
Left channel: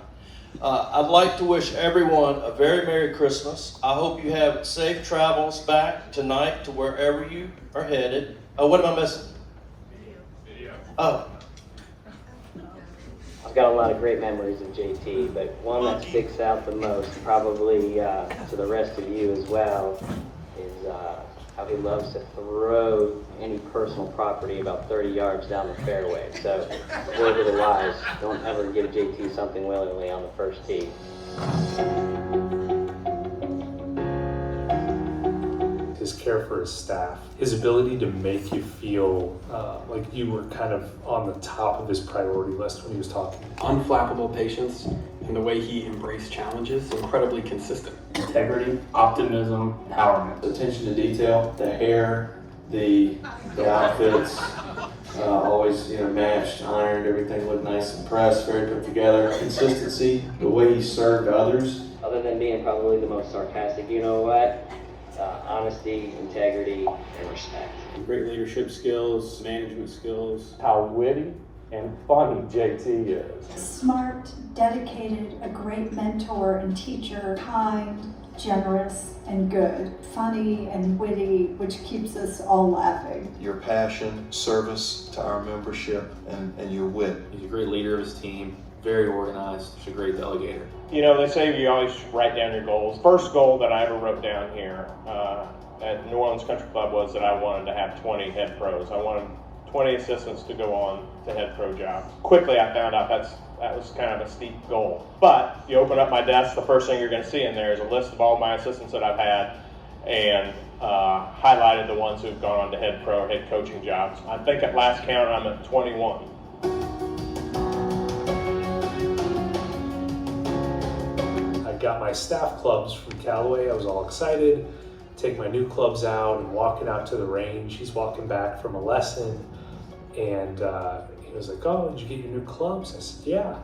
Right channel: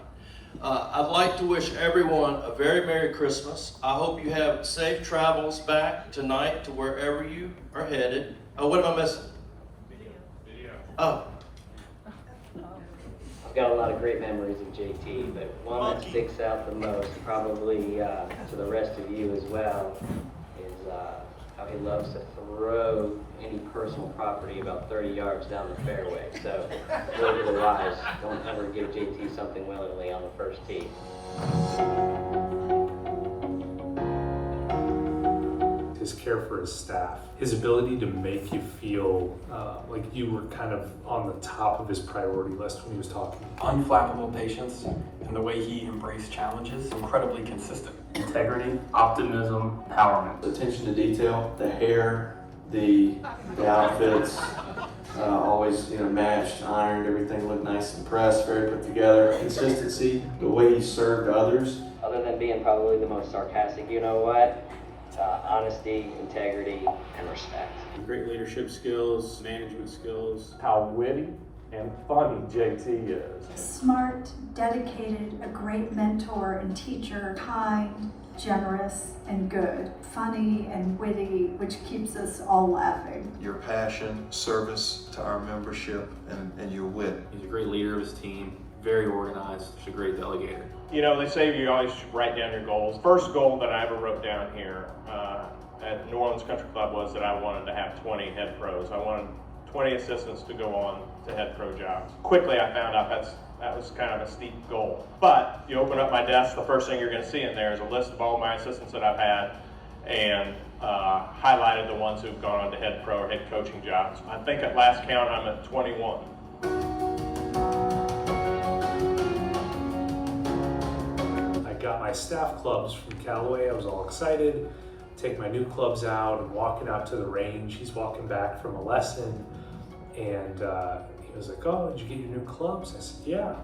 I'd like to wish everyone a very Merry Christmas. I hope you have safe travels back tonight to wherever you are headed. Oh, what am I missing? Oh. I I've got a lot of great memories of JT, but one that sticks out the most, probably to the rest of you as well, is how he loves to throw any personal property about 30 yards down the fairway. So, word to the wise, don't ever give JT something willingly on the first tee. His care for his staff, his ability to make you feel like you were kind of on the top of his priority list when he was talking. Unflappable patience and the way he embraced challenges, incredibly consistent. Integrity, optimism, empowerment. Attention to detail, the hair, the outfits, always matched, ironed, everything looked nice and pressed, very put together. Consistency, the way he served others. Other than being probably the most sarcastic, you know what? Honesty, integrity, and respect. Great leadership skills, management skills. How witty and funny JT is. Smart, dedicated, a great mentor and teacher, kind, generous, and good. Funny and witty, which keeps us all laughing. Your passion, service to our membership, and your wit. He's a great leader of his team, very organized, he's a great delegator. You know, they say you always write down your goals. First goal that I ever wrote down here at New Orleans Country Club was that I wanted to have 20 head pros. I wanted 20 assistants to go on to head pro jobs. Quickly I found out that was kind of a steep goal. But you open up my desk, the first thing you're going to see in there is a list of all my assistants that I've had and highlighted the ones who've gone on to head pro or head coaching jobs. I think at last count I'm at 21. I got my staff clubs from Callaway. I was all excited, take my new clubs out and walking out to the range. He's walking back from a lesson and he was like, "Oh, did you get your new clubs?" I said, "Yeah."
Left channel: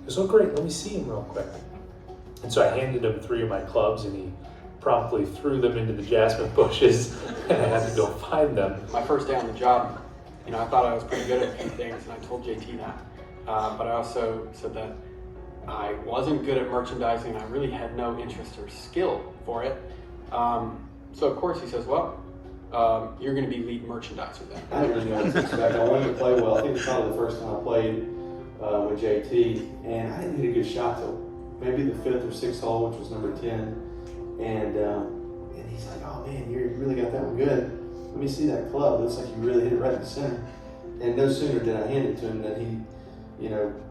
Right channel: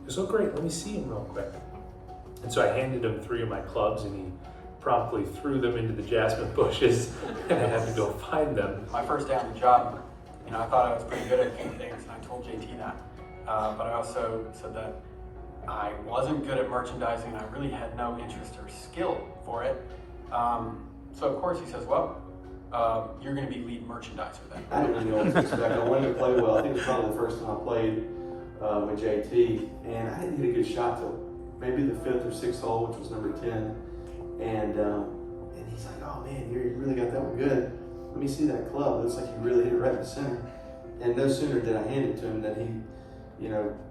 He goes, "Oh, great, let me see them real quick." And so I handed him 3 of my clubs and he promptly threw them into the jasmine bushes and I had to go find them. My first day on the job, I thought I was pretty good at a few things, and I told JT that. But I also said that I wasn't good at merchandising. I really had no interest or skill for it. So of course he says, "Well, you're going to be lead merchandiser then." I didn't really know what to expect. I wanted to play well. I think it was probably the first time I played with JT, and I didn't hit a good shot till maybe the 5th or 6th hole, which was number 10. And he's like, "Oh man, you really got that one good. Let me see that club. It looks like you really hit it right in the center." And no sooner did I hand it to him than he,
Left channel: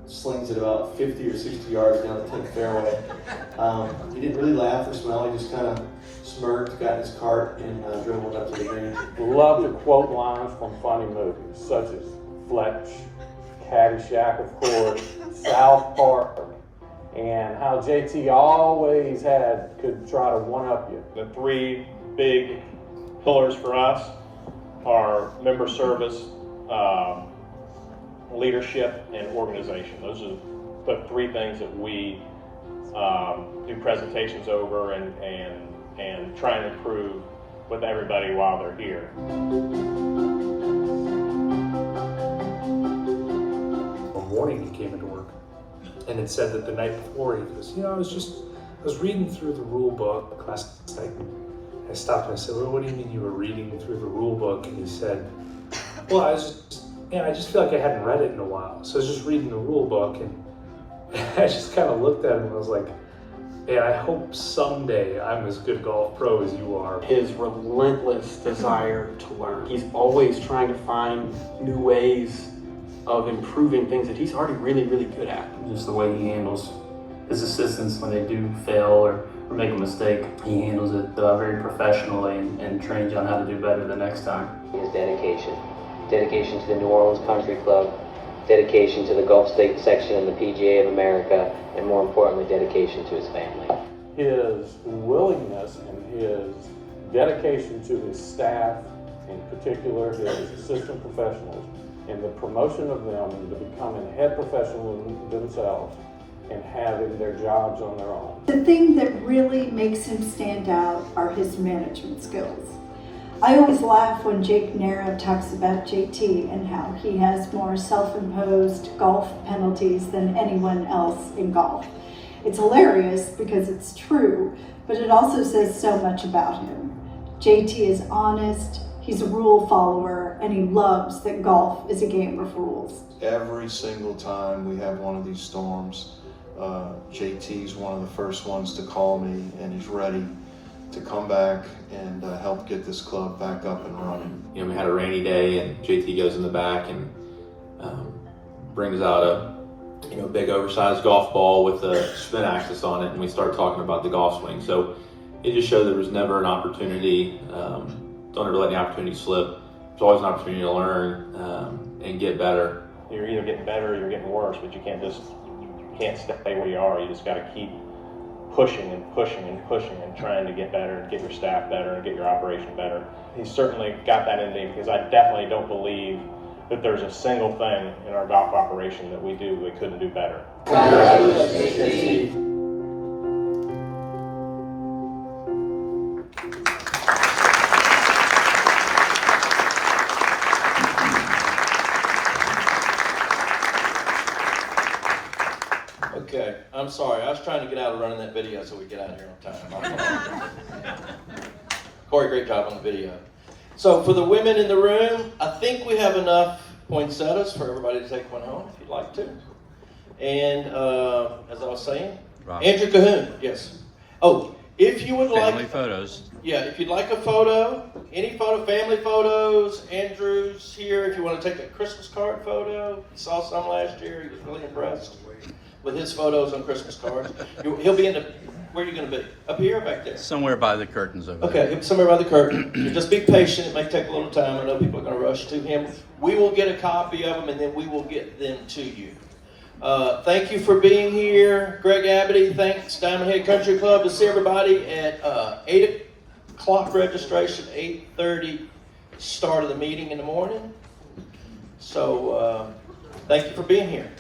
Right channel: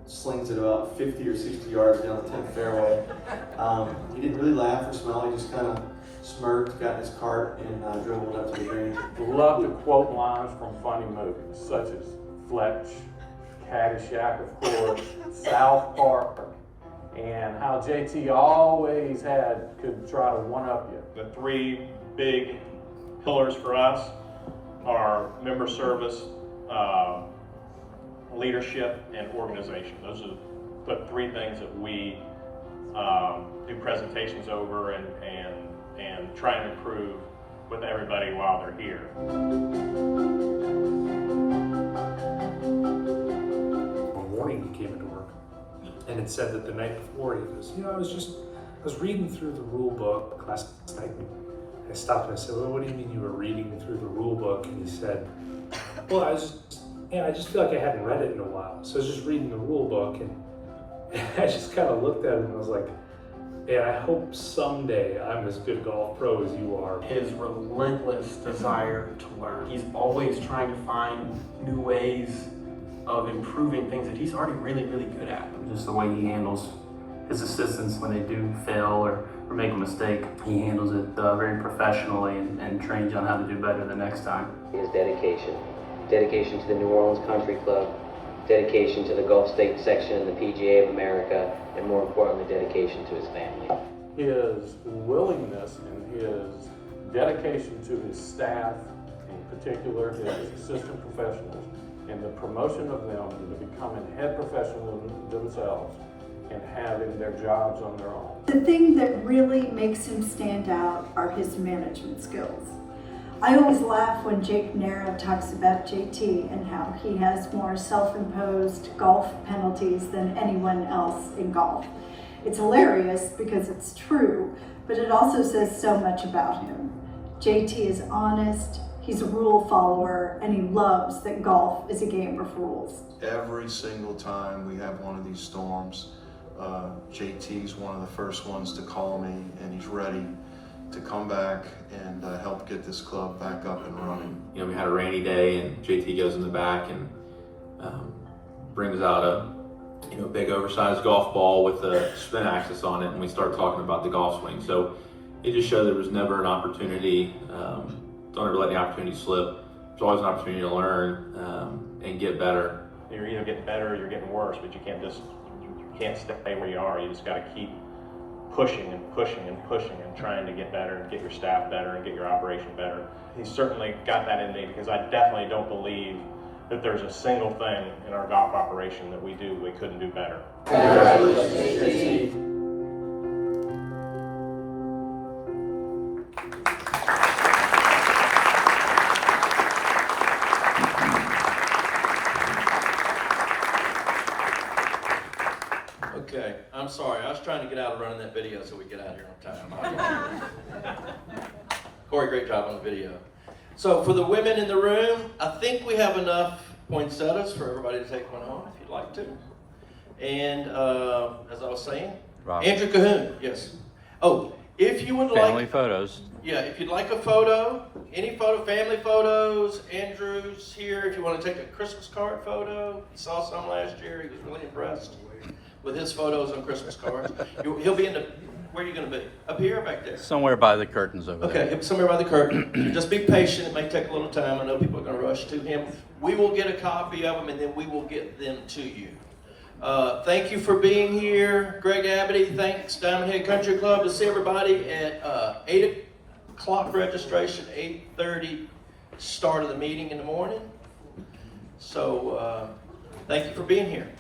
slings it about 50 or 60 yards down the 10th fairway. He didn't really laugh or smile. He just kind of smirked, got in his cart, and drove up to the green. Love to quote lines from funny movies, such as Fletch, Caddyshack, of course, South Park, and how JT always could try to one-up you. The 3 big pillars for us are member service, leadership, and organization. Those are the 3 things that we do presentations over and try and improve with everybody while they're here. One morning he came into work and it said that the night before he goes, I was reading through the rule book last night. I stopped and I said, "Well, what do you mean you were reading through the rule book?" And he said, "Well, I just feel like I hadn't read it in a while. So I was just reading the rule book and I just kind of looked at him and I was like, man, I hope someday I'm as good golf pro as you are." His relentless desire to learn. He's always trying to find new ways of improving things that he's already really, really good at. Just the way he handles his assistants when they do fail or make a mistake. He handles it very professionally and trains you on how to do better the next time. His dedication. Dedication to the New Orleans Country Club, dedication to the Gulf State section of the PGA of America, and more importantly, dedication to his family. His willingness and his dedication to his staff, in particular his assistant professionals, and the promotion of them into becoming head professionals themselves and having their jobs on their own. The thing that really makes him stand out are his management skills. I always laugh when Jake Nera talks about JT and how he has more self-imposed golf penalties than anyone else in golf. It's hilarious because it's true, but it also says so much about him. JT is honest, He's a rule follower, and he loves that golf is a game of rules. Every single time we have one of these storms, JT's one of the first ones to call me, and he's ready to come back and help get this club back up and running. You know, we had a rainy day, and JT goes in the back and brings out a big oversized golf ball with a spin axis on it, and we start talking about the golf swing. So it just showed there was never an opportunity. Don't ever let the opportunity slip. There's always an opportunity to learn and get better. You're either getting better or you're getting worse, but you can't stay where you are. You just got to keep pushing and pushing and pushing and trying to get better and get your staff better and get your operation better. He's certainly got that in me, because I definitely don't believe that there's a single thing in our golf operation that we couldn't do better. Okay, I'm sorry. I was trying to get out of running that video so we get out of here on time. Corey, great job on the video. So for the women in the room, I think we have enough poinsettias for everybody to take one home if you'd like to. And as I was saying, Robert. Andrew Cahoon, yes. Oh, if you would like Family photos. Yeah, if you'd like a photo, any photo, family photos, Andrew's here. If you want to take a Christmas card photo, you saw some last year. He was really impressed with his photos on Christmas cards. He'll be in the, where are you going to be? Up here or back there? Somewhere by the curtains over Okay, he'll be somewhere by the curtain. Just be patient. It may take a little time. I know people are going to rush to him. We will get a copy of them, and then we will get them to you. Thank you for being here. Greg Abity, thanks. Diamond Head Country Club. To see everybody at 8 o'clock registration, 8:30 start of the meeting in the morning. So thank you for being here.